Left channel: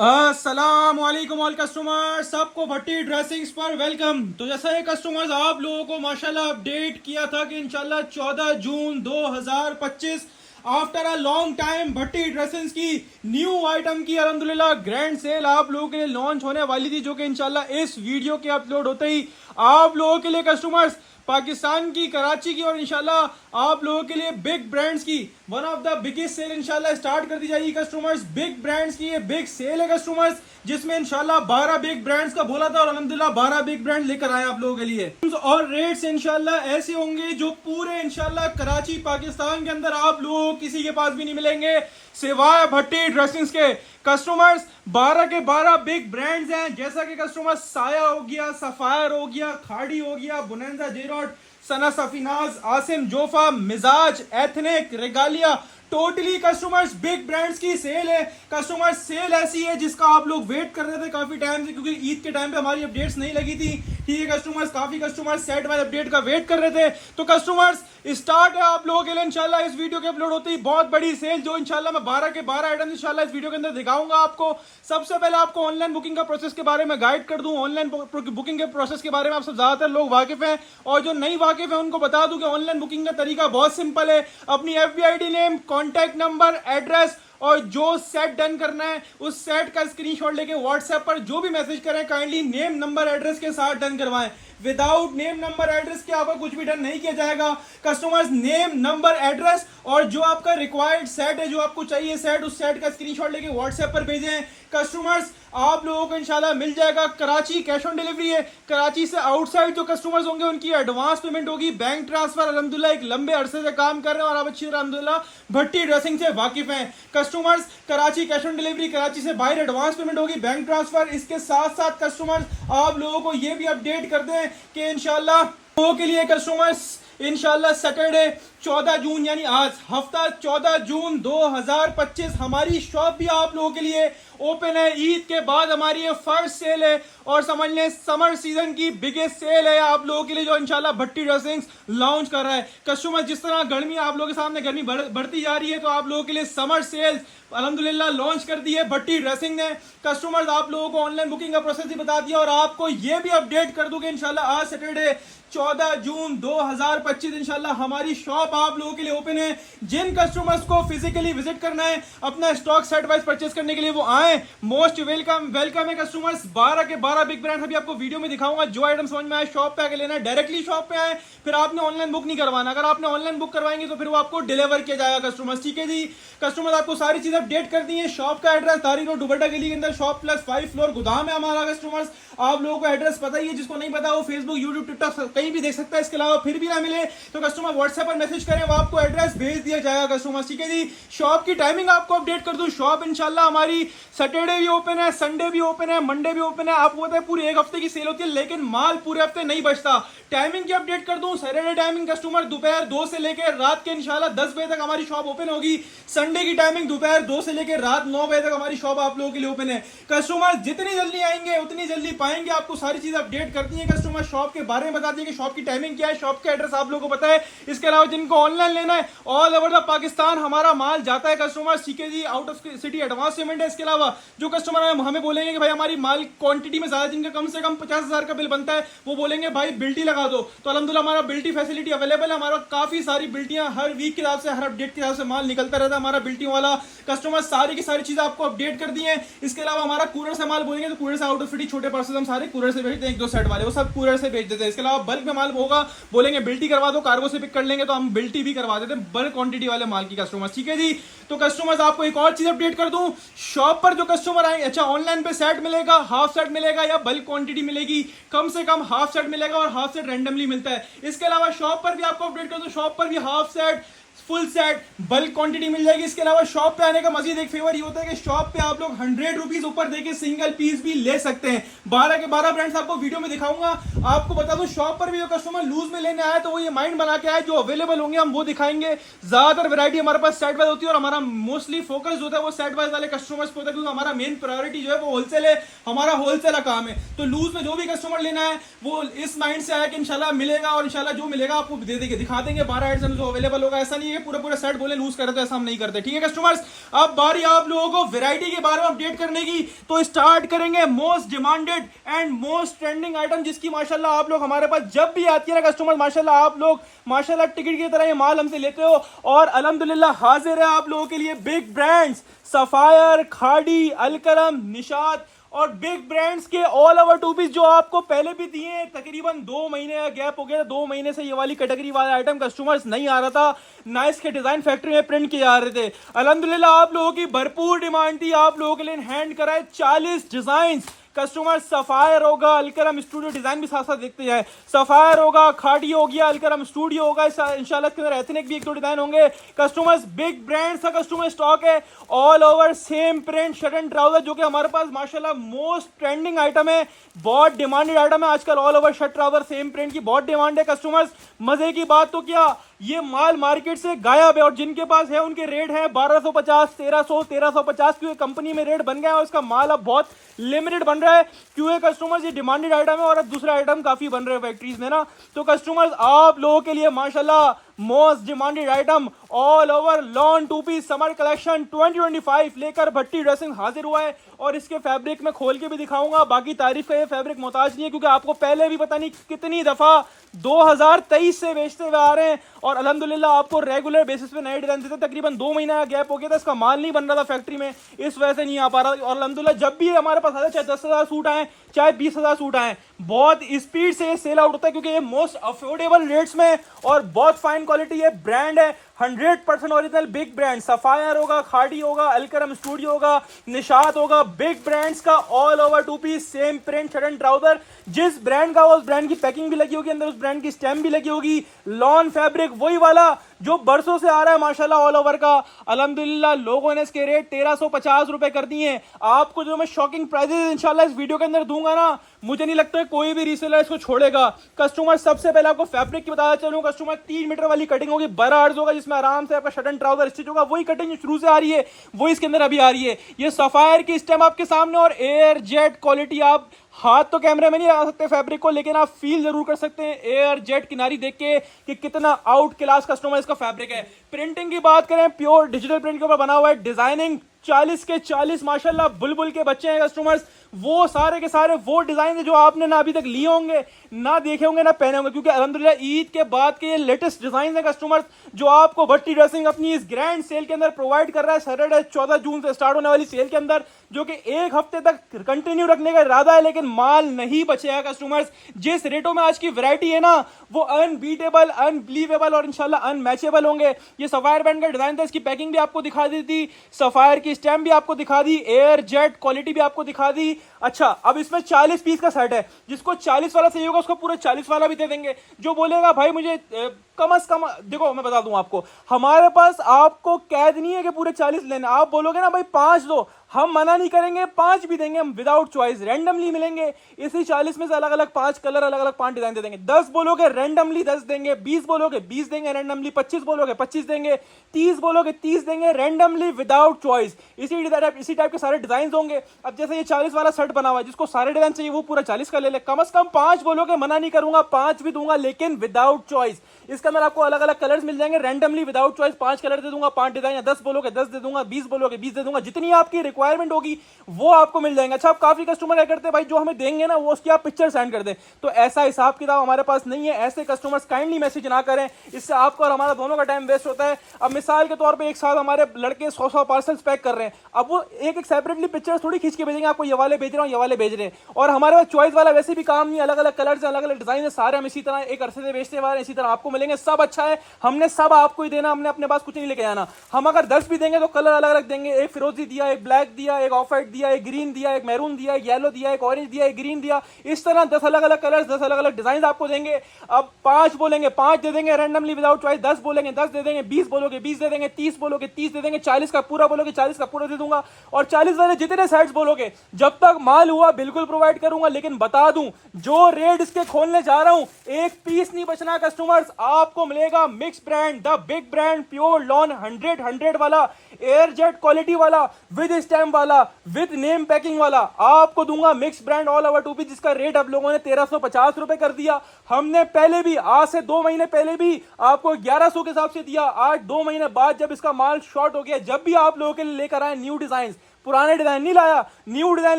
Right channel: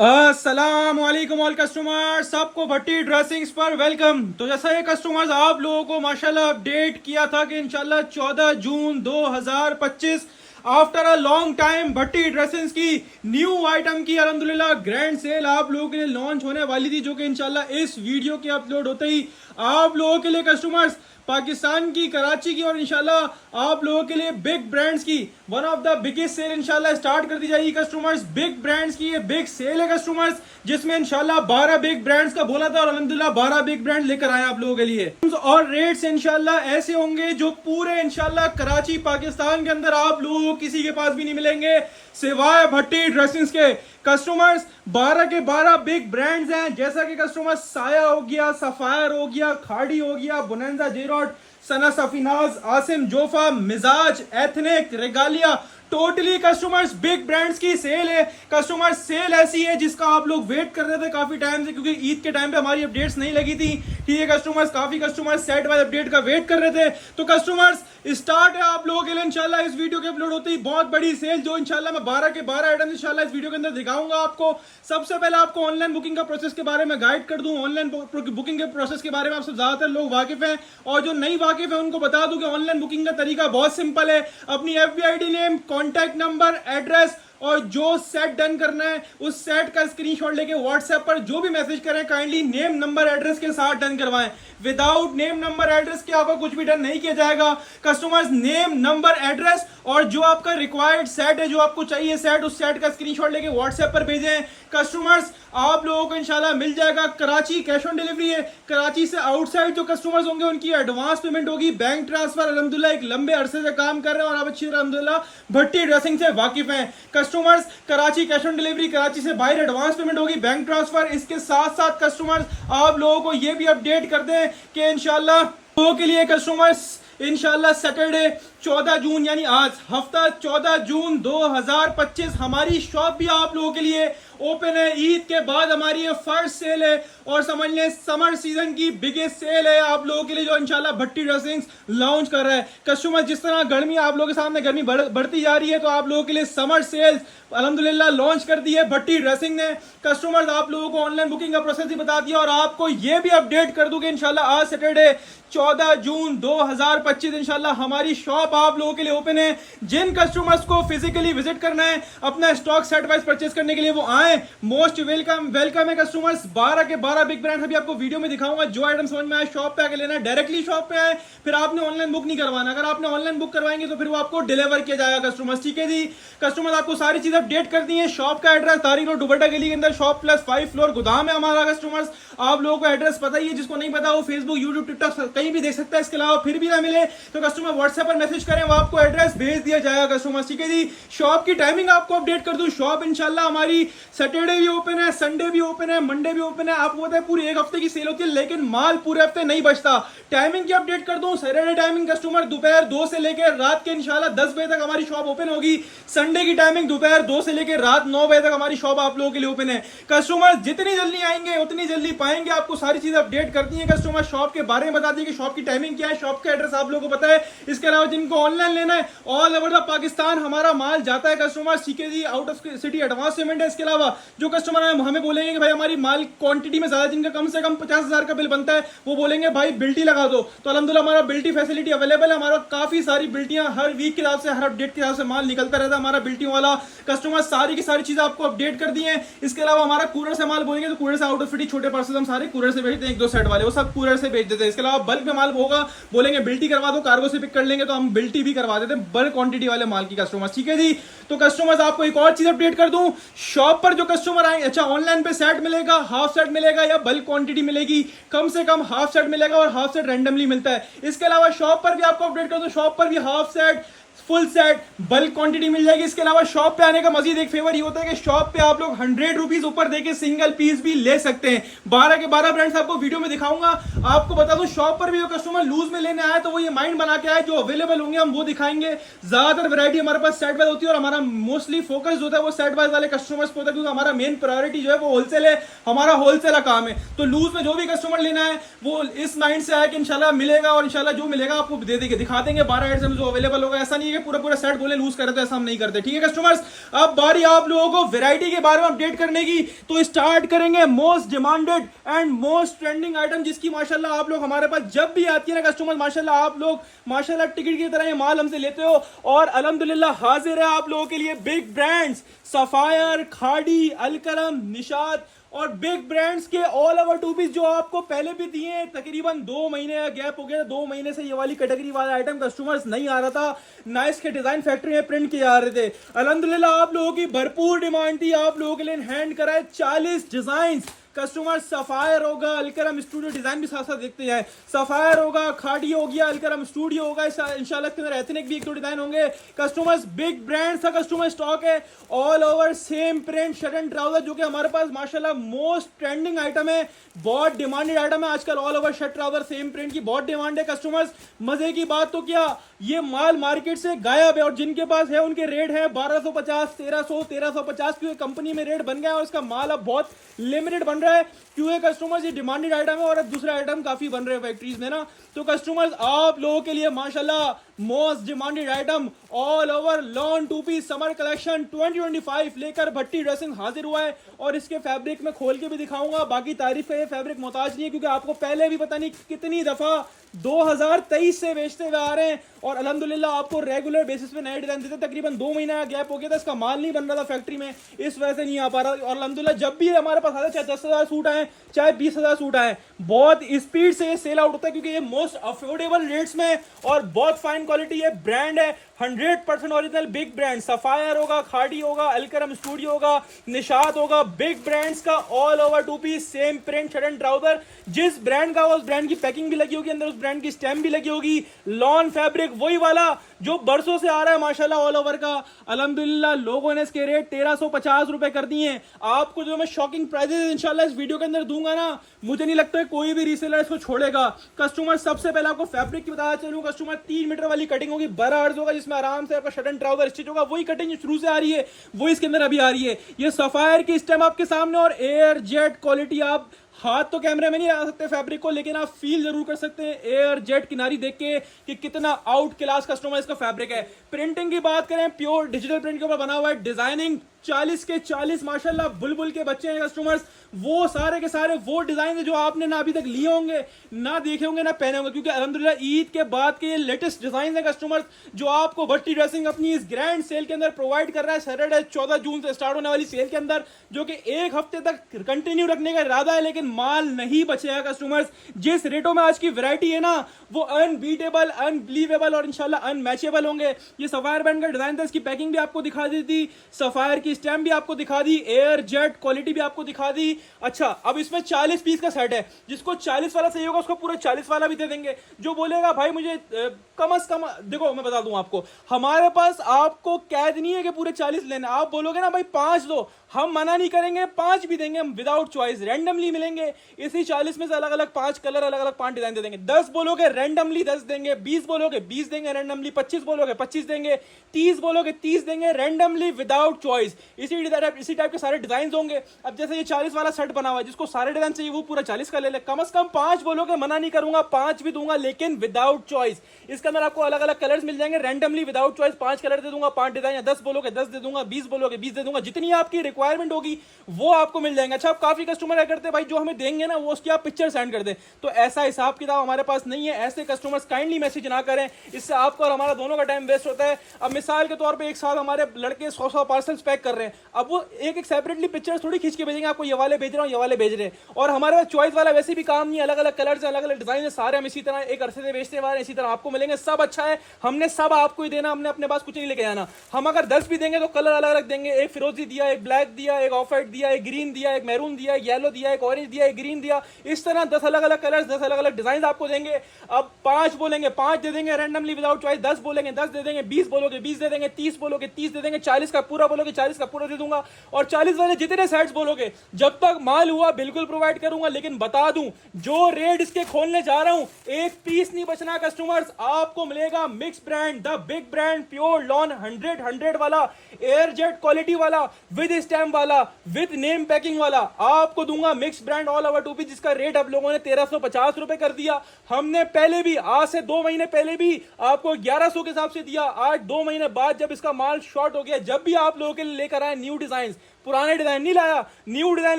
अस्सलामुअलैकुम all customer, सबको भट्टी dressings पर वेलकम। तो जैसा ये कस्टमर्स आप लोगों को माशाल्लाह अपडेट किया था कि इंशाल्लाह 14 जून 2025 after a long time Bhatti dressings की न्यू आइटम की अल्हम्दुलिल्लाह ग्रैंड सेल आप लोगों के लिए लॉन्च होने वाली थी, जो कि इंशाल्लाह इस वीडियो के अपलोड होते ही आप लोगों के लिए कस्टमर्स पाकिस्तान की कराची की और इंशाल्लाह आप लोगों के लिए बिग ब्रांड्स की one of the biggest sale इंशाल्लाह स्टार्ट कर दी जाएगी कस्टमर्स। बिग ब्रांड्स की ये बिग सेल है कस्टमर्स, जिसमें इंशाल्लाह 12 बिग ब्रांड्स का बोला था और अल्हम्दुलिल्लाह 12 बिग ब्रांड लेकर आए आप लोगों के लिए। और रेट्स इंशाल्लाह ऐसे होंगे जो पूरे इंशाल्लाह कराची पाकिस्तान के अंदर आप लोगों किसी के पास भी नहीं मिलेंगे सिवाय भट्टी ड्रेसिंग्स के। कस्टमर्स 12 के 12 बिग ब्रांड्स हैं, जैसा कि कस्टमर्स साया हो गया, सफायर हो गया, खाड़ी हो गया, बोनेंजा, जेरॉड, सना, सफीनाज, आसिम, जोफा, मिजाज, ethnic, Regalia, totally customers big brands की सेल है। कस्टमर्स सेल ऐसी है जिसका आप लोग वेट कर रहे थे काफी टाइम से, क्योंकि ईद के टाइम पे हमारी अपडेट्स नहीं लगी थी। ठीक है कस्टमर्स, काफी कस्टमर्स सेट वाइज अपडेट का वेट कर रहे थे। तो कस्टमर्स स्टार्ट है आप लोगों के लिए इंशाल्लाह इस वीडियो के अपलोड होते ही बहुत बड़ी सेल, जो इंशाल्लाह मैं 12 के 12 आइटम इंशाल्लाह इस वीडियो के अंदर दिखाऊंगा आपको। सबसे पहले आपको ऑनलाइन बुकिंग का प्रोसेस के बारे में गाइड कर दूं। ऑनलाइन बुकिंग के प्रोसेस के बारे में आप सब ज्यादातर लोग वाकिफ हैं, और जो नहीं वाकिफ है उनको बता दूं कि ऑनलाइन बुकिंग का तरीका बहुत सिंपल है। अपनी FBID name, contact number, address और जो सेट डन करना है उस सेट का स्क्रीनशॉट लेके व्हाट्सएप पर जो भी मैसेज करें काइंडली नेम नंबर एड्रेस के साथ डन करवाएं। विदाउट नेम नंबर एड्रेस के आपका कुछ भी डन नहीं किया जाएगा। कस्टमर्स नेम नंबर एड्रेस और जो आपका रिक्वायर्ड सेट है, जो आपको चाहिए सेट, उस सेट का स्क्रीनशॉट लेके व्हाट्सएप पर भेजें। कस्टमर्स आप लोगों को इंशाल्लाह मिल जाएगा। कराची कैश ऑन डिलीवरी है। कराची से आउटसाइड जो कस्टमर्स होंगे उनकी एडवांस पेमेंट होगी, बैंक ट्रांसफर। अल्हम्दुलिल्लाह एक लंबे अरसे से काम कर रहे हैं और आप अच्छी अल्हम्दुलिल्लाह भट्टी ड्रेसिंग से वाकिफ हैं। Customers Karachi cash on delivery, Karachi से बाहर एडवांस पेमेंट होगी, बैंक ट्रांसफर। इसके साथ साथ कस्टमर्स आप लोगों को ये भी अपडेट कर दें कि इंशाल्लाह लोगों के लिए कस्टमर्स इंशाल्लाह सैटरडे 14 जून यानी आज हफ्ता 14 जून 2025 हमारी शॉप भी आप लोगों के लिए ओपन है। ईद के बाद हमारी ये फर्स्ट सेल है और समझ लें समर सीजन की बिगेस्ट सेल है आप लोगों के लिए, जो इंशाल्लाह भट्टी ड्रेसिंग्स लॉन्च कर रहा है। कस्टमर जिस तरह गर्मी आप लोगों के सामने गर्मी बढ़ती जा रही है, तो आप लोगों के लिए समर सेल्स अल्हम्दुलिल्लाह लॉन्च कर दी है भट्टी ड्रेसिंग ने। कस्टमर्स आप लोगों को ऑनलाइन बुकिंग का प्रोसेस ही बता दिया और आपको ये भी अपडेट कर दूं कि इंशाल्लाह आज सैटरडे 14 जून 2025 इंशाल्लाह हमारी शॉप आप लोगों के लिए ओपन है। जिन कस्टमर्स को फिजिकली विजिट करना है अपना स्टॉक सेट वाइज परचेस करने के लिए वो आए, मोस्ट वेलकम है कस्टमर्स। 12 के 12 बिग ब्रांड अभी आपको वीडियो में दिखाऊंगा। जो आइटम समझ में आए शॉप पे आके लेना है, डायरेक्टली शॉप पे आए, फिर आपने ऑनलाइन बुक नहीं करवाना। अगर आपने ऑनलाइन बुक करवाएंगे तो फिर वो आपको डिलीवर किया जाएगा कस्टमर्स। ठीक है जी कस्टमर्स, आपको सारी चीजें अपडेट कर दी है। शॉप का एड्रेस तारिक रोड दुबट्टा गली के अंदर शॉप प्लस 5 फ्लोर गोदाम है हमारा। कस्टमर्स आप लोगों को एड्रेस पता ही है, जिसको नहीं पता वो फेसबुक, यूट्यूब, टिकटॉक कहीं भी देख सकता है। इसके अलावा फिर भी ना मिले तो कस्टमर व्हाट्सएप पर मैसेज करें, वो आपको एड्रेस भेज दिया जाएगा कस्टमर। ठीक है जी, शॉप की टाइमिंग आपको अपडेट कर दूं। शॉप इंशाल्लाह हमारी सैटरडे भी ओपन है, संडे भी ओपन है, मंडे भी ओपन है। आपको पता है पूरी एक हफ्ते की सेल होती है, लेकिन माल पूरे हफ्ते नहीं बचता। टाइमिंग की अपडेट कर दूं। सैटरडे टाइमिंग कस्टमर दोपहर 2 से लेकर रात के इंशाल्लाह 10 बजे तक हमारी शॉप ओपन होगी। संडे की टाइमिंग दोपहर 2 से लेकर रात 9 बजे तक हमारी शॉप आप लोगों के लिए ओपन है। कस्टमर जितनी जल्दी आएंगे उतनी जल्दी पाएंगे। आपको सारी चीजें अपडेट करती है कस्टमर। शॉप के बारे में बता दी कि शॉप की टाइमिंग क्या है, शॉप का एड्रेस आप लोगों को पता है। इसके अलावा जिनको ऑनलाइन लेना है ऑल ओवर द पाकिस्तान हमारा माल जाता है कस्टमर। ठीक है जी, out of city advance payment है। इसके अलावा जो कस्टमर हमें बोलेंगे कि भाई हमारी माल क्वांटिटी में ज्यादा, जिनका कम से कम 50,000 का बिल बनता है, वो बोलेंगे भाई बिल्टी लगा दो, तो अल्हम्दुलिल्लाह हमारा बिल्टी फैसिलिटी अवेलेबल है। हमारा काफी सारी बिल्टियां हर वीक के हिसाब से, हर अपडेट के हिसाब से माल निकलता रहता है हमारा बिल्टियों वाला। कस्टमर सारी की सारी चीजें आपको अपडेट कर दी है। इसके अलावा हमारा कूलर से माल बोलेंगे तो कूलर से आउट ऑफ सिटी छोटे पार्सल हम सारे कूलर से भेजते हैं, 1-2 सेट वाले वो सब कूलर से भेज देते हैं। इसके अलावा बल्क में माल होगा बोलेंगे बिल्टी करवा दो, कार्गो से पिक कर लेंगे तो हम बिल्टी भी करवा देते हैं बल्क क्वांटिटी वाले माल की कस्टमर्स। ठीक है जी, तो कस्टमर्स आपको एक और चीज अपडेट कर दूं। शॉप पर जो कस्टमर आए, अच्छा ऑनलाइन पे सेट मिलेगा, हाफ सेट मिलेगा या बल्क क्वांटिटी मिलेगी, कम से कम हाफ सेट मिलेगा और हाफ सेट रैंडमली मिलता है। इसके अलावा शॉप पर भी आपको अपडेट कर दूं, शॉप पर भी half set, full set, bulk quantity मिल जाएगी। इसके अलावा शॉप पे आने का मजीद एक फेवर ये होता है कि शॉप पे आप लोग 100 रुपीज ऊपर देके सिंगल पीस भी ले सकते हैं। 12 के 12 ब्रांड्स आपको वीडियो में दिखाऊंगा। आपको बता दूं शॉप पर भी जो कस्टमर लूज में लेने आए तो वो ये माइंड बना के आए, जो अवेलेबल होंगे हम वो दिखाएंगे। ज्यादातर वैरायटी हमारे पास सेट वाइज होती है और हमारा मोस्टली फोकस जो है वो सेट वाइज वाले कस्टमर्स पे होता है, क्योंकि हमारा मेन प्रायोरिटी जो है वो होलसेल है, हमारा होलसेल का काम है। तो लूज में जो भी कस्टमर लेना है वो इस माइंड से आया कि इंशाल्लाह मिलेगा और इंशाल्लाह जो मिलेगा आपको दे देंगे, दिखा देंगे 12 आइटम जो अवेलेबल होगा। ऐसा नहीं है कि पूरे पूरे सेट बोले लूज करते, तो ऐसा हम नहीं करते, ठीक है कस्टमर्स। अब बारी आप लोगों को वैरायटी के बारे में अपडेट करने की, तो स्टार्ट करेंगे most demanded and most trending item, जिसकी माशाल्लाह आप लोग हमारे पास जब भी आती है ना कस्टमर्स, माशाल्लाह आप लोग माशाल्लाह टिकट की तरह ये माल हमसे लेते हो, और अल्हम्दुलिल्लाह हाजिर है आप लोगों के लिए बिग ब्रांड्स सफायर, खाड़ी, अलकरम, निशात और बिग ब्रांड्स के ऑल ओवर टू पीस जो आपको पहले भी दिए हैं। तकरीबन 2 महीने का गैप हो गया, 2 महीने से ये वाली कैटेगरी वाला आइटम कस्टमर्स नहीं आ रहा था, ना इसके डिजाइन फैक्ट्री में प्रिंट किए जा रहे थे। अल्हम्दुलिल्लाह आप लोगों की भरपूर डिमांड थी, आप लोगों के लिए हैंड कराए 40 डिजाइन कस्टमर। सफायर होगा, अलकरम स्टूडियो डिजाइन भी साथ साथ देखते हैं, सफायर होगा, खाड़ी हो गया, अलकरम स्टूडियो होगा, इंशाल्लाह के अंदर एथनिक भी 1-2 डिजाइन होंगे कस्टमर्स। बिग ब्रांड्स का कस्टमर स्टॉक है, all over same print shirt and trouser, जो कि हमारे पास माशाल्लाह मोस्ट ट्रेंडिंग आइटम है, बहुत डिमांडेड आइटम है आजकल। All over shirt trouser same print की बहुत डिमांड है कस्टमर्स। मजे की बात तो क्या, ये माल मार्केट से गायब है, और जिनके पास है उनके रेट है 1250, 1350, क्योंकि कंपनी में रेट बन गया है, उसका माल अब बहुत लिमिटेड बन रहा है, क्योंकि कस्टमर्स ये डिमांडेड आइटम है और अब दूसरे आइटम काफी बन रहे हैं फैक्ट्रीज में ना। तो कस्टमर्स आप लोगों के लिए माशाल्लाह most demanded item all over lawn two piece summer collection 2025 लेकर भट्टी ड्रेसिंग हाजिर हुआ है, और इसके फैब्रिक में खोल के भी दिखाऊंगा। बाकी तारीफ का ये फैब्रिक मोहताज नहीं है, क्योंकि आपको पहले भी पता नहीं कितनी दफा 2023 से बेचते हुए आ रहे हैं, और अल्हम्दुलिल्लाह आपको रेगुलर बेसिस पे नए डिजाइन देते। तकरीबन 2 महीने का गैप हो गया था, इसका माल नहीं बन रहा था फैक्ट्री में, इस वजह से नहीं आ पा रहा। और अल्हम्दुलिल्लाह जब भी हमारे पास आते, चाहे 10,000 सूट आए, चाहे 20,000 सूट आए, बहुत स्पीड से सेल आउट होता है, क्योंकि ये मोस्ट अफोर्डेबल रेट्स में और बहुत फाइन क्वालिटी है, ब्रांड है 100% ओरिजिनल बिग ब्रांड। सफायर होगा, खाड़ी होगा, अलकरम स्टूडियो होगा, निशात होगा, बिग ब्रांड्स का all over two piece same print shirt and trouser, जिस ब्रांड का उस ब्रांड की पैकिंग भी लगी होगी, अंदर उस ब्रांड की स्टैम्प भी लगी होगी। लॉन फैब्रिक वही वाला जो बरसों से आ रहा है माशाल्लाह ऑल ओवर का। अल्हम्दुलिल्लाह लोगों ने इसके रेट 1350 रुपए कर दिए हैं। आपको जो मैं शॉकिंग प्राइजेस इंशाल्लाह इस वीडियो के अंदर दूंगा ना, मुझे नहीं लगता है कोई भी रीसेलर इसको छोड़ेगा। कस्टमर सबसे पहले आपको फैब्रिक की बताया चलूं, कस्टमर 3 मीटर वाली कटिंग होगी, बड़ा अर्ज होगा, जिसमें आराम से आपका शर्ट एंड ट्राउजर स्टिच होगा। वही कटिंग शुरू से आ रही है, वो इसके अंदर अभी आ रही है। ये सफायर की स्टेम आपके सामने, और एयर जेट क्वालिटी। आप हाथ तो कैमरे में नहीं आ सकते फैब्रिक को, लेकिन आप फील जरूर कर सकते हैं एयर जेट किनारी देख के कि कितना आउट क्लास कस्टमर इसका फैब्रिक है। प्रिंटिंग की बात करें, प्योर डिजिटल प्रिंट के ऊपर बना हुआ है। डिजाइनिंग 40 के 40 माशाल्लाह बुलबुल के बच्चे हैं कस्टमर्स। वो सारे के सारे वो डिजाइन है जो आपने ना अभी तक लिए होंगे, ना देखे होंगे, ना पहने होंगे, क्योंकि अल्हम्दुलिल्लाह ईद के बाद के ये लेटेस्ट डिजाइन है कस्टमर्स, जो आपको भट्टी ड्रेसिंग अपनी इस ग्रैंड सेल के अंदर प्रोवाइड कर रहा है। सैटरडे 14 जून से स्टार्ट होने वाली सेल के अंदर, जो कि 1 हफ्ते तक कंटिन्यू रखने का इरादा है, लेकिन माल नहीं बचेगा कस्टमर्स। जिस रेटों में आज की वैरायटी है ना, वो अनबीटेबल, अनबिलीवेबल और इंशाल्लाह अनमैचेबल होंगे। ये सफायर बैंड का डिजाइन था, इसकी पैकिंग भी आपको दिखा दी थी, सफायर की स्टैम्प भी आपको दिखा दी, एयर जेट क्वालिटी भी आपको दिखा दी। अच्छा, अब इसमें 40 पीस का सेट है, जिसको 40 वाला चाहिए होगा उसको पूरा 40 वाला भी दे देंगे। जो बोलेगा भाई मुझे कम से कम, देखो मैं बता दूं आपको, हमारे पास आपको कैद नहीं है कि पूरे 40 लेने। आप बोलोगे ना भाई 5 दो, हम मना नहीं करेंगे, 5 भी देंगे हम विदाउट चॉइस, रैंडमली मिलेंगे। इसी 40 में से अलग अलग 5 कलर, अलग अलग 5 डिजाइन दे देंगे। 10 बोलोगे रैंडमली 10 देंगे, 20 बोलोगे 20 देंगे रैंडमली, 25 बोलोगे 25 देंगे, 30 बोलोगे 30 देंगे रैंडमली विदाउट चॉइस। इसी टाइप के सारे डिजाइन होंगे। अब जैसे ये 40 वाला शर्ट बना हुआ है, जिसको सारे डिजाइन चाहिए वो पूरा 40 का ले ले। कम से कम 5 बोलोगे, मना नहीं करूंगा, 5 भी दूंगा, लेकिन विदाउट चॉइस। इसके अंदर आपको अलग अलग कलर्स मिल जाएंगे, रैंडमली विदाउट चॉइस 5 कलर दे दूंगा, 5 डिजाइन। या 10 बोलोगे 10 दे दूंगा, 20 बोलोगे 20 दे दूंगा, जितनी आपकी रिक्वायरमेंट होगी वो आपको मिल जाएंगे। अच्छा, आप काफी कस्टमर क्या करते हैं भाई, जो हमें देंगे ना वो उसकी आप पिक्चर सेंड कर दें, तो ऐसा हिसाब किताब हमारे पास नहीं है। ऐसे कस्टमर्स काइंडली मैसेज ना करें, इससे आपका और हमारा दोनों का टाइम वेस्ट होता है। अब मिसाल के तौर पे एक साथ हमारे लड़के 100 पार्सल्स पैक कर रहे हैं, अब वो एक सेपरेटली पिक्चर थोड़ी खींच के भेजेंगे आपको, ये वाले भेज रहा हूँ, ये वाले भेज रहे हैं। और हमारे पास चॉइस वाला वैसे भी काम नहीं है, अलग अलग कलर, अलग अलग डिजाइन है, सारे हम इसी तरह एक अरसे से बेचते हुए इसी तरह आपको मिलेंगे। सब अच्छा है, हमने सब आपको ही देना, हमने अपने पास कुछ नहीं लेके आना। हम अगर 10 भी देंगे तो कलर अलग अलग देंगे, एक फिरोजी दिया, एक ब्लैक दिया, एक ऑफ व्हाइट दिया, एक ग्रीन दिया, एक मैरून दिया, एक येलो दिया, एक ऑरेंज दिया, एक ग्रीन दिया। इस तरह 10 अलग अलग कलर्स, 10 अलग अलग डिजाइन आपको देंगे। अब 5 बोलेंगे 5 दे देंगे रैंडमली विदाउट चॉइस, 10 बोलेंगे 10 दे देंगे, 20 बोलोगे 20 दे देंगे, 30 बोलोगे 30 दे देंगे, 40 का पूरा बोलोगे 40 का पूरा दे दूंगा। और 40 वाले जितने सेट्स बोलोगे जब तक माल हुआ बिल्कुल प्रोवाइड करूंगा। लेकिन बता दूं, जो रेट इसके खोलने जा रहा हूं, एक पीस नहीं बचना कस्टमर्स। आपको मिलेगा mix brand, the big brand, pure lawn 100 वाला, एयर जेट क्वालिटी वाला, विद स्टैम्प स्टैम्प वाला विद नेम पैकिंग वाला आपको दूंगा mix brand all over two piece, जिसका रेट आप लोगों ने 1350 कर दिया। हमने पहले भी आज से 2 महीने पहले भी आपको 1100 के हिसाब से दिया। आज 2 महीने बाद जब इसका माल शॉर्ट हो गया, जब भी आप लोगों के लिए लेकर आए न्यू डिजाइन, पुराने डिजाइन नहीं लाया, न्यू डिजाइन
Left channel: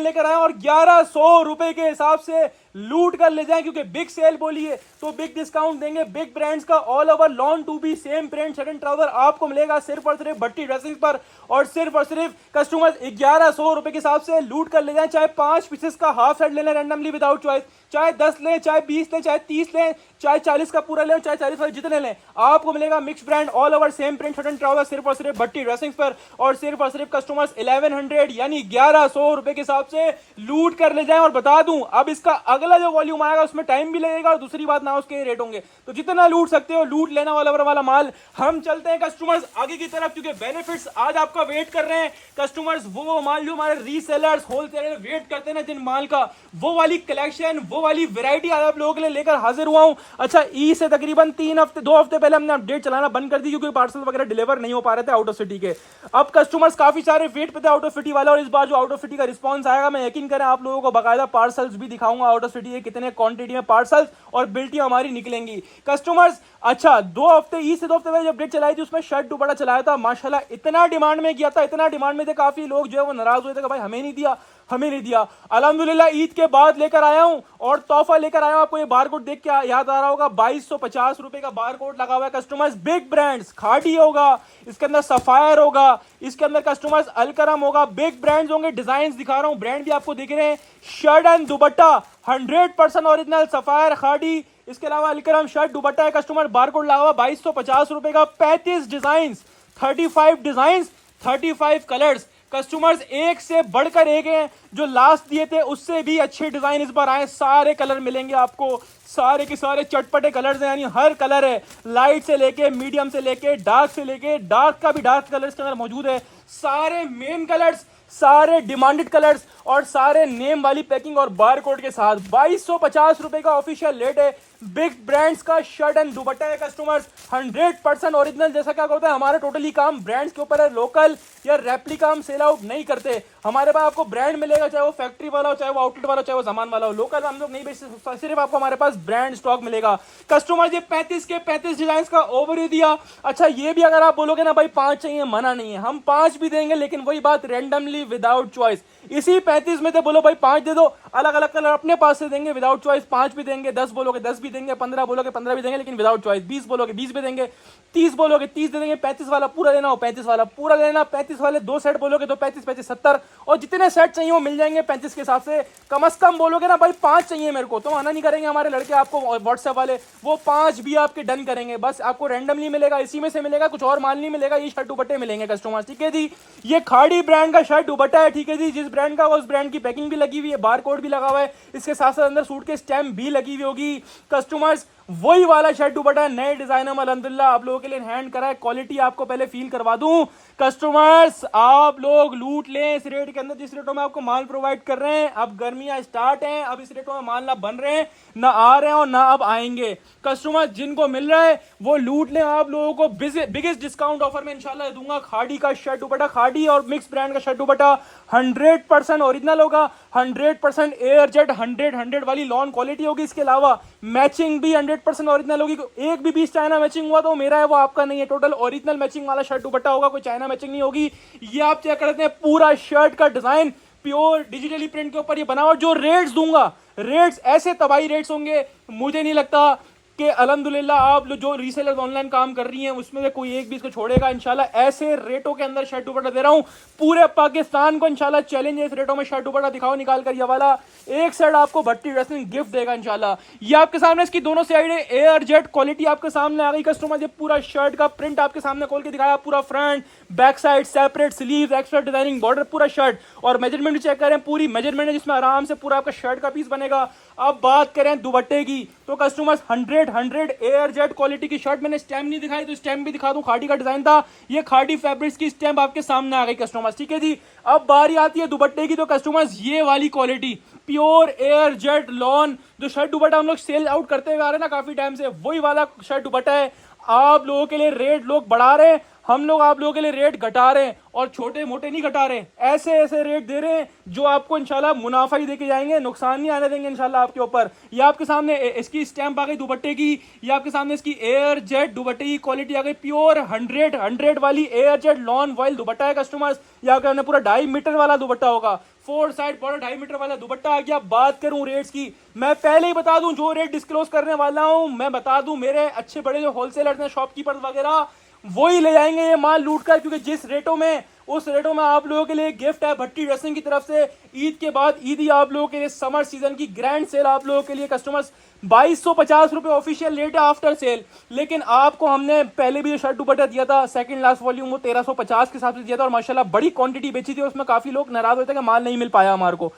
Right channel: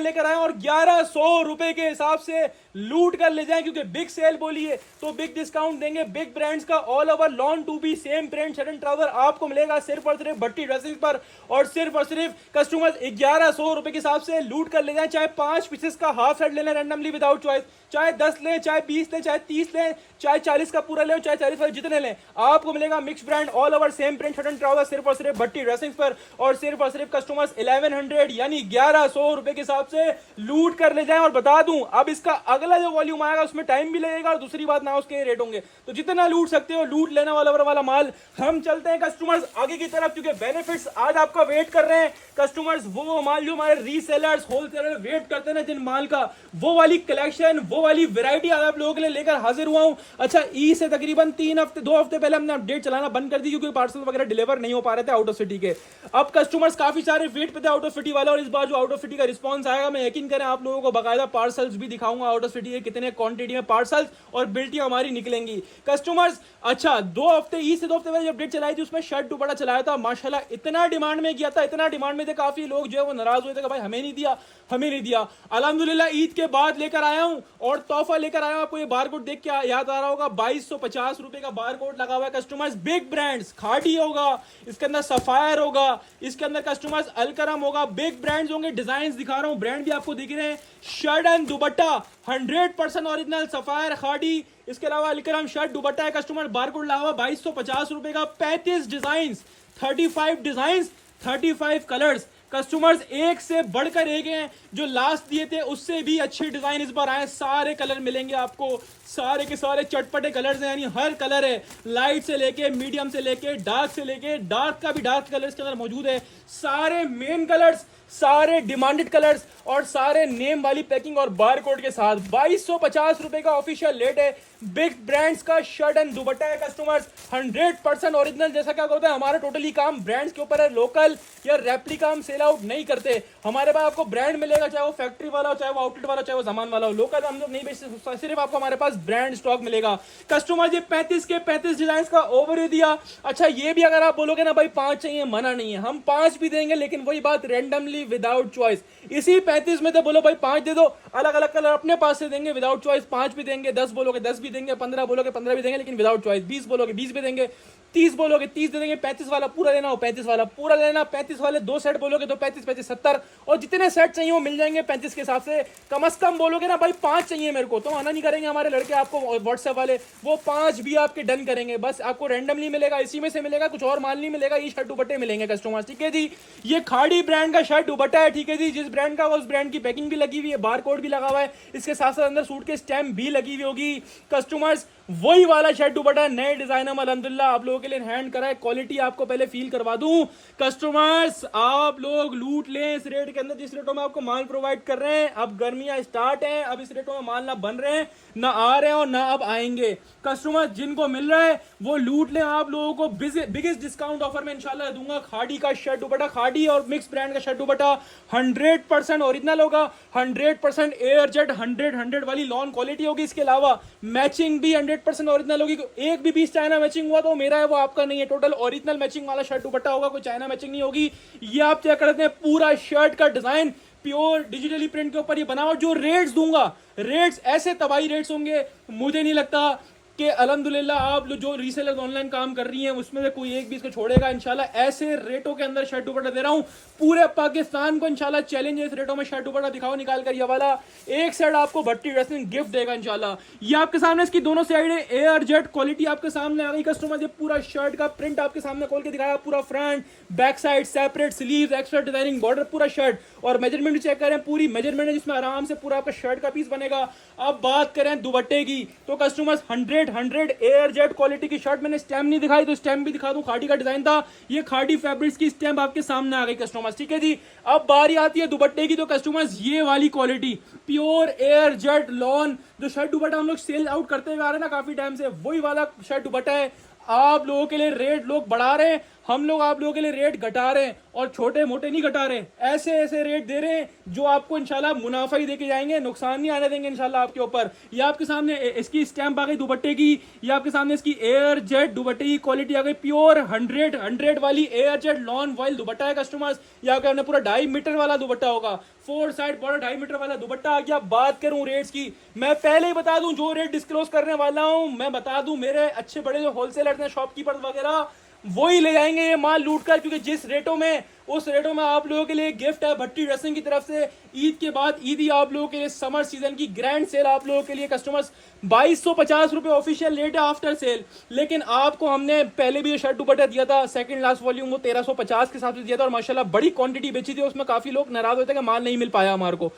लेकर आए और 1100 रुपए के हिसाब से लूट कर ले जाएं, क्योंकि बिग सेल बोली है तो बिग डिस्काउंट देंगे। बिग ब्रांड्स का ऑल ओवर लॉन टू बी same print shirt and trouser आपको मिलेगा सिर्फ और सिर्फ भट्टी ड्रेसेस पर, और सिर्फ कस्टमर्स 1100 रुपए के हिसाब से लूट कर ले जाएं। चाहे 5 पीसेस का हाफ सेट ले लें रैंडमली विदाउट चॉइस, चाहे 10 लें, चाहे 20 लें, चाहे 30 लें, चाहे 40 का पूरा लें, चाहे 40 वाले जितने लें, आपको मिलेगा mix brand all over same print shirt and trouser सिर्फ और सिर्फ भट्टी ड्रेसिंग्स पर, और सिर्फ कस्टमर्स 1100 यानी 1100 रुपए के हिसाब से लूट कर ले जाएं। और बता दूं अब इसका अगला जो वॉल्यूम आएगा उसमें टाइम भी लगेगा, और दूसरी बात ना उसके रेट होंगे, तो जितना लूट सकते हो लूट लेना वाला माल। हम चलते हैं कस्टमर्स आगे की तरफ, क्योंकि बेनिफिट्स आज आपका वेट कर रहे हैं कस्टमर्स। वो माल जो हमारे रीसेलर्स होलसेलर वेट करते हैं ना जिन माल का, वो वाली कलेक्शन, वो वाली वैरायटी आज आप लोगों के लिए लेकर हाजिर हुआ हूं। अच्छा, ई से तकरीबन 2 हफ्ते पहले हमने अपडेट चलाना बंद कर दी, क्योंकि पार्सल वगैरह डिलीवर नहीं हो पा रहे थे आउट ऑफ सिटी के। अब कस्टमर्स काफी सारे वेट पे थे आउट ऑफ सिटी वाला, और इस बार जो आउट ऑफ सिटी का रिस्पांस आएगा, मैं यकीन करें आप लोगों को बाकायदा पार्सल्स भी दिखाऊंगा आउट ऑफ सिटी के कितने क्वांटिटी में पार्सल्स और बिल्टियां हमारी निकलेंगी कस्टमर्स। अच्छा, 2 हफ्ते ई से 2 हफ्ते पहले जब अपडेट चलाई थी उसमें शर्ट दुपट्टा चलाया था, माशाल्लाह इतना डिमांड में किया था, इतना डिमांड में थे, काफी लोग जो है वो नाराज हुए थे कि भाई हमें नहीं दिया, हमें नहीं दिया। अल्हम्दुलिल्लाह ईद के बाद लेकर आया हूं और तोहफा लेकर आया हूं। आपको ये बारकोड देख के याद आ रहा होगा, 2250 रुपए का बारकोड लगा हुआ है कस्टमर्स। बिग ब्रांड्स खाड़ी होगा, इसके अंदर सफायर होगा, इसके अंदर कस्टमर्स अलकरम होगा, बिग ब्रांड्स होंगे। डिजाइन दिखा रहा हूं, ब्रांड भी आपको दिख रहे हैं। Shirt and dupatta 100% original sapphire खाड़ी, इसके अलावा अलकरम शर्ट दुपट्टा है कस्टमर। बारकोड लगा हुआ 2250 रुपए का। 35 डिजाइन, 35 डिजाइन, 35 कलर्स कस्टमर्स, एक से बढ़कर एक हैं। जो लास्ट दिए थे उससे भी अच्छे डिजाइन इस बार आए, सारे कलर मिलेंगे आपको, सारे के सारे चटपटे कलर्स हैं, यानी हर कलर है, लाइट से लेके मीडियम से लेके डार्क से लेके डार्क का भी डार्क कलर्स के अंदर मौजूद है। सारे मेन कलर्स, सारे डिमांडेड कलर्स और सारे नेम वाली पैकिंग और बारकोड के साथ। 2250 रुपए का ऑफिशियल रेट है। बिग ब्रांड्स का शर्ट एंड दुपट्टा है कस्टमर्स, 100% ओरिजिनल। जैसा क्या होता है हमारा टोटली काम ब्रांड्स के ऊपर है, लोकल या रेप्लिका हम सेल आउट नहीं करते। हमारे पास आपको ब्रांड मिलेगा, चाहे वो फैक्ट्री वाला हो, चाहे वो आउटलेट वाला, चाहे वो सामान वाला हो। लोकल हम लोग नहीं बेचते, सिर्फ आपको हमारे पास ब्रांड स्टॉक मिलेगा कस्टमर। ये 35 के 35 डिजाइन का ओवरव्यू दिया। अच्छा, ये भी अगर आप बोलोगे ना भाई 5 चाहिए, मना नहीं है, हम 5 भी देंगे, लेकिन वही बात रैंडमली विदाउट चॉइस। इसी 35 में तो बोलो भाई 5 दे दो, अलग अलग कलर अपने पास से देंगे विदाउट चॉइस, 5 भी देंगे, 10 बोलोगे 10 भी देंगे, 15 बोलोगे 15 भी देंगे, लेकिन विदाउट चॉइस। 20 बोलोगे 20 भी देंगे, 30 बोलोगे 30 दे देंगे। 35 वाला पूरा लेना हो 35 वाला पूरा लेना, 35 वाले 2 सेट बोलोगे तो 35 35 70, और जितने सेट चाहिए वो मिल जाएंगे 35 के हिसाब से। कम से कम बोलोगे ना भाई 5 चाहिए मेरे को, तो मना नहीं करेंगे हमारे लड़के आपको व्हाट्सएप वाले, वो 5 भी आपके डन करेंगे। बस आपको रैंडमली मिलेगा, इसी में से मिलेगा, कुछ और माल नहीं मिलेगा। ये शर्ट दुपट्टे मिलेंगे कस्टमर, ठीक है जी। ये खाड़ी ब्रांड का शर्ट दुपट्टा है, ठीक है जी। जिस ब्रांड का उस ब्रांड की पैकिंग भी लगी हुई है, बारकोड भी लगा हुआ है, इसके साथ साथ अंदर सूट के स्टैम्प भी लगी हुई होगी कस्टमर्स। वही वाला शर्ट दुपट्टा नए डिजाइन में अल्हम्दुलिल्लाह आप लोगों के लिए हैंड करा है। क्वालिटी आपको पहले फील करवा दूं कस्टमर्स, आप लोग लूट लें इस रेट के अंदर जिस रेटों में आपको माल प्रोवाइड कर रहे हैं। अब गर्मियां स्टार्ट हैं, अब इस रेटों में माल ना बन रहे हैं, ना आ रहे हैं और ना अब आएंगे कस्टमर। जिनको मिल रहा है वो लूट लें। आप लोगों को बिगेस्ट डिस्काउंट ऑफर में इंशाल्लाह दूंगा। खाड़ी का शर्ट दुपट्टा, खाड़ी और मिक्स ब्रांड का शर्ट दुपट्टा 100% ओरिजिनल होगा, 100% एयर जेट 100 वाली लॉन क्वालिटी होगी। इसके अलावा मैचिंग भी 100% ओरिजिनल होगी। एक भी पीस चाइना मैचिंग हुआ तो मेरा है, वो आपका नहीं है। टोटल ओरिजिनल मैचिंग वाला शर्ट दुपट्टा होगा, कोई चाइना मैचिंग नहीं होगी। ये आप चेक करते हैं, पूरा शर्ट का डिजाइन प्योर डिजिटली प्रिंट के ऊपर ये बना हुआ। जो रेट्स दूंगा, रेट्स ऐसे तबाही रेट्स होंगे, मुझे नहीं लगता कि अल्हम्दुलिल्लाह आप जो रीसेलर ऑनलाइन काम कर रही हैं उसमें से कोई एक भी इसको छोड़ेगा इंशाल्लाह। ऐसे रेटों के अंदर शर्ट दुपट्टा दे रहा हूं पूरे पाकिस्तान को इंशाल्लाह। चैलेंज है इस रेटों में शर्ट दुपट्टा दिखाओ निकाल कर। ये वाला एक सेट आपको भट्टी ड्रेसिंग गिफ्ट देगा इंशाल्लाह। ये आपके सामने इसकी दोनों साइड है, एयर जेट क्वालिटी आपके सामने आ गई कस्टमर। ये पूरा शर्ट का प्रिंट आपके सामने खोल के दिखाया, पूरा front back side separate sleeve, extra designing border, पूरा शर्ट। और मेजरमेंट चेक करें, पूरी मेजरमेंट है जिसमें आराम से पूरा आपका शर्ट का पीस बनेगा। अब बात करें दुपट्टे की तो कस्टमर्स 100 एयर जेट क्वालिटी की शर्ट, मैंने स्टैम्प नहीं दिखाई तो स्टैम्प भी दिखा दूं। खाड़ी का डिजाइन था, ये खाड़ी फैब्रिक्स की स्टैम्प आपके सामने आ गई कस्टमर्स, ठीक है जी। अब बारी आती है दुपट्टे की तो कस्टमर्स ये वाली quality pure air jet lawn, जो शर्ट दुपट्टा हम लोग सेल आउट करते हुए आ रहे हैं ना काफी टाइम से, वही वाला शर्ट दुपट्टा है। आप लोगों के लिए रेट लोग बढ़ा रहे हैं, हम लोग आप लोगों के लिए रेट घटा रहे हैं, और छोटे मोटे नहीं घटा रहे हैं, ऐसे ऐसे रेट दे रहे हैं जो आपको इंशाल्लाह मुनाफा ही देके जाएंगे, नुकसान नहीं आने देंगे इंशाल्लाह आपके ऊपर। ये आपके सामने इसकी स्टैंप आ गई दुपट्टे की, ये आपके सामने इसकी एयर जेट दुपट्टे की क्वालिटी आ गई, प्योर 100 वाली एयर जेट लॉन वॉइल दुपट्टा है कस्टमर्स। यहाँ के हमने पूरा 2.5 मीटर वाला दुपट्टा होगा, 4 साइड बॉर्डर 2.5 मीटर वाला दुपट्टा आ गया। बात करूं रेट्स की, मैं पहले ही बता दूं जो रेट डिस्क्लोज करने वाला हूं, मैं बता दूं मेरे अच्छे बड़े जो होलसेलर्स हैं, शॉपकीपर्स वगैरह, वही ले जाएंगे ये माल लूट कर, क्योंकि जिस रेटों में, उस रेटों में आप लोगों के लिए गिफ्ट है भट्टी ड्रेसिंग की तरफ से। ईद के बाद ईदी आप लोगों के लिए समर सीजन की ग्रैंड सेल आप लोगों के लिए कस्टमर्स 2250 रुपए ऑफिशियल रेट है आफ्टर सेल। लेकिन आपको हमने पहले भी जो शर्ट दुपट्टा दिया था सेकंड लास्ट वॉल्यूम, वो 1350 के हिसाब से दिया था, और माशाल्लाह बड़ी क्वांटिटी बेची थी, उसमें काफी लोग नाराज होते हैं कि माल नहीं मिल पाया हमारे को।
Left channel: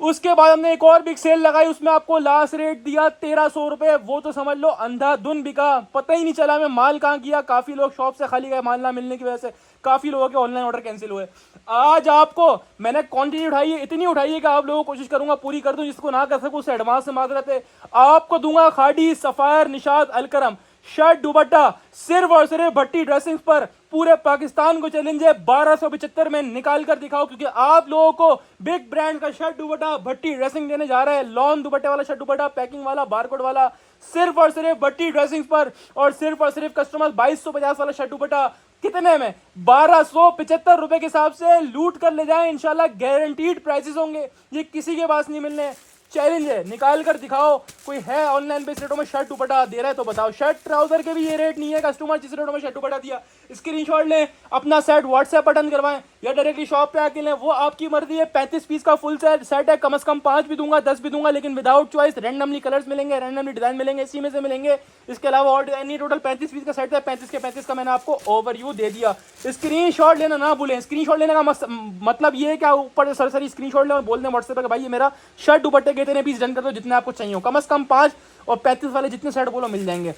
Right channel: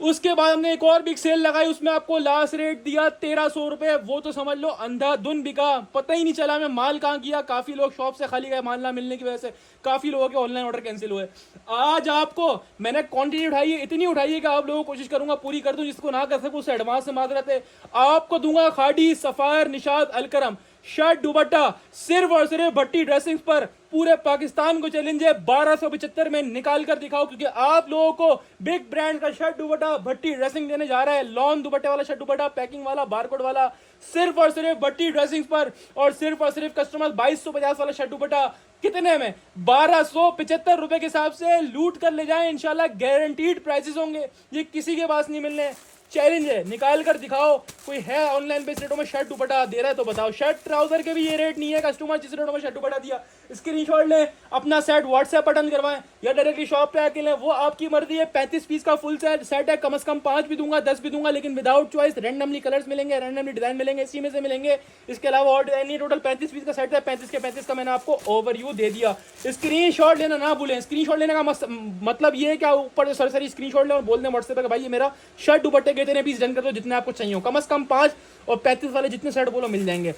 उसके बाद हमने एक और बिग सेल लगाई, उसमें आपको लास्ट रेट दिया 1300 रुपए, वो तो समझ लो अंधाधुन बिका, पता ही नहीं चला हमें माल कहाँ किया। काफी लोग शॉप से खाली गए माल ना मिलने की वजह से, काफी लोगों के ऑनलाइन ऑर्डर कैंसिल हुए। आज आपको मैंने क्वांटिटी उठाई है, इतनी उठाई है कि आप लोगों को कोशिश करूंगा पूरी कर दूं, जिसको ना कर सकूं उससे एडवांस में माजरत है। आपको दूंगा खाड़ी सफायर निशाद अलकरम शर्ट दुपट्टा सिर्फ और सिर्फ भट्टी ड्रेसिंग पर। पूरे पाकिस्तान को चैलेंज है 1275 में निकाल कर दिखाओ, क्योंकि आप लोगों को बिग ब्रांड का शर्ट दुपट्टा भट्टी ड्रेसिंग देने जा रहा है। लॉन दुपट्टे वाला शर्ट दुपट्टा, पैकिंग वाला, बारकोड वाला, सिर्फ और सिर्फ भट्टी ड्रेसिंग पर। और सिर्फ और सिर्फ कस्टमर 2250 वाला शर्ट दुपट्टा कितने में? 1275 रुपए के हिसाब से लूट कर ले जाएं इंशाल्लाह। गारंटीड प्राइसेस होंगे, ये किसी के पास नहीं मिलने। चैलेंज है, निकाल कर दिखाओ। कोई है ऑनलाइन पे इस रेटों में शर्ट दुपट्टा दे रहा है तो बताओ। शर्ट ट्राउजर के भी ये रेट नहीं है, कस्टमर जिस रेटों में शर्ट दुपट्टा दिया स्क्रीनशॉट लें, अपना सेट व्हाट्सएप पर डन करवाएं या डायरेक्टली शॉप पे आके लें, वो आपकी मर्जी है। 35 पीस का फुल सेट है, कम से कम 5 भी दूंगा, 10 भी दूंगा, लेकिन विदाउट चॉइस। रैंडमली कलर्स मिलेंगे, रैंडमली डिजाइन मिलेंगे, इसी में से मिलेंगे। इसके अलावा और डिजाइन नहीं। टोटल 35 पीस का सेट है, 35 के 35 का मैंने आपको ओवरव्यू दे दिया। स्क्रीनशॉट लेना ना भूलें। स्क्रीनशॉट लेने का मतलब ये है कि ऊपर सरसरी स्क्रीनशॉट ले और बोल दें व्हाट्सएप पर भाई ये मेरा शर्ट दुपट्टे के इतने पीस डन कर दो, जितने आपको चाहिए हो, कम से कम 5 और 35 वाले जितने सेट बोलो मिल जाएंगे।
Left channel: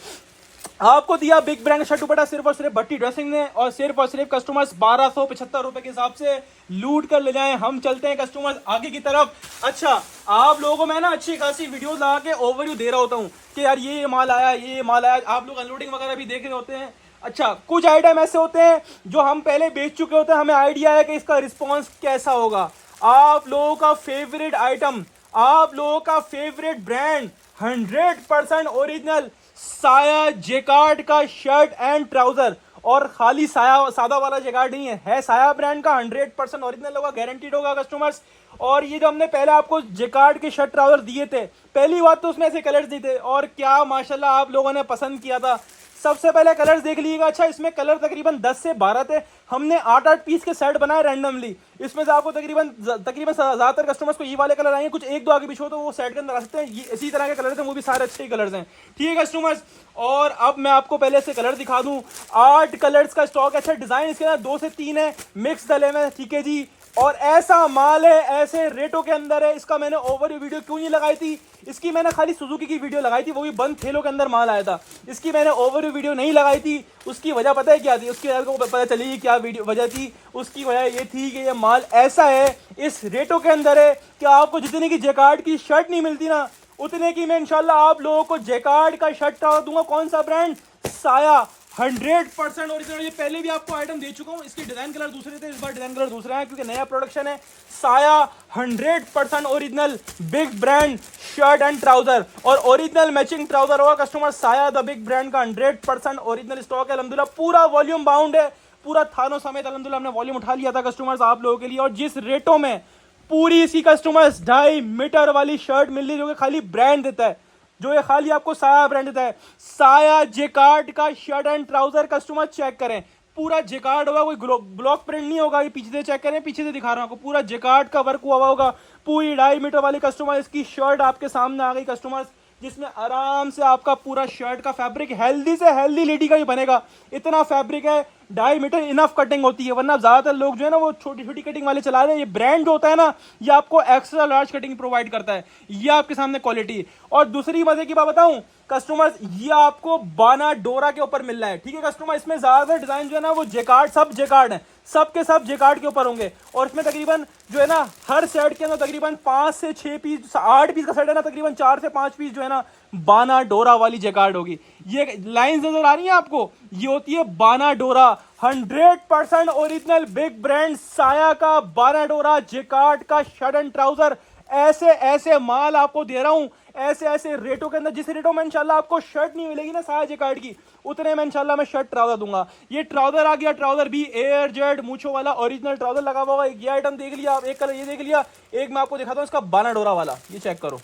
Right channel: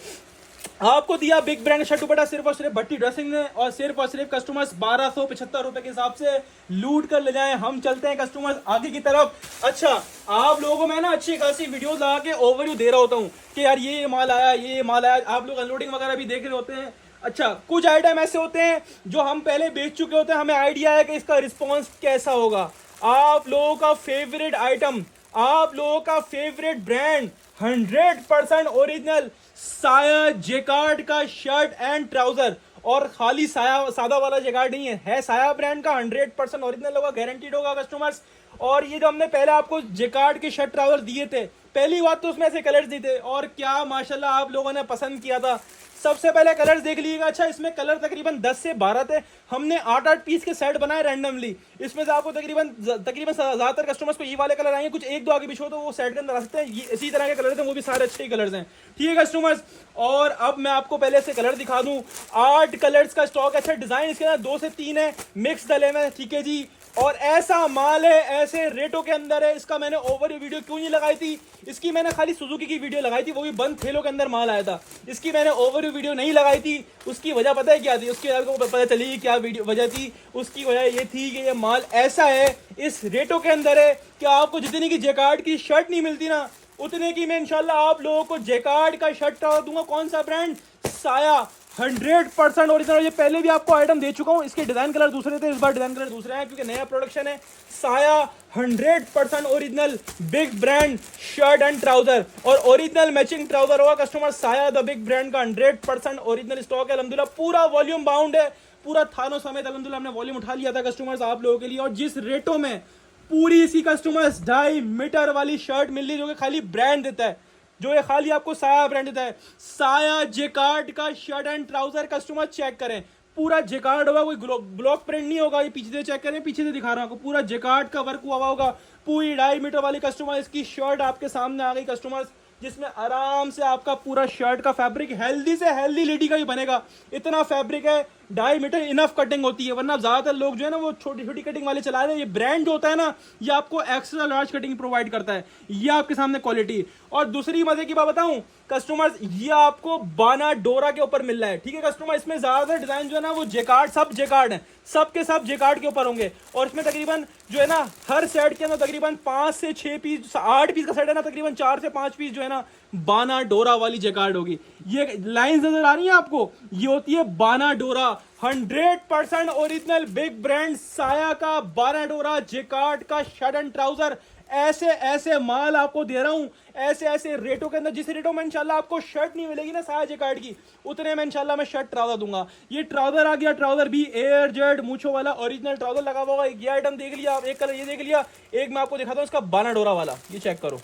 आपको दिया बिग ब्रांड शर्ट दुपट्टा सिर्फ और सिर्फ भट्टी ड्रेसिंग ने, और सिर्फ कस्टमर्स 1275 रुपए के हिसाब से लूट कर ले जाएं। हम चलते हैं कस्टमर्स आगे की तरफ। अच्छा, आप लोगों को मैं ना अच्छी खासी वीडियो लगा के ओवरव्यू दे रहा होता हूँ कि यार ये माल आया, ये माल आया, आप लोग अनलोडिंग वगैरह भी देख रहे होते हैं। अच्छा, कुछ आइटम ऐसे होते हैं जो हम पहले बेच चुके होते हैं, हमें आइडिया है कि इसका रिस्पॉन्स कैसा होगा। आप लोगों का फेवरेट आइटम, आप लोगों का फेवरेट ब्रांड 100% ओरिजिनल साया जेकार्ड का शर्ट एंड ट्राउजर, और खाली साया सादा वाला जेकार्ड नहीं है साया ब्रांड का, 100% ओरिजिनल होगा, गारंटीड होगा कस्टमर्स। और ये जो हमने पहले आपको जेकार्ड के शर्ट ट्राउजर दिए थे, पहली बात तो उसमें ऐसे कलर्स दिए थे, और क्या माशाल्लाह आप लोगों ने पसंद किया था। सबसे पहले कलर्स देख लीजिएगा। अच्छा, इसमें कलर तकरीबन 10 से 12 थे। हमने 8-8 पीस के सेट बनाए रैंडमली। इसमें से आपको तकरीबन ज्यादातर कस्टमर्स को ये वाले कलर आएंगे, कुछ एक दो आगे पीछे हो तो वो सेट के अंदर आ सकते हैं। ये इसी तरह के कलर थे, वो भी सारे अच्छे कलर्स हैं, ठीक है कस्टमर्स। और अब मैं आपको पहले से कलर दिखा दूं। 8 कलर्स का स्टॉक। अच्छा, डिजाइन इसके अंदर 2 से 3 है, मिक्स डले में, ठीक है जी। और ऐसा माल है, ऐसे रेटों के अंदर है। इसका मैंने ओवर वीडियो क्यों नहीं लगाई थी, इसकी मैंने खाली सुजुकी की वीडियो लगाई थी, वो भी बंद थैलों के अंदर माल आया था। इसकी मैंने ओवर वीडियो नहीं लगाई थी। उसकी वजह पता है क्या थी? उसकी वजह को पता चली क्या वीडियो वजह थी। उसकी वजह ये थी कि ये माल ऐसा है, इस रेटों के अंदर है कि आपको जितने की जेकार्ड की शर्ट नहीं मिलती ना, उतने की मैं इंशाल्लाह आप लोगों को जेकार्ड का शर्ट दूंगा। कौन सा ब्रांड? साया, 100% ओरिजिनल। ये पहले भी आपको आइटम दे चुका हूं। इसके डिजाइन कलर दूसरे थे, इस बार डिजाइन कलर दूसरे हैं क्योंकि नया प्रोडक्शन है। साया 100% original big brand shirt and trouser, और ओरिजिनल मैचिंग ट्राउजर होगा कस्टमर। साया द बिग ब्रांड का 100% ओरिजिनल स्टॉक है अल्हम्दुलिल्लाह। पूरा वॉल्यूम बाउंड है, पूरा थानों समेत अल्हम्दुलिल्लाह हमने वॉल्यूम उठा लिया था कस्टमर्स आप लोगों के लिए। और जिस रेटों में पूरी इसी कस्टमर्स 2.5 मीटर वाली शर्ट मिल रही है, जो कि खाली ब्रांड देता है, जो ये खाली आपको साया ब्रांड देता है। साया जेकार्ड का shirt and trouser customer check करें, पूरा जेकार्ड होगा, कोई ब्लॉक प्रिंट नहीं होगा। ये पीछे से चेक करें, पीछे से दिखा रहा हूं आपको, पूरा जेकार्ड का वर्क हुआ होगा। पूरी 2.5 मीटर वाली कस्टमर इसकी शर्ट आपके सामने आ गई कस्टमर्स, जिसमें आराम से आपका पूरा शर्ट का फैब्रिक हेल्दी से हेल्दी लेडी का भी बनेगा। इतना फैब्रिक है, 2.5 मीटर इनफ कटिंग होती है, वरना ज्यादातर लोग जो है ना वो छोटी छोटी कटिंग वाले चला रहे हैं। ये ब्रांड जो होता है ना, ये आपको एक्स्ट्रा लार्ज कटिंग प्रोवाइड करता है। ये आपके सामने क्वालिटी। और दूसरी मजे की बात बताऊं कस्टमर्स, ये आपको बाना डोरा के ऊपर मिल रहा है, ठीक है कस्टमर। इसमें ज्यादातर डिजाइन जो है ना वो जेकार्ड, सब जेकार्ड है, सबके सब जेकार्ड के ऊपर होंगे। और इसमें तकरीबन जो है ना हर सेट के अंदर तकरीबन 5 से 6 पीस, 8 पीस का सेट है ना, तकरीबन 4 से 5 पीस जो है ना बाना डोरा वाली जेकार्ड होगी। ये लाइंस नजर आ रही है आपको, ये होती है बाना डोरा, 100% ओरिजिनल बिग ब्रांड साया का बाना डोरा जेकार्ड का शर्ट एंड ट्राउजर। ऐसे ऐसे माल आपको दे रहा हूं, ऐसे ऐसे रेटों के अंदर, जिस रेटों में इंशाल्लाह आपको शर्ट नहीं मिलेगी ना साया जेकार्ड की, उतने में इंशाल्लाह मैं शर्ट ट्राउजर दूंगा। ये ट्राउजर आ गया, ट्राउजर भी एयर जेड मूछो वाला ओरिजिनल ट्राउजर लगा हुआ होगा। ये आइटम देख लिया आप, एक कलर ये देख लिया, एक मैं आपको दिखाता हूं इसका बाना डोरा वाला। ये चेक करो,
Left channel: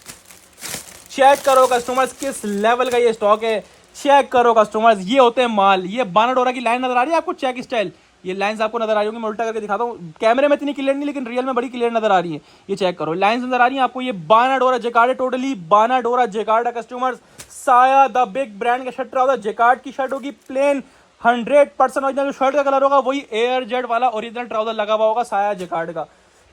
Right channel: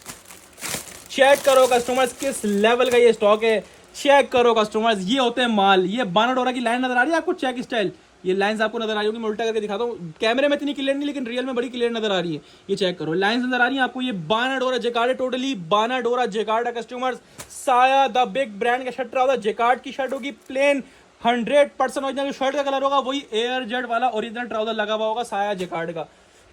चेक करो कस्टमर्स किस लेवल का ये स्टॉक है, चेक करो कस्टमर्स, ये होते हैं माल। ये बाना डोरा की लाइन नजर आ रही है आपको, चेक स्टाइल, ये लाइंस आपको नजर आ रही होंगी, मैं उल्टा करके दिखाता हूँ, कैमरे में इतनी क्लियर नहीं लेकिन रियल में बड़ी क्लियर नजर आ रही है। ये चेक करो, लाइंस नजर आ रही है आपको, ये बाना डोरा जेकार्ड है, टोटली बाना डोरा जेकार्ड है कस्टमर्स। साया द बिग ब्रांड का शर्ट ट्राउजर जेकार्ड की शर्ट होगी, प्लेन 100% ओरिजिनल शर्ट का कलर होगा वही एयर जेट वाला ओरिजिनल ट्राउजर लगा हुआ होगा साया जेकार्ड का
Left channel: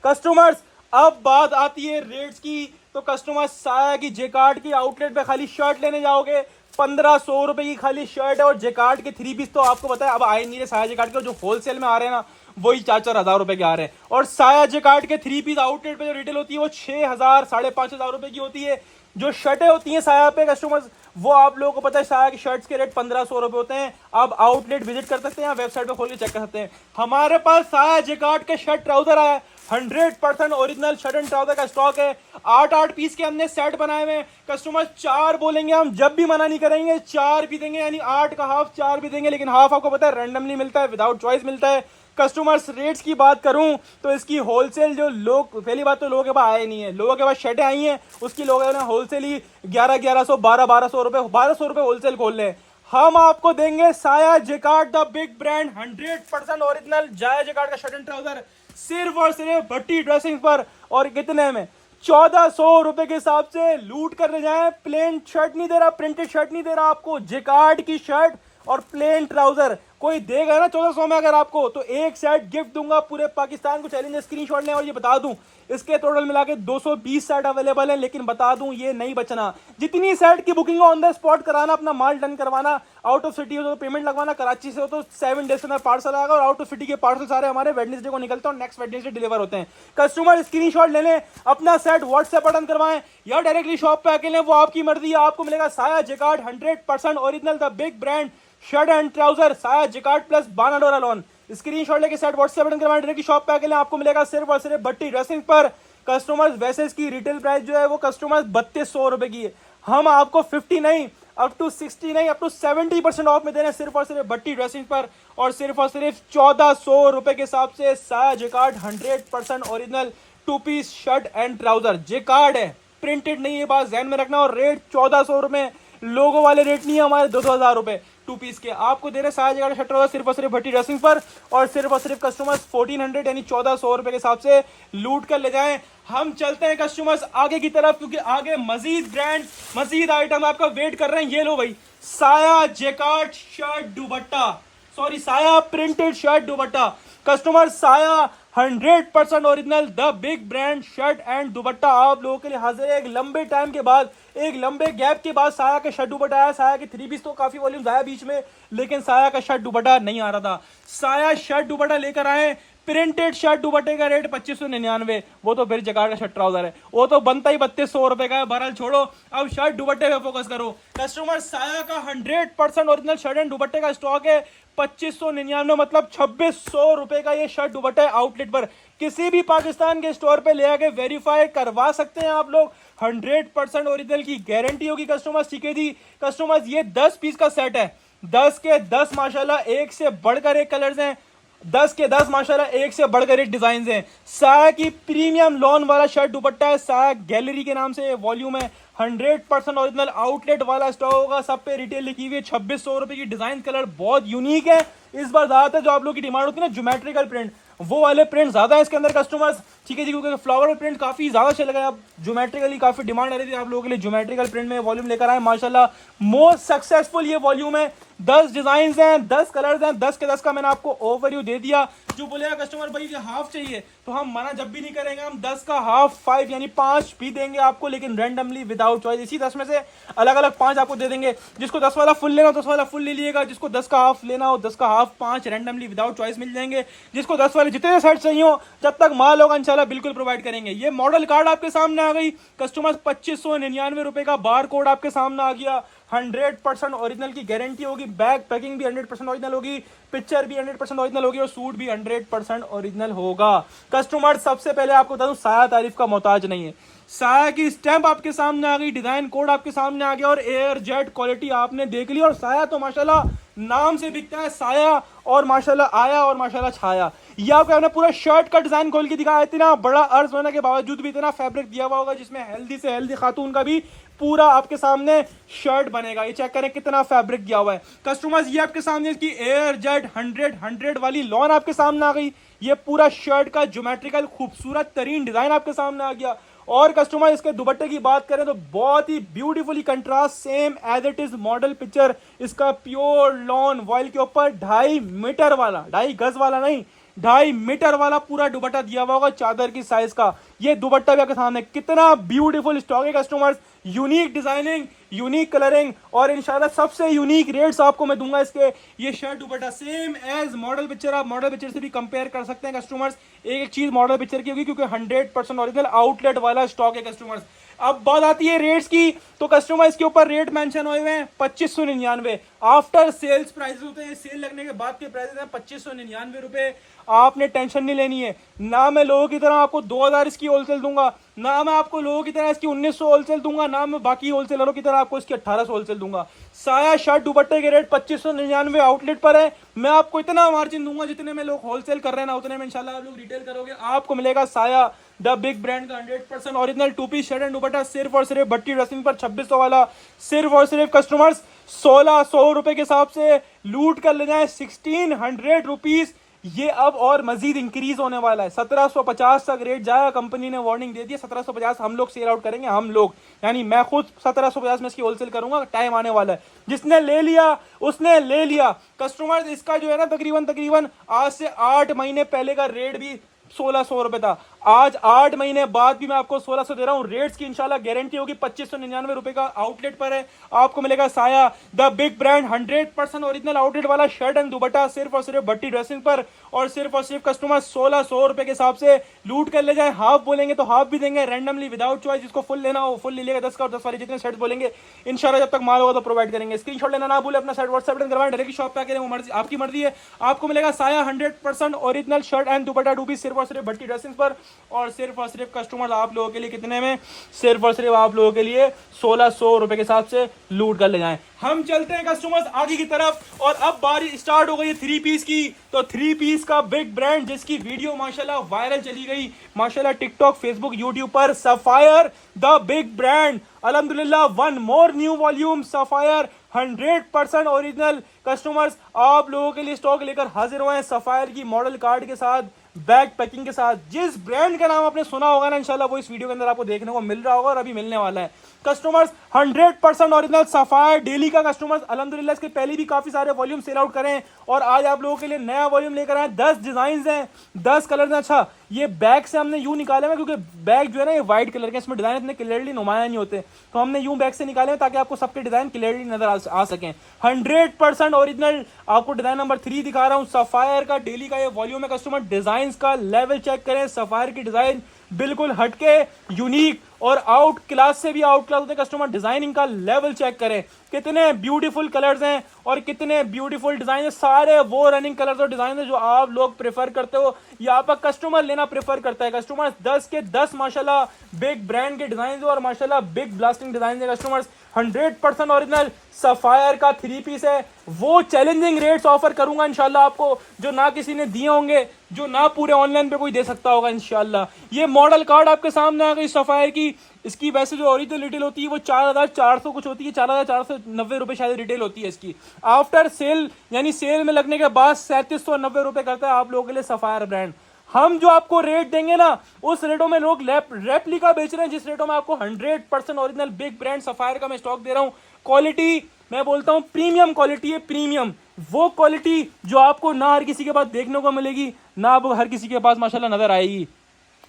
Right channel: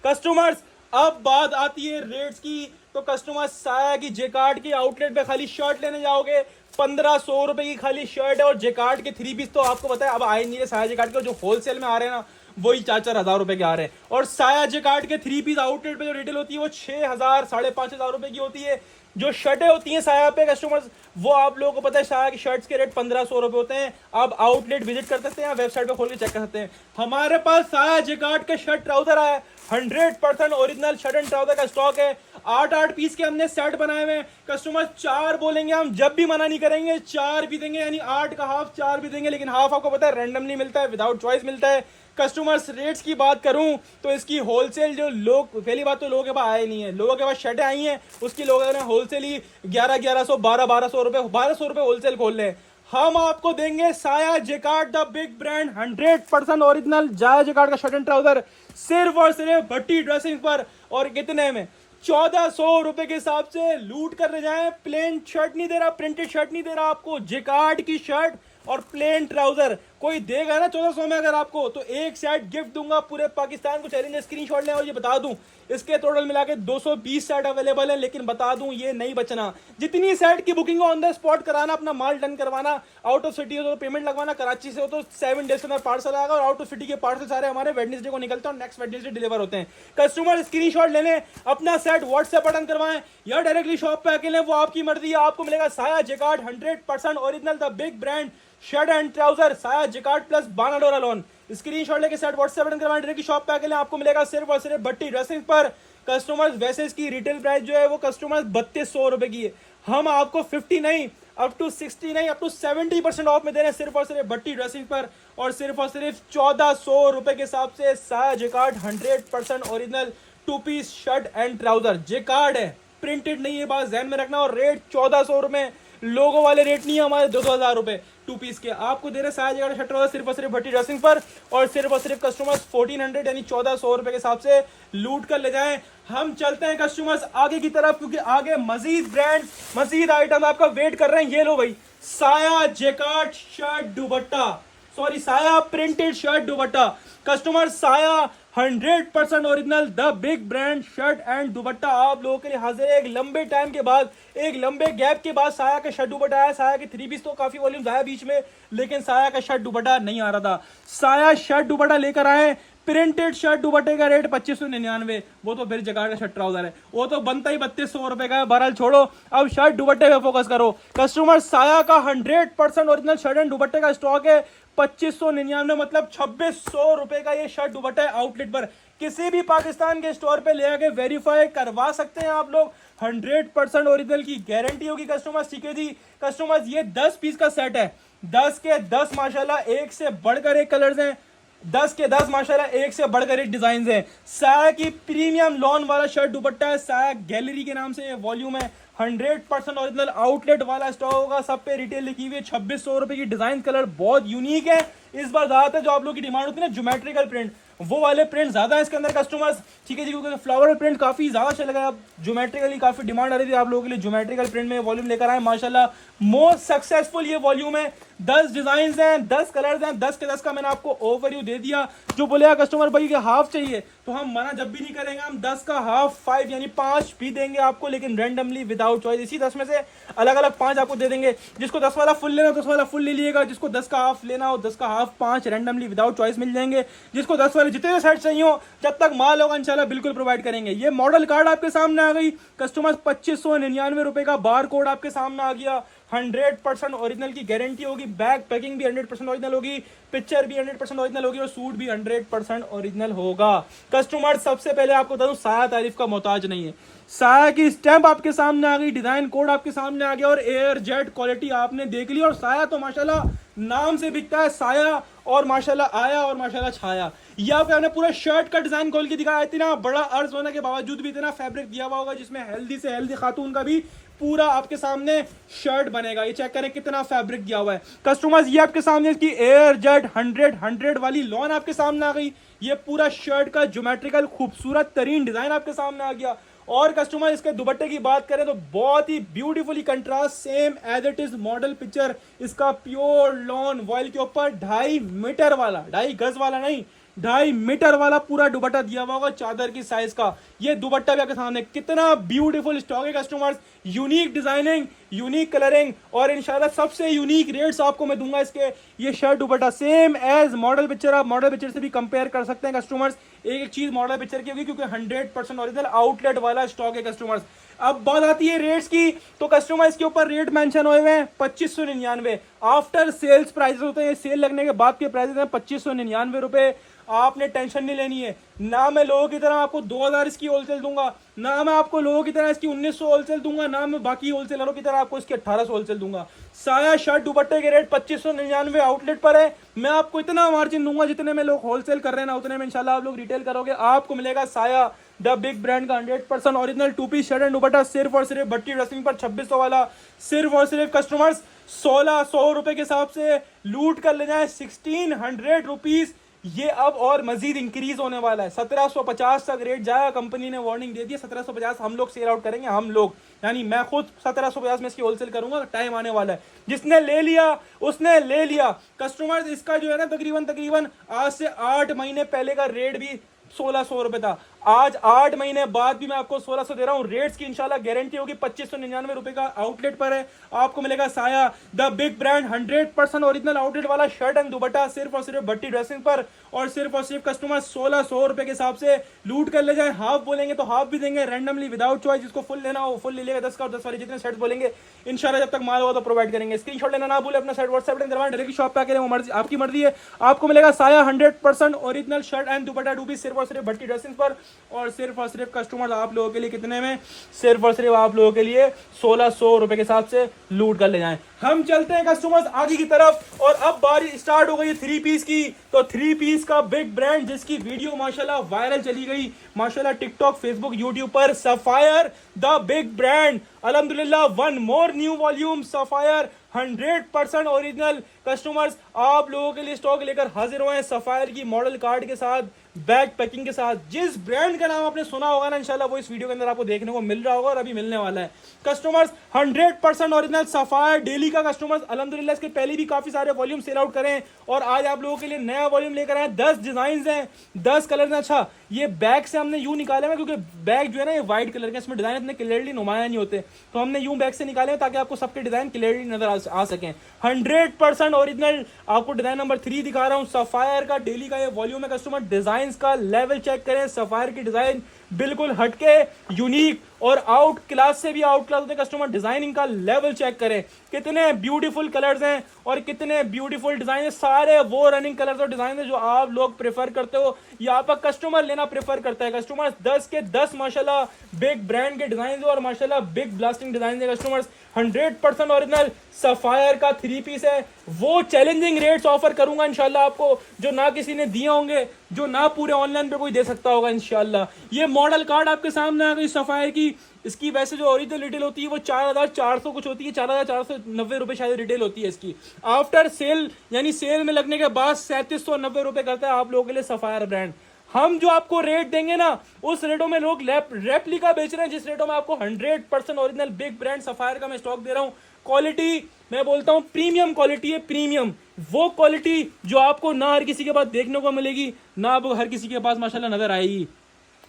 कस्टमर्स। अब बात आती है रेट्स की, तो कस्टमर साया की जेकार्ड की आउटलेट पे खाली शर्ट लेने जाओगे 1500 रुपए की खाली शर्ट है। और जेकार्ड के 3 पीस तो आपको पता है अब आए नहीं है साया जेकार्ड के, जो होलसेल में आ रहे हैं ना वही 4-4 हजार रुपए के आ रहे हैं। और साया जेकार्ड के 3 पीस आउटलेट पे जो रिटेल होती है वो 6000 5,500 रुपए की होती है। जो शर्टें होती हैं साया पे कस्टमर्स, वो आप लोगों को पता है साया की शर्ट्स के रेट 1500 रुपए होते हैं। आप आउटलेट विजिट कर सकते हैं, वेबसाइट पे खोल के चेक कर सकते हैं। हमारे पास साया जेकार्ड के शर्ट ट्राउजर आया है, 100% ओरिजिनल शर्ट एंड ट्राउजर का स्टॉक है। 8-8 पीस के हमने सेट बनाए हुए हैं कस्टमर, 4 बोलेंगे हम जब भी मना नहीं करेंगे, 4 भी देंगे, यानी 8 का हाफ 4 भी देंगे। लेकिन हाफ आपको पता है रैंडमली मिलता है, विदाउट चॉइस मिलता है कस्टमर्स। रेट्स की बात करूं तो इसकी होलसेल जो लोग, पहली बात तो लोगों के पास आए नहीं है, लोगों के पास शर्टें आई हैं उसकी लोगों ने होलसेल ही 1100 1200 रुपए 1200 रुपए होलसेल खोल ले। हम आपको देंगे साया jacquard the big brand 100% original साया जेकार्ड का शर्ट एंड ट्राउजर सिर्फ और सिर्फ भट्टी ड्रेसिंग पर। और कितने में? 1400 रुपए के हिसाब से लूट करने जाए। प्लेन शर्ट नहीं दे रहा, प्रिंटेड शर्ट नहीं दे रहा आपको, जेकार्ड की शर्ट और प्लेन ट्राउजर कोई देगा ना 1400 में अगर आपको, तो एक सेट गिफ्ट दूंगा। पूरे पाकिस्तान को चैलेंज, स्क्रीनशॉट लें। और ये बता दूं इसके टोटल मिला के 220 सेट अवेलेबल है, लेकिन बता दूं ये नहीं बचना। जितनी सेट की बुकिंग ऑन द स्पॉट कराना, अपना माल डन करवाना। आउट ऑफ सिटी हो तो पेमेंट लगवाना, कराची से हो तो 7 डेज के अंदर पार्सल आएगा। और आउट ऑफ सिटी के पार्सल सारे हमारे वेडनेसडे को निकलते हैं और नेक्स्ट वेडनेसडे डिलीवर होते हैं। कस्टमर स्क्रीनशॉट ले लें, अपना सेट व्हाट्सएप बटन करवाएं या डायरेक्टली शॉप पे आके लें, वो आपकी मर्जी है। आपको मिलेगा साया jacquard 100% original the big brand shirt and trouser साया जेकार्ड प्लस बाना डोरा लोन। स्क्रीनशॉट लेके सेट व्हाट्सएप बटन करवाएं, डायरेक्टली शॉप पे आके लें, आपको मिलेगा सिर्फ और सिर्फ भट्टी ड्रेसिंग पर। कस्टमर्स वैसे इसकी रिटेल प्राइस जो है वो कस्टमर्स 3200 रुपए की है, हम आपको 50 नहीं अप टू 60 नहीं अप टू 70% ऑफ में दे रहे हैं सिर्फ और सिर्फ भट्टी ड्रेसिंग पर। और सिर्फ 1400 रुपए के हिसाब से Saya jacquard 100% original 2 piece shirt and trouser jacquard है, प्रिंटेड नहीं है, बात ध्यान में रखना। और रेट 1400 रुपए, लोगों वाले रेट नहीं है हमारे 2,000 रुपए 2 पीस के आपको दे रहे साया जेकार्ड शर्ट ट्राउजर सिर्फ और सिर्फ भट्टी ड्रेसिंग पर। और सिर्फ कस्टमर्स 1400 यानी 1400 रुपए के हिसाब से लूट कर ले जाएं। हम चलते हैं कस्टमर्स आगे की तरफ, क्योंकि आगे मजीद ब्रांड मजीद आइटम आपका वेट कर रहे हैं। ये लो भाई, साया जेकार्ड शर्ट दुपट्टा, सॉरी साया प्रिंटेड शर्ट दुपट्टा। कस्टमर साया 100% original the big brand shirt and दुपट्टा आप लोगों के लिए हाजिर है। एक लंबे टाइम के बाद, एक लंबे गैप के बाद साया का शर्ट दुपट्टा आया। साया के 3 पीस तो काफी वॉल्यूम आया बीच में, लेकिन साया का शर्ट दुपट्टा नहीं आ रहा था। साया शर्ट दुपट्टा लेकर आए। प्रिंटेड शर्ट दुपट्टे का रेट 2599, वो तो फिर जेकार्ड का शर्ट ट्राउजर है, वो तो बनता ही 3200 रुपए का है। बहरहाल छोड़ो, अब शर्ट दुपट्टे पे फोकस करो। कस्टमर साया का 100% ओरिजिनल शर्ट एंड दुपट्टे का स्टॉक है 2599, मतलब 2600 रुपए का ये शर्ट दुपट्टा है। आउटलेट पर किसी भी पाकिस्तान के स्टोर पे ले आके वेरीफाई करवा सकते हैं आप लोग। 100% ओरिजिनल की गारंटी होगी कस्टमर्स, ठीक है जी। कस्टमर्स ये 10 पीस का सेट है, 10 के 10 माशाल्लाह एक से बढ़कर एक कलर्स हैं, 10 के 10 माशाल्लाह एक से बढ़कर एक डिजाइन हैं। साया की प्रीमियम लॉन वाला शर्ट दुपट्टा है, साया गैलरी के नाम से वॉल्यूम है। 100% ओरिजिनल आउटलेट वाला स्टॉक होगा, सब पे रिटेल लिखी हुई है। 2600 रुपए की डिजाइन, कलर बहुत यूनिक है। इस बार ज्यादातर जो आप लोगों की डिमांड होती है ना ज्योमेट्रिकल प्रिंट, वो वाले प्रिंट ज्यादा है इसके अंदर कस्टमर्स, ठीक है जी, क्योंकि फ्लावर प्रिंट काफी ज्यादा चल गया। अब ज्योमेट्रिकली काफी डिमांड आ रही थी आप लोगों के लिए, ज्योमेट्रिकल प्रिंट में वॉल्यूम लेकर आए माशाल्लाह। मोस्ट सक्सेसफुल ये वॉल्यूम है 10 डिजाइन हैं, 10 कलर्स हैं, 10 के 10 का मैंने आपको ओवरव्यू दे दिया। जो बोलेगा कस्टमर भाई कि हाफ चाहिए तो हम मना जब भी नहीं करेंगे, हम 10 का हाफ 5 यानी 5 भी देंगे आपको, लेकिन रैंडमली विदाउट चॉइस। इसी 10 में से अलग अलग 5 आपको दे देंगे। जिसको 10 वाला फुल लेना हो 10 वाला फुल ले लीजिएगा, जिसको 10 का हाफ लेना हो 10 का हाफ 5 रैंडमली विदाउट चॉइस मिल जाएंगे। जिसको 10 वाले जितने सेट चाहिए हो जब तक माल होगा इंशाल्लाह बिल्कुल प्रोवाइड करेंगे। ये मॉडल कार्ड आपके सामने आ गई कस्टमर्स, 2599 रुपए का बार कोड आपके सामने आ गया। 100% ओरिजिनल की गारंटी होगी, बैग पैकिंग भी 100% ओरिजिनल होगी, पिक्चर भी 100% ओरिजिनल होगी और सूट भी 100% ओरिजिनल होगा। कस्टमर सबसे पहले आपको बता दूं साया तारीफ का मोहताज नहीं है। साया की स्टैंप आपके सामने आ गई, डिजाइन कोड आपके सामने आ गया और एयर जेट क्वालिटी आपने देख ली। और साया तो माशाल्लाह नाम से बिकता है साया, और माशाल्लाह आया और माशाल्लाह छाया। ये आपको हमने पूरा शर्ट का डिजाइन खोल के दिखाया। इतना बड़ा अर्ज होने के बावजूद भी इतना फैब्रिक दिया हुआ होगा जिसमें हेल्दी से हेल्दी खातून का भी पूरा आपके सामने शर्ट बनेगा। ये चेक करें कितना फैब्रिक दिया हुआ है कस्टमर्स। ये आपके सामने इसकी एयर जेट 100 वाली लॉन आपके सामने आ गई। ये पूरा शर्ट का ज्योमेट्रिकल खूबसूरत तरीन डिजाइन आपके सामने आ गया। और कस्टमर इसके दुपट्टे की बात करें तो बहुत ही beautifully contrast same as it is model picture. इसका प्योर लॉन वॉइल के ऊपर 2.5 मीटर वाला, 2.5 गज वाला नहीं, 2.5 मीटर वाला पूरा दुपट्टा दिया हुआ होगा चादर की साइज का। ये दुपट्टा भी आपके सामने कितना ब्यूटीफुल स्टॉक है customers. Unique designing, unique colouring और इंशाल्लाह सबसे यूनिक रेट्स आपको मैं दूंगा इसके। ये shirt dupatta same as model picture, आप मॉडल पिक्चर से भी कंपेयर कर सकते हैं कस्टमर्स। एक एक चीज मॉडल पिक्चर की होगी क्योंकि 100% ओरिजिनल आउटलेट वाला स्टॉक है कस्टमर्स। अब बात आती है रेट्स की, तो कस्टमर इसके ऊपर रेट मेंशन हुए हैं 2599। आफ्टर सेल्स प्राइस होते हैं, सेल लगने के बाद के प्राइस हैं 2599 रुपए। आपने टेंशन नहीं लेनी है, ना मैं लोगों की तरह आपको 2000 इसकी होलसेल दूंगा, ना मैं आपको लोगों की तरह इसकी 1900 होलसेल दूंगा, ना मैं बाकी होलसेलरों की तरह आपको इसकी 1800 होलसेल दूंगा। साया शर्ट दुपट्टे के रेट 2599 आउटलेट पर है। मैं आपको इतना मार्जिन दूंगा जितने में लोग होलसेल कर रहे हैं ना उतने में इंशाल्लाह आप लोग रिटेल करोगे। आपको मिलेगा साया द बिग ब्रांड का 100% original 2 piece shirt and dupatta सिर्फ और सिर्फ भट्टी ड्रेसिंग पर 2600 वाला। सिर्फ और सिर्फ कस्टमर्स 1600 रुपए के हिसाब से लूट कर ले जाए 1600 रुपीज। ये अब और मजीद इंक्रीज होने वाला है, 1750 तक रेट जाएगा। कंपनी ने वार्निंग दे दी है 1750 हम लोग सेल आउट करेंगे। हम लोग यानी मैं खुद 1750 में इसकी होलसेल करूंगा। टाइम आने वाला है, जिसने ले लिया उसने ले लिया। कस्टमर्स इसका जो है ना तकरीबन आज से 8 महीने पहले का रेट भी 1600 रुपए था। आज 8 महीने बाद भी मैं आपको 1600 दे रहा हूं। रेट्स की इंशाल्लाह गारंटी होगी। 2599 रुपए का आउटलेट पर है। आपको मिलेगा साया the big brand 100% original outlet वाला शर्ट एंड दुपट्टा सिर्फ और सिर्फ भट्टी ड्रेसिंग पर। और सिर्फ कस्टमर 1600 रुपए के हिसाब से लूट कर ले जाए। हाफ बोलेंगे तो हाफ भी देंगे रैंडमली विदाउट चॉइस। जिसको फुल लेना हो फुल ले लेगा। 10 का और 10 वाले जितने सेट बोलेंगे इंशाल्लाह जब तक माल होगा तो प्रोवाइड करेंगे। स्क्रीनशॉट लेना ना भूले, अपना सेट व्हाट्सएप करवाएं। डायरेक्ट शॉप पे आके वो मर्जी आपकी मर्जी है। आपको मिलेगा Saya 100% original shirt and dupatta 2 piece सिर्फ और सिर्फ भट्टी ड्रेसिंग पर। और सिर्फ कस्टमर आप लोगों के लिए कितने में, सिर्फ और सिर्फ आप लोगों के लिए 1600 रुपए के हिसाब से लूट कर ले जाएं। हम चलते हैं कस्टमर्स आगे की तरफ। और अब बारी स्टार्ट हो गई 3 पीस की। तो 3 पीस का बिग ब्रांड जिसकी वीडियो माशाल्लाह वायरल चली गई माशाल्लाह टिकटॉक फेसबुक यूट्यूब पर, सफायर द बिग ब्रांड। अल्हम्दुलिल्लाह one more new volume sapphire 100% original. Customers आप लोगों के लिए स्टॉक लेकर हाजिर हुए हैं सफायर की मॉडल कार्ड के साथ, बैग पैकिंग के साथ। जिस ब्रांड का नाम आपने सुना होगा ना इंशाल्लाह वो इस वीडियो के अंदर आपको देखने को मिल रहा होगा और अभी मिलने वाला है। कस्टमर्स 100% ओरिजिनल सफायर डेली का। कस्टमर्स अल्हम्दुलिल्लाह इसके पहले भी काफी सारे वॉल्यूम सेल आउट करें और आज आप लोगों के लिए नया वॉल्यूम लेकर आए। 10 डिजाइन हैं, 10 कलर हैं। अच्छा ये बैग से हमने यूं निकाले हैं क्योंकि बैग जो है ना ये व्हाइट कलर के, इसमें डिजाइन इतने क्लियरली नुमाया नहीं होते, तो हमने यूं बैग से निकाले हैं ताकि आपको सबके डिजाइन क्लियरली नजर आ सकें। 100% ओरिजिनल आपको डिजाइन नंबर 3 दिखा रहा हूं। सफायर का डेली का ये वॉल्यूम है। कस्टमर डिजाइन का लेवल चेक करें। सफायर की डिजाइन बिल्कुल हटके यूनिक और आउट क्लास से भी आउट क्लास होते हैं। कस्टमर डिजाइनिंग का लेवल चेक करें, कितने ब्यूटीफुल कलर्स हैं और कितने ब्यूटीफुल डिजाइन है। सारे वो रनिंग कलर्स और डिजाइन है जो आप लोग प्रेफर करते हो या आप कस्टमर लेना प्रेफर करता है। कस्टमर 10 के 10 माशाल्लाह बिग ब्रांड के डिजाइन और माशाल्लाह बिग ब्लास्टिंग डिजाइन है। कस्टमर्स 100% ओरिजिनल सफायर का 3 पीस है। वो चैलेंजिंग रेट्स ऑफर करूंगा इंशाल्लाह आपको जो ना किसी ने दिए होंगे, जो ना पूरे ऑनलाइन पे कोई दे सकता होगा इंशाल्लाह। ये मॉडल कार्ड आपके सामने आ गई सफायर की। इसकी वैसे जो ओरिजिनल रिटेल होती है वो 4400 कुछ होती है, 4490 रुपए शायद रिटेल होती है इसकी। आफ्टर सेल यानी सेल में लगने के बाद 3790 रुपए करता है आप लोगों के लिए सफायर ब्रांड। हम जो आपको रेट देंगे ना, उस रेटों में लोग रेप्लिका बेच रहे हैं, जिस रेटों में आपको 100% ओरिजिनल बिग ब्रांड सफायर का मैं स्टॉक दे रहा हूं। क्वालिटी मैं बोलता हूं प्रीमियम क्वालिटी है, प्रीमियम वो क्वालिटी जो आपको ना हर किसी के पास देखने को मिलेगी, ना आपको हर किसी के पास माशाल्लाह नजर आएगी।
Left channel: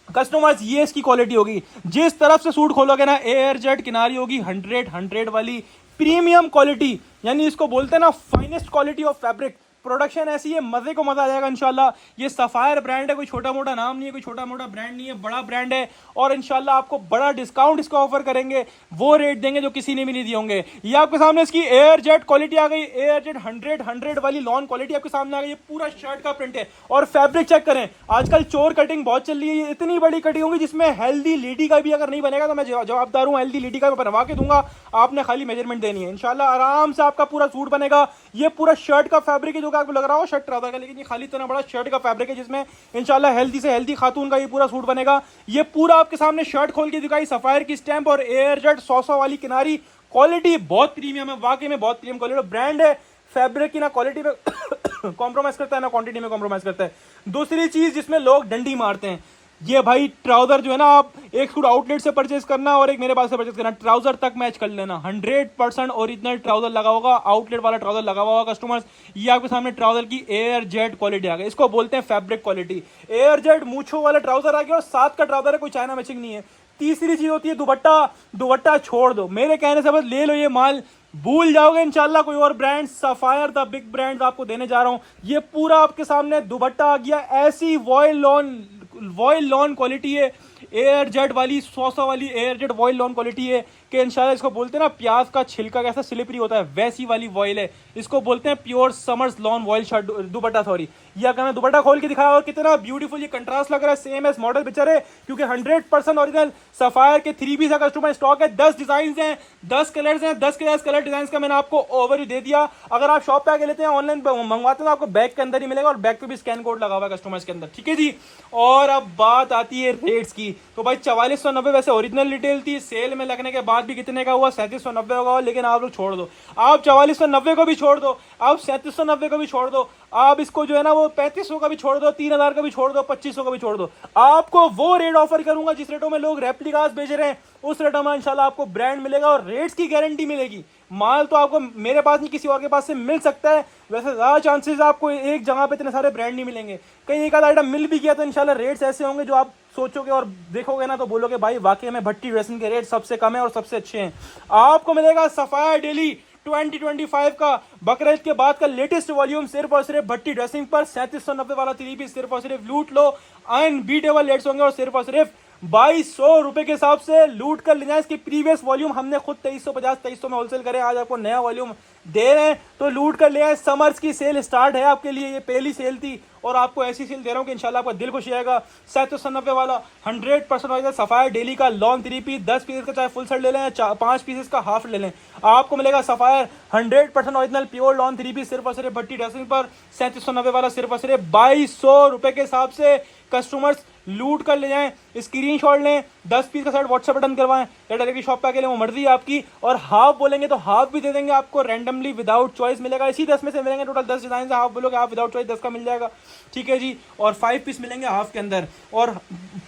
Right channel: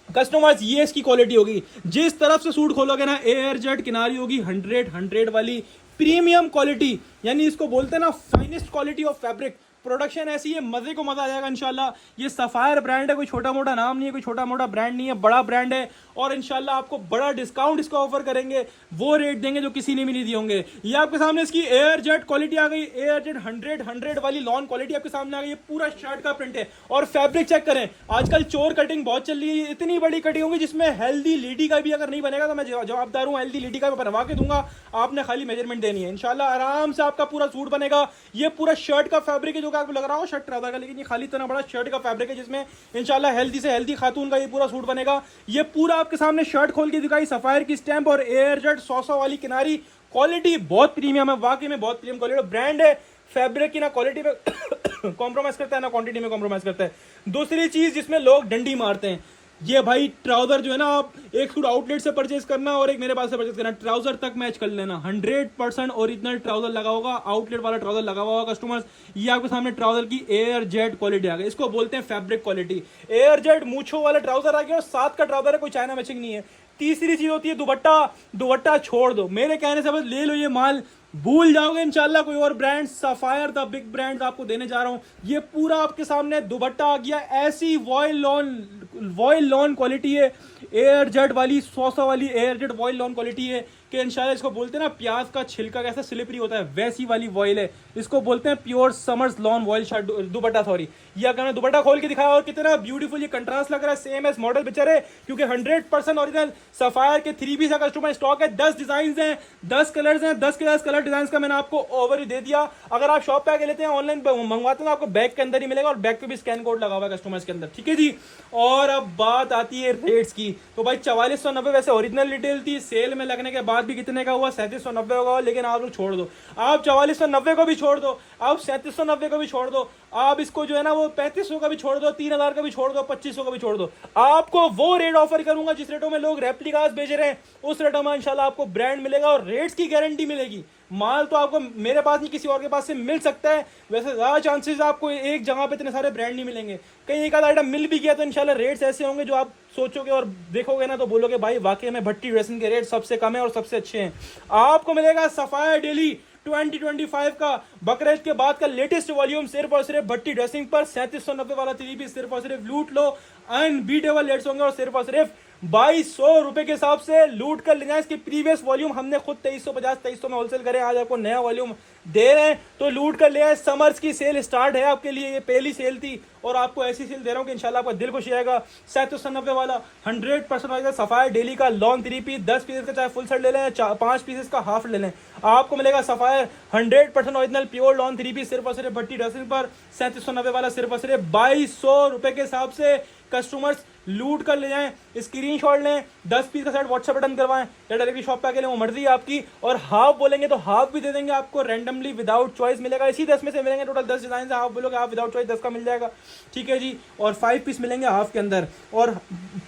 कस्टमर्स ये इसकी क्वालिटी होगी, जिस तरफ से सूट खोलोगे ना एयर जेट किनारी होगी 100 वाली प्रीमियम क्वालिटी, यानी इसको बोलते हैं ना finest quality of fabric. Production ऐसी है, मजे को मजा आ जाएगा इंशाल्लाह। ये सफायर ब्रांड है, कोई छोटा मोटा नाम नहीं है, कोई छोटा मोटा ब्रांड नहीं है, बड़ा ब्रांड है। और इंशाल्लाह आपको बड़ा डिस्काउंट इसको ऑफर करेंगे, वो रेट देंगे जो किसी ने भी नहीं दिए होंगे। ये आपके सामने इसकी एयर जेट क्वालिटी आ गई, एयर जेट 100 वाली लॉन क्वालिटी आपके सामने आ गई। ये पूरा शर्ट का प्रिंट है और फैब्रिक चेक करें, आजकल चोर कटिंग बहुत चल रही है। ये इतनी बड़ी कटिंग होगी जिसमें हेल्दी लेडी का भी अगर नहीं बनेगा तो मैं जवाबदार हूँ, हेल्दी लेडी का बनवा के दूंगा, आपने खाली मेजरमेंट देनी है। इंशाल्लाह आराम से आपका पूरा सूट बनेगा। ये पूरा शर्ट का फैब्रिक है, जो कि आपको लग रहा हो शर्ट ट्राउजर का, लेकिन ये खाली इतना बड़ा शर्ट का फैब्रिक है जिसमें इंशाल्लाह हेल्दी से हेल्दी खातून का ये पूरा सूट बनेगा। ये पूरा आपके सामने शर्ट खोल के दिखाई, सफायर की स्टैंप और एयर जेट 100 वाली किनारी, क्वालिटी बहुत प्रीमियम है, वाकई में बहुत प्रीमियम क्वालिटी ब्रांड है। फैब्रिक की ना क्वालिटी में कॉम्प्रोमाइज करता है ना क्वांटिटी में कॉम्प्रोमाइज करता है। दूसरी चीज जिसमें लोग डंडी मारते हैं, ये भाई ट्राउजर जो है ना, आप एक सूट आउटलेट से परचेज करना और एक मेरे पास से परचेज करना, ट्राउजर तक मैच कर लेना। 100% ओरिजिनल ट्राउजर लगा होगा, आउटलेट वाला ट्राउजर लगा हुआ होगा कस्टमर्स। ये आपके सामने ट्राउजर की एयर जेट क्वालिटी आ गई, इसको बोलते हैं फैब्रिक क्वालिटी। एयर जेट मूछों वाला ट्राउजर आ गया और साथ का ट्राउजर है, कोई चाइना मैचिंग नहीं है। तीसरी चीज होती है दुपट्टा। दुपट्टा छोड़ दो, मेरे कहने से बस ले लो ये माल, भूल जाओगे इंशाल्लाह कोई और brand. Sapphire the big brand आपको देने जा रहा हूं। ये पूरा आपके सामने दुपट्टा आ गया, ऐसी वॉयल लॉन क्वालिटी है, एयर जेट वाली 100 वाली air jet vial lawn quality है कि इंशाल्लाह इसको बोलते हैं ना प्याज का छिलका कैसा स्लिपरी होता है, वैसी वाली वॉयल है। इसको बोलते हैं pure summers lawn vial shirt दुपट्टा, सॉरी। ये अगर मैं दुपट्टा खोल के दिखाया और कितना ब्यूटीफुल ये कंट्रास्ट लग रहा है, सेम एस मॉडल पिक्चर है, क्योंकि 100% ओरिजिनल सफायर के 3 पीस का कस्टमर स्टॉक है। 10 डिजाइन हैं, 10 कलर्स हैं, 10 के 10 कलर डिजाइन का मैंने आपको ओवरव्यू दे दिया। अगर आप शॉप पे आके लेते हैं, ऑनलाइन मंगवाते हैं, आपको बैग के अंदर ही मिलेगा और बैग पे भी स्कैन कोड लगा हुआ है कस्टमर्स के अंदर, ठीक है जी। और अब बात आती है रेट्स की, तो भाई 4490 वैसे ओरिजिनल रिटेल थी, सेल में लगने के बाद भी कितने का हुआ, 3790 होगा। लेकिन आप लोग छोड़ दो, आप 4490 को भी छोड़ दो, आप 3790 को भी छोड़ दो, आप इसको जो है ना वो 3500 का भी छोड़ दो, 3000 का भी छोड़ दो, 2500 का भी छोड़ दो। आपको वो रेट ऑफर करूंगा जिस रेटों में लोग रेप्लिकास बेच रहे हैं, उस रेटों में इंशाल्लाह आपको ब्रांड मिलेगा और रेट्स की गारंटी मिलेगी। माल तो आपको मेरे पास नहीं, किसी और के पास से मिल सकता है, वैसे ज्यादा चांसेस आपको एक जगह पे इतने सारे ब्रांड नहीं मिलेंगे। कहीं एक आधा आइटम मिल भी गया तो इंशाल्लाह रेट्स ऐसे होंगे जो आप सोचोगे और देखोगे ना तो बोलोगे भाई वाकई में भट्टी ड्रेसिंग के रेट सबसे कम है और सबसे अच्छे हैं। आपको मिलेगा सफायर डेली 2025 का बकरीद के बाद का लेटेस्ट वॉल्यूम सिर्फ और सिर्फ भट्टी ड्रेसिंग पर 3790 वाला 3 पीस सिर्फ और सिर्फ लूट लो, अनबीटेबल रेट्स होंगे और सिर्फ 2200 रुपए के हिसाब से लूट कर ले जाए। इसकी प्रीवियस वॉल्यूम हमने खुद 2350 में होलसेल करे, आज आपको नया वॉल्यूम दे रहे हैं तो लूट कर ले आए। समर्स की सेल स्टार्ट है आपके लिए, ये पहली सेल थी और आपको ऐसी सेल दे रहा हूं कि इंशाल्लाह आपका दिल खुश आएगा। 3790 वाला 100% वाला सफायर डेली का लॉन 3 पीस, 10 पीस का चाहे फुल सेट ले लें, 5 पीसेस का हाफ ले लें, आपको मिलेगा Sapphire 100% original pure lawn 3 piece सिर्फ और सिर्फ भट्टी ड्रेसिंग पर 3790 वाला सिर्फ और सिर्फ 2200 रुपए के हिसाब से। कस्टमर्स लूट कर ले जाएं, स्क्रीनशॉट लें, 10 पीस का सेट व्हाट्सएप बटन करवाएं या डायरेक्टली शॉप पे अकेले, वो मर्जी है आपकी। और हाफ बोलेंगे तो हाफ भी दे देंगे आपको, रैंडमली विदाउट चॉइस मिलेगा। इसी 10 में से मिलेंगे, टोटल 10 डिजाइन, हाफ बोलोगे हाफ विदाउट चॉइस 10 का मिल जाएगा, ठीक है जी। और 5 पीस मिलेंगे हाफ के अंदर, और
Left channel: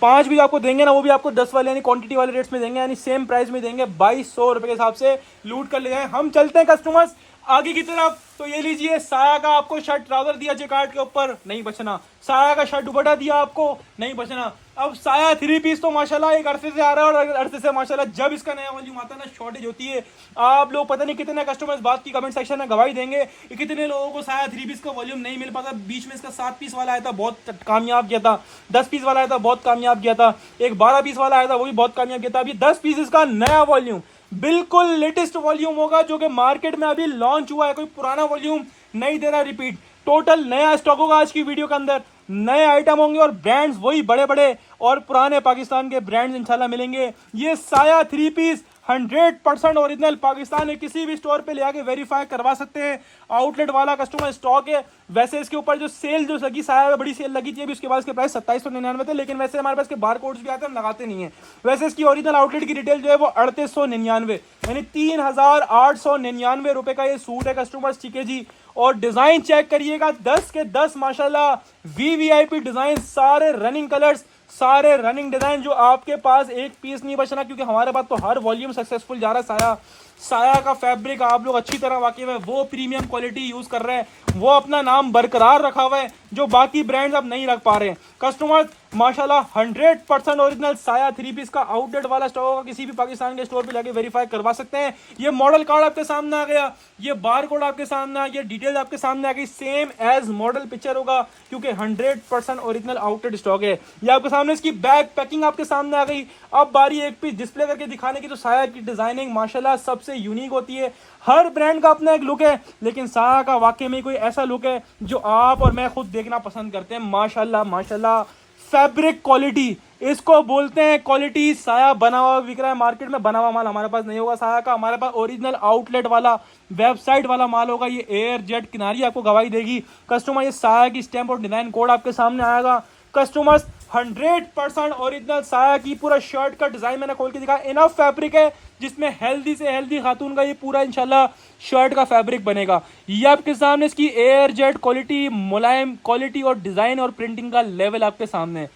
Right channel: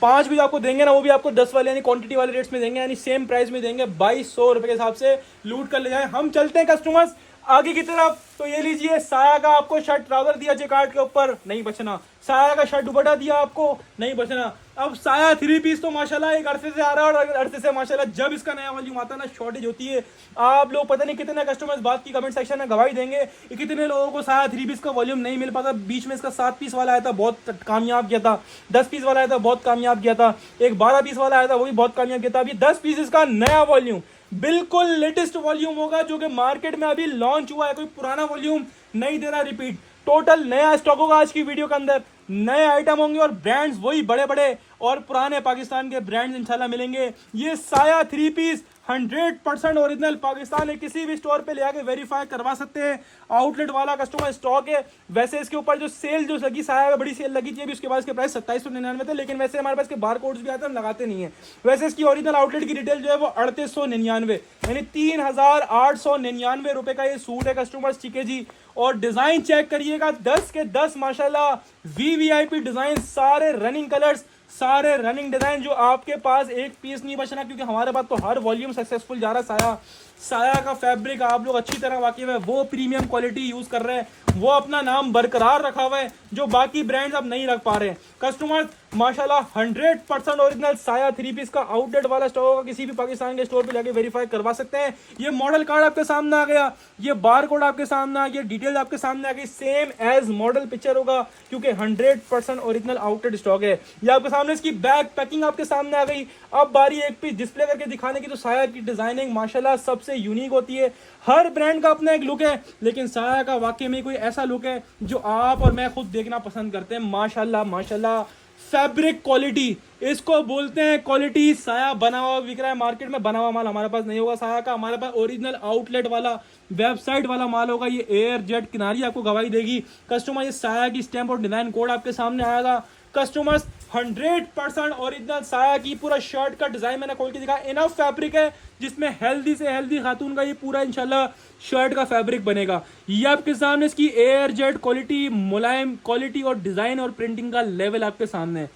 5 भी आपको देंगे ना, वो भी आपको 10 वाले यानी क्वांटिटी वाले रेट्स में देंगे, यानी सेम प्राइस में देंगे। 2200 रुपए के हिसाब से लूट कर ले जाए। हम चलते हैं कस्टमर्स आगे की तरफ, तो ये लीजिए साया का आपको शर्ट ट्राउजर दिया जेकार्ड के ऊपर, नहीं बचना। साया का शर्ट दुपट्टा दिया आपको, नहीं बचना। अब साया 3 पीस तो माशाल्लाह एक अरसे से आ रहा है और अरसे से माशाल्लाह जब इसका नया वॉल्यूम आता है ना शॉर्टेज होती है। आप लोग पता नहीं कितने कस्टमर्स बात की कमेंट सेक्शन में गवाही देंगे, कितने लोगों को साया 3 पीस का वॉल्यूम नहीं मिल पाता। बीच में इसका 7 पीस वाला आया था, बहुत कामयाब गया था। 10 पीस वाला आया था, बहुत कामयाब गया था। एक 12 पीस वाला आया था, वो भी बहुत कामयाब गया था। अभी 10 पीस इसका नया वॉल्यूम, बिल्कुल लेटेस्ट वॉल्यूम होगा जो कि मार्केट में अभी लॉन्च हुआ है, कोई पुराना वॉल्यूम नहीं दे रहा रिपीट। टोटल नया स्टॉक होगा आज की वीडियो के अंदर, नए आइटम होंगे और ब्रांड्स वही बड़े बड़े और पुराने पाकिस्तान के ब्रांड्स इंशाल्लाह मिलेंगे। ये साया 3 पीस 100% ओरिजिनल पाकिस्तान में किसी भी स्टोर पे ले आके वेरीफाई करवा सकते हैं। आउटलेट वाला कस्टमर स्टॉक है। वैसे इसके ऊपर जो सेल जो लगी साया बड़ी सेल लगी थी अभी, उसके बाद इसके प्राइस 2799 थे, लेकिन वैसे हमारे पास के बार कोड्स भी आते हैं, हम लगाते नहीं है। वैसे इसकी ओरिजिनल आउटलेट की रिटेल जो है वो 3899 यानी 3899 रुपए का ये सूट है कस्टमर्स, ठीक है जी। और डिजाइन चेक करिएगा, 10 के 10 माशाल्लाह वीवीआईपी डिजाइन, सारे रनिंग कलर्स, सारे रनिंग डिजाइन, जो आपके पास एक पीस नहीं बचना, क्योंकि हमारे पास तो हर वॉल्यूम सक्सेसफुल जा रहा है। साया का फैब्रिक आप लोग अच्छी तरह वाकिफ है, वो प्रीमियम क्वालिटी यूज कर रहे हैं, वो अपना नाम बरकरार रखा हुआ है, जो बाकी ब्रांड्स अब नहीं रख पा रहे हैं। कस्टमर माशाल्लाह 100% ओरिजिनल साया 3 पीस का आउटलेट वाला स्टॉक होगा, किसी भी पाकिस्तान के स्टोर पे जाके वेरीफाई करवा सकते हैं। ये मॉडल कार्ड आपके सामने आ गया, ये बार कोड आपके सामने आ गया, डिटेल आपके सामने आ गई, सेम एज मॉडल पिक्चर होगा, क्योंकि 100% ओरिजिनल आउटलेट स्टॉक है। ये आपके सामने इसकी बैग पैकिंग आपके सामने आ गई। अब बारी एक पीस डिस्प्ले करके दिखाने की, तो साया की डिजाइनिंग माशाल्लाह सबसे यूनिक होती है। हर ब्रांड का अपना एक लुक है, लेकिन साया का वाकई में कोई ऐसा लुक है जो आप और मैं खुद देखना पसंद करते हैं। माशाल्लाह माशाल्लाह फैब्रिक क्वालिटी, इसको बोलते हैं क्वालिटी। साया बना हुआ बिक रहा है मार्केट में, बना हुआ माल हमारे पास नहीं होगा साया का, हमारे पास ओरिजिनल आउटलेट वाला वेबसाइट वाला माल होगा। ये एयर जेट किनारी आपको गवाही देगी। कस्टमर ये साया की स्टैंप और डिजाइन कोड आपके सामने आएगा। कस्टमर्स 100% ओरिजिनल साया की पूरा शर्ट का डिजाइन मैंने खोल के दिखा, इनफ फैब्रिक है जिसमें हेल्दी से हेल्दी खातून का ये पूरा इंशाल्लाह शर्ट का फैब्रिक बनेगा। ये आपके सामने इसकी एयर जेट क्वालिटी, मुलायम क्वालिटी और डिजाइन और प्रिंटिंग का लेवल आपके सामने है।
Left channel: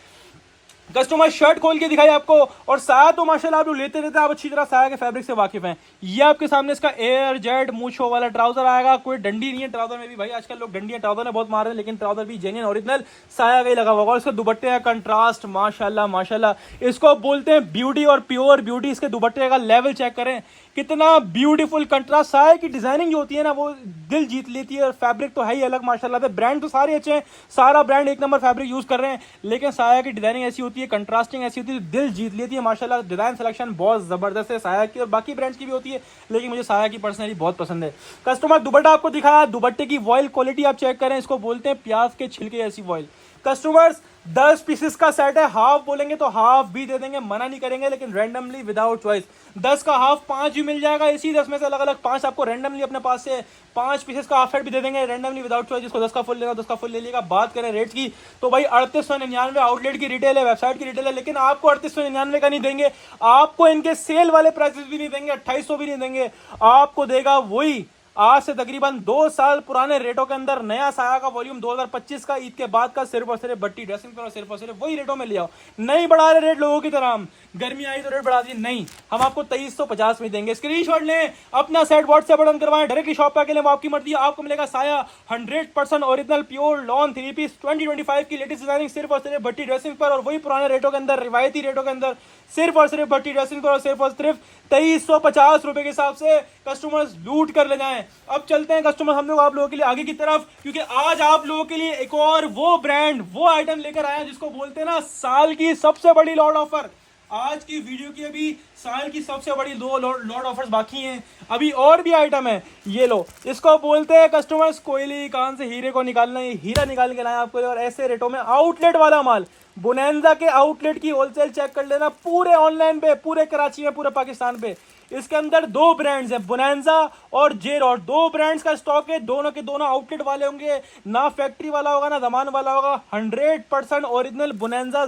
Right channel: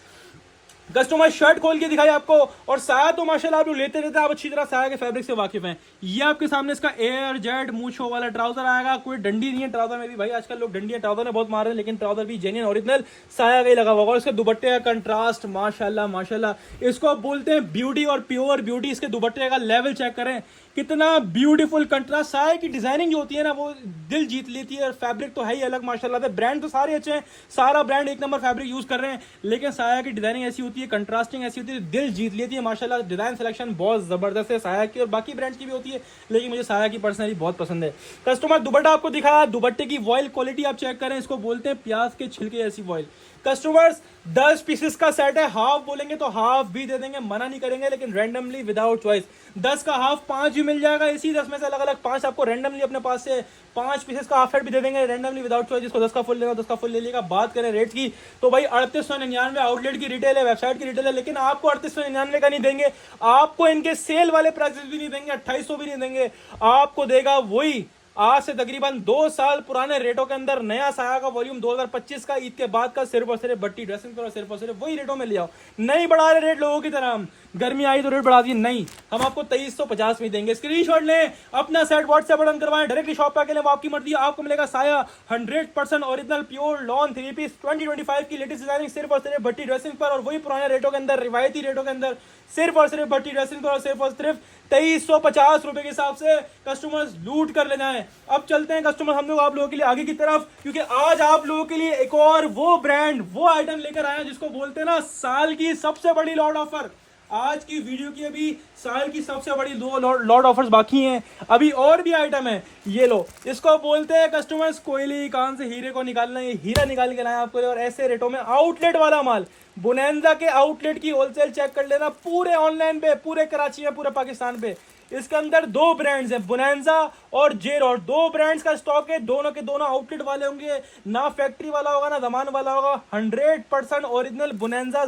कस्टमर शर्ट खोल के दिखाई आपको, और साया तो माशाल्लाह आप लोग लेते रहते हैं, आप अच्छी तरह साया के फैब्रिक से वाकिफ हैं। ये आपके सामने इसका एयर जेट मूछो वाला ट्राउजर आएगा, कोई डंडी नहीं है ट्राउजर में भी, भाई आजकल लोग डंडी ट्राउजर में बहुत मार रहे हैं, लेकिन ट्राउजर भी जेन्युइन ओरिजिनल साया का ही लगा हुआ होगा। इसके दुपट्टे का कंट्रास्ट माशाल्लाह माशाल्लाह, इसको बोलते हैं ब्यूटी और प्योर ब्यूटी। इसके दुपट्टे का लेवल चेक करें, कितना ब्यूटीफुल कंट्रास्ट। साया की डिजाइनिंग जो होती है ना, वो दिल जीत लेती है। फैब्रिक तो है ही अलग माशाल्लाह, ब्रांड तो सारे अच्छे हैं, सारा ब्रांड एक नंबर फैब्रिक यूज कर रहे हैं, लेकिन साया की डिजाइनिंग ऐसी होती है, कंट्रास्टिंग ऐसी होती है, दिल जीत लेती है माशाल्लाह। डिजाइन सिलेक्शन बहुत जबरदस्त है साया की, और बाकी ब्रांड्स की भी होती है, लेकिन मुझे साया की पर्सनली बहुत पसंद है। कस्टमर दुपट्टा आपको दिखाया, दुपट्टे की वॉइल क्वालिटी आप चेक करें, इसको बोलते हैं प्याज के छिलके ऐसी वॉइल। कस्टमर्स 10 पीसेस का सेट है, हाफ बोलेंगे तो हाफ भी दे देंगे, मना नहीं करेंगे, लेकिन रैंडमली विदाउट चॉइस 10 का हाफ 5 भी मिल जाएगा। इसी 10 में से अलग अलग 5 आपको रैंडमली अपने पास से 5 पीसेस का हाफ सेट भी दे देंगे रैंडमली विदाउट चॉइस। जिसको 10 का फुल लेगा 10 का फुल ले लेगा। बात करें रेट की, तो भाई 3899 आउटलेट की रिटेल है, वेबसाइट की रिटेल है, लेकिन आपको 3899 का नहीं देंगे, आपको इनके सेल वाले प्राइसेस भी नहीं देंगे, 2800 भी नहीं देंगे, आपको देगा वही आज से तकरीबन 2 साल पुराने रेटों के अंदर नया साया का वॉल्यूम 2025 का ईद के बाद का सिर्फ और सिर्फ बट्टी ड्रेसिंग पर, सिर्फ और सिर्फ वही रेटों में ले आओ। नहीं बढ़ा रहे रेट लोगों की तरह, हम गर्मी आई तो रेट बढ़ा दिए, नहीं, हम आपको 2350 में देंगे। स्क्रीनशॉट लें, अपना सेट व्हाट्सएप बटन करवाएं, डायरेक्टली शॉप पे आके लें, वो आपकी मर्जी। आपको मिलेगा Saya 100% original pure lawn 3 piece 2025 की लेटेस्ट डिजाइनिंग सिर्फ और सिर्फ भट्टी ड्रेसिंग पर, और वही पुराने रेटों के अंदर, रिवायती रेटों के अंदर, सिर्फ और सिर्फ भट्टी ड्रेसिंग पर, और सिर्फ 2350 रुपए के हिसाब से कस्टमर्स लूट कर ले जाएं। अब चलते हैं कस्टमर हम लोग आप लोगों के लिए आगे की तरफ, क्योंकि आज आप लोगों के लिए एक और वो ब्रांड, वो आइटम लेकर आया जिसको बोलते हैं ना साल की सबसे बड़ी लॉट ऑफर। आज की वीडियो की अभी साल की सबसे बड़ी 2 लॉट ऑफर्स बाकी हैं, अभी और भी आइटम है। ये लो, इसको बोलते हैं कस्टमर्स कोयली कान से हीरे को निकालना, ये हीरा निकाल के लाए आपको, और ऐसे रेटों में आउटलेट वाला माल। बोनेंजा के आउटलेट की होलसेल चेक कर लेना, पूरे ऑनलाइन पे, पूरे कराची में, पूरे पाकिस्तान पे। इसके अंदर 2 ब्रांड्स हैं, बोनेंजा और जे रॉड, 2 ब्रांड्स का स्टॉक है, दोनों के दोनों आउटलेट वाले होंगे, ना फैक्ट्री वाला होगा ना जमान वाला होगा। 100% ओरिजिनल बोनेंजा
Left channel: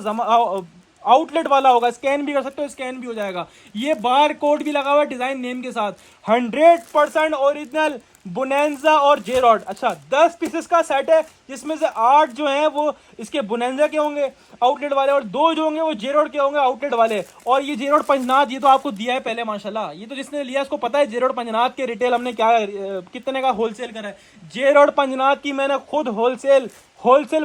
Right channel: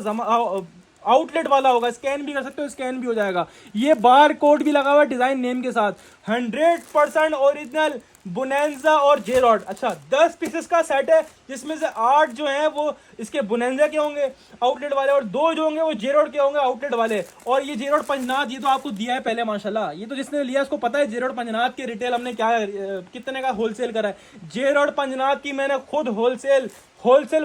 आउटलेट वाला होगा, स्कैन भी कर सकते हो, स्कैन भी हो जाएगा। ये बार कोड भी लगा हुआ है डिजाइन नेम के साथ। 100% ओरिजिनल बोनेंजा और जे रॉड। अच्छा, 10 पीसेस का सेट है, जिसमें से 8 जो हैं वो इसके बोनेंजा के होंगे आउटलेट वाले, और 2 जो होंगे वो जे रॉड के होंगे आउटलेट वाले। और ये जे रॉड पंजनाथ, ये तो आपको दिया है पहले माशाल्लाह, ये तो जिसने लिया उसको पता है जे रॉड पंजनाथ के रिटेल हमने क्या कितने का होलसेल करा है। जे रॉड पंजनाथ की मैंने खुद होलसेल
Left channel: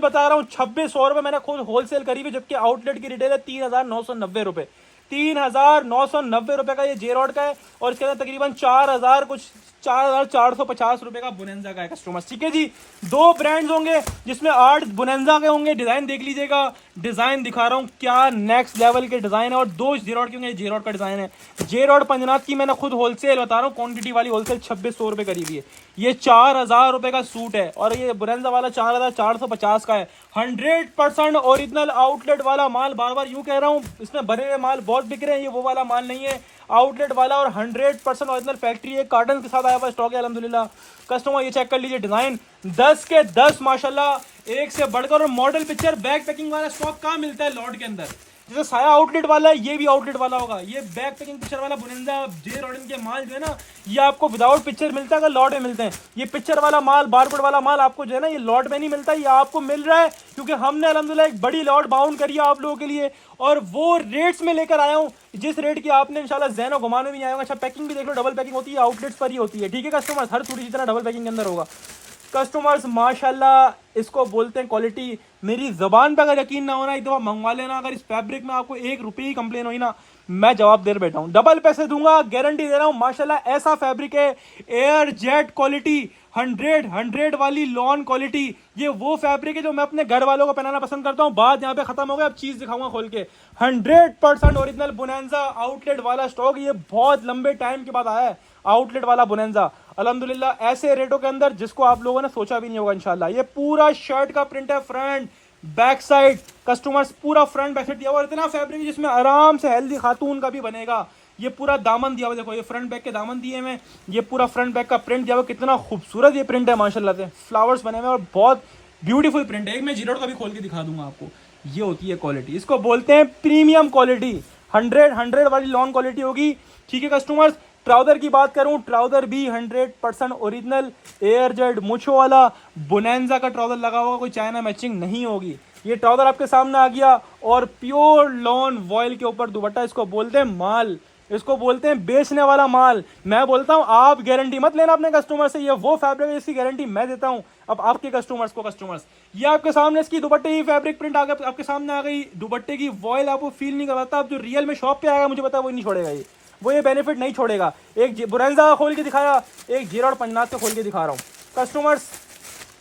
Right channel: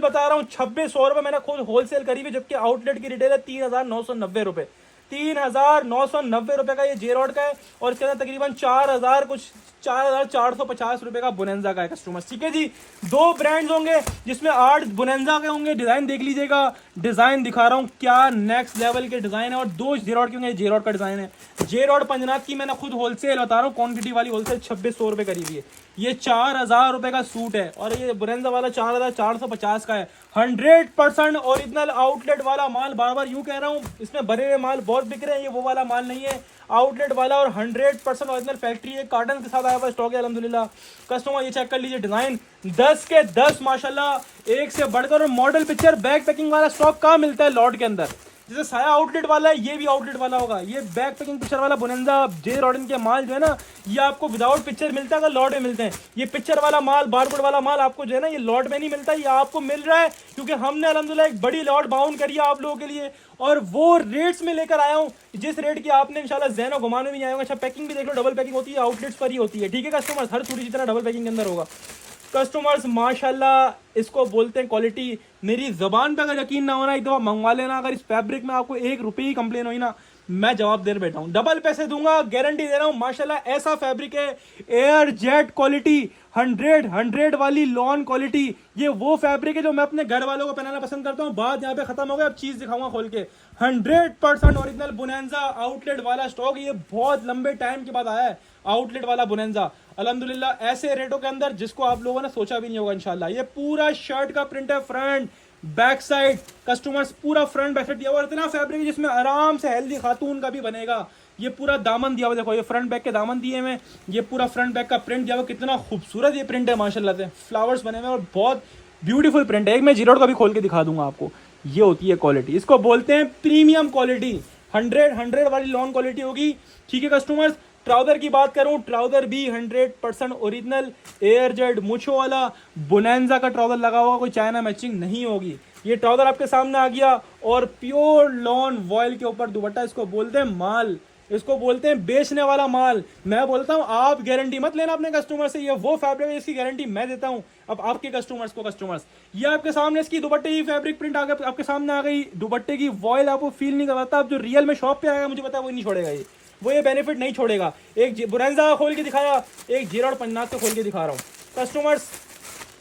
बता रहा हूँ 2600 रुपए मैंने खुद होलसेल करी हुई, जबकि आउटलेट की रिटेल है 3990 रुपए। 3990 रुपए का ये जे रॉड का है, और इसके अंदर तकरीबन 4450 रुपए का बोनेंजा का है कस्टमर, ठीक है जी। 2 ब्रांड्स होंगे जिसमें 8 बोनेंजा के होंगे। डिजाइन देख लीजिएगा, डिजाइन दिखा रहा हूँ क्या नेक्स्ट लेवल के डिजाइन है, और 2 जे रॉड के होंगे, जे रॉड का डिजाइन है। जे रॉड पंजनाथ की मैंने खुद होलसेल बता रहा हूँ, क्वांटिटी वाली होलसेल 2600 रुपए करी हुई है। ये 4000 रुपए का सूट है, और ये बोनेंजा वाला 4450 का है। 100% ओरिजिनल आउटलेट वाला माल, बार बार यूं कह रहा हूँ, इसमें भरे हुए माल बहुत बिक रहे हैं, ये वो वाला माल नहीं है। आउटलेट वाला और 100% ओरिजिनल फैक्ट्री है, कार्टन के साथ आया हुआ स्टॉक है अल्हम्दुलिल्लाह। कस्टमर ये चेक कर लीजिए, डिजाइन 10 के 10 माशाल्लाह, एक से बढ़कर। और मॉडल पिक्चर बैक पैकिंग वाला स्टॉक कहाँ मिलता है लॉट के अंदर, जैसे साया आउटलेट वाला है ये भी आउटलेट वाला होगा। ये बैक पैकिंग पिक्चर वाला बोनेंजा जे रॉडन के माल जो है ना, ये आपको विदाउट पिक्चर मिलता है, अगर लॉट में मिलते हैं। ये पिक्चर वाला माल, बारकोड वाला माल आपको जो है ना ये लॉट में नहीं मिलता, ये आपको मिल रहा है क्योंकि हमने अल्हम्दुलिल्लाह एक बड़ी लॉट बाउंड करी है आप लोगों के लिए, और वो रेट्स में लेकर आया हूँ जिस रेट की आपने इंशाल्लाह ज़हन और घुमाने में नहीं आएगा। अच्छा पैकिंग भी देख लो, डबल पैकिंग होती है, आउटलेट्स पर ही होती है, ठीक है कस्टमर्स, हर सूरी जितना डबल पैकिंग के अंदर होगा। कस्टमर्स माशाल्लाह इसको बोलते हैं क्वालिटी। मेरी ज़बान पे अगर यकीन ना होना एक दफ़ा मंगवा लेना, अगर इस फैब्रिक में आपको 1 रुपये की कंप्लेन हुई ना, मैं जवाब दे बैठा हूँ, डबल पैसे दूंगा, गारंटी दे रहा हूँ। माशाल्लाह ऐसा फैब्रिक है, एयर जेट क्वालिटी, 100 वाली लॉन क्वालिटी। ये वो फैब्रिक है जो मैं अपने घर वालों को पहनाना पसंद करता हूँ। बात यहाँ पे खत्म हो गया, अब चीज़ दिखाऊंगा खोल के। 100% ओरिजिनल बोनेंजा आउटलेट वाला स्टॉक, ये बहुत लंबे टाइम के बाद आया है आउटलेट वाला बोनेंजा अल्हम्दुलिल्लाह, ऐसे रेटों के अंदर जिसको आप लोगों ने सोचा भी नहीं होगा इंशाल्लाह। ये पूरा शर्ट का प्रिंट है, फ्रंट बैक साइड कस्टमर्स पूरा फ्रंट बैक साइड दिया हुआ, इतना फैब्रिक जिसमें आराम से हेल्दी खातून का भी बनेगा। ये पूरा दामन दिया हुआ, देखो ये फ्रंट बैक के दामन दिए हुए, ये पूरा फ्रंट बैक का प्रिंट दिया हुआ, कितना खूबसूरत ये प्रिंट है माशाल्लाह से, फ्लावर्स बने हुए और बहुत ब्यूटीफुल प्रिंट है। एक मैं जीरोड का भी खोल के दिखा दूंगा आपको। ये होती है क्वालिटी, इसको बोलते हैं प्रीमियम क्वालिटी, 100 वाली लॉन्ग क्वालिटी होगी, ठीक है कस्टमर्स। ट्राउजर की बात करूं, ट्राउजर भी 100% ओरिजिनल एयर जेट मुछो वाला बोनेंजा का ट्राउजर लगा होगा, कोई चाइना मैचिंग नहीं होगी। ये ट्राउजर आपके सामने आ गया, और प्योर लॉन वॉयल के ऊपर दुपट्टा, इसको बोलते हैं माल, इसको बोलते हैं बेचने वाला माल। मैं बोलता हूं आप गारंटी मत लेना अपने कस्टमर से, ये वो फैब्रिक है इसकी गारंटी मैं देता हूं अब आपके कस्टमर्स को। कस्टमर्स ये आपके सामने इसकी दुपट्टे की फैब्रिक प्रिंट आ गया, आपके सामने आ गई, दुपट्टे की वॉयल आपको फील नहीं करवाता, अब जो रियल में शॉप पे आएगा मुझे पता है वो नहीं छोड़ेगा, वो ये बेनिफिट नहीं छोड़ेगा। एक बोनेंजा खोल के दिखाया, एक जीरोड पंजनाथ का खोल के दिखा रहा हूँ कस्टमर्स,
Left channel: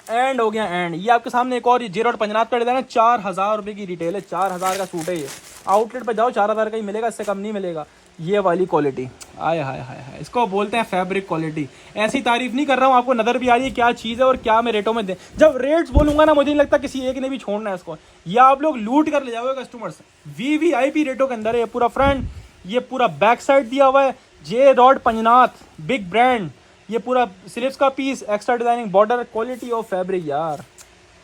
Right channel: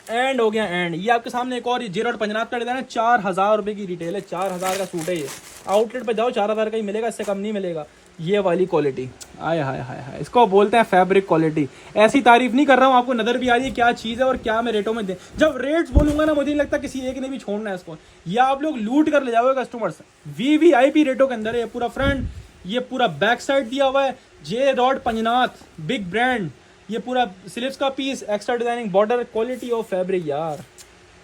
एंड हो गया एंड। ये आपके सामने एक और जीरोड पंजनाथ का डिजाइन है, 4000 रुपये की रिटेल है, 4000 का सूट है ये, आउटलेट पे जाओ 4000 का ही मिलेगा, इससे कम नहीं मिलेगा। ये वाली क्वालिटी, आय हाय हाय हाय, इसको बोलते हैं फैब्रिक क्वालिटी। ऐसी तारीफ नहीं कर रहा हूँ, आपको नजर भी आ रही है क्या चीज़ है और क्या मैं रेटों में दे, जब रेट्स बोलूंगा ना मुझे नहीं लगता किसी एक ने भी छोड़ना है इसको, या आप लोग लूट कर ले जाओगे कस्टमर्स। VVIP रेटों के अंदर है, ये पूरा फ्रंट, ये पूरा बैक साइड दिया हुआ है, जे रॉड पंजनाथ बिग ब्रांड, ये पूरा स्लीव्स का piece, extra designing border, quality of fabric यार,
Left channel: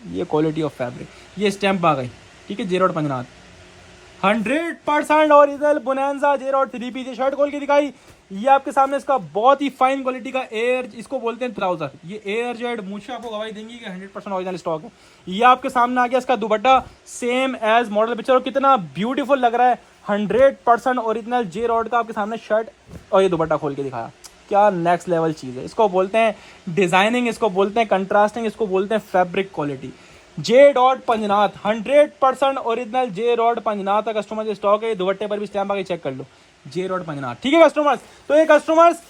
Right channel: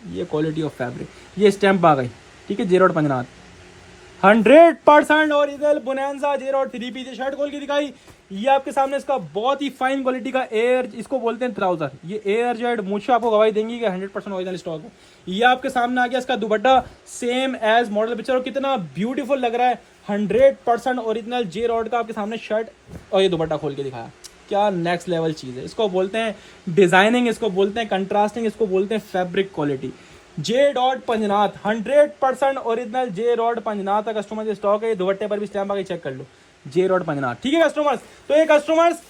ये क्वालिटी ऑफ फैब्रिक, ये स्टैंप आ गई, ठीक है, जे रॉड पंजनाथ 100% ओरिजिनल बोनेंजा जे रॉड 3 पीस शर्ट खोल के दिखाई। ये आपके सामने इसका बहुत ही फाइन क्वालिटी का एयर, इसको बोलते हैं ट्राउजर, ये एयर जेड मुझे आपको गवाही देंगी कि 100% ओरिजिनल स्टॉक है। ये आपके सामने आ गया इसका dupatta, same as model picture, और कितना ब्यूटीफुल लग रहा है, 100% ओरिजिनल जे रॉड का आपके सामने शर्ट, और ये दुपट्टा खोल के दिखाया, क्या नेक्स्ट लेवल चीज़ है। इसको बोलते हैं डिजाइनिंग, इसको बोलते हैं कंट्रास्टिंग, इसको बोलते हैं फैब्रिक क्वालिटी। जे रॉड पंजनाथ 100% ओरिजिनल जे रॉड पंजनाथ का कस्टमर ये स्टॉक है, दुपट्टे पर भी स्टैम्प आके चेक कर लो, जे रॉड पंजनाथ, ठीक है कस्टमर्स। तो ये कस्टमर्स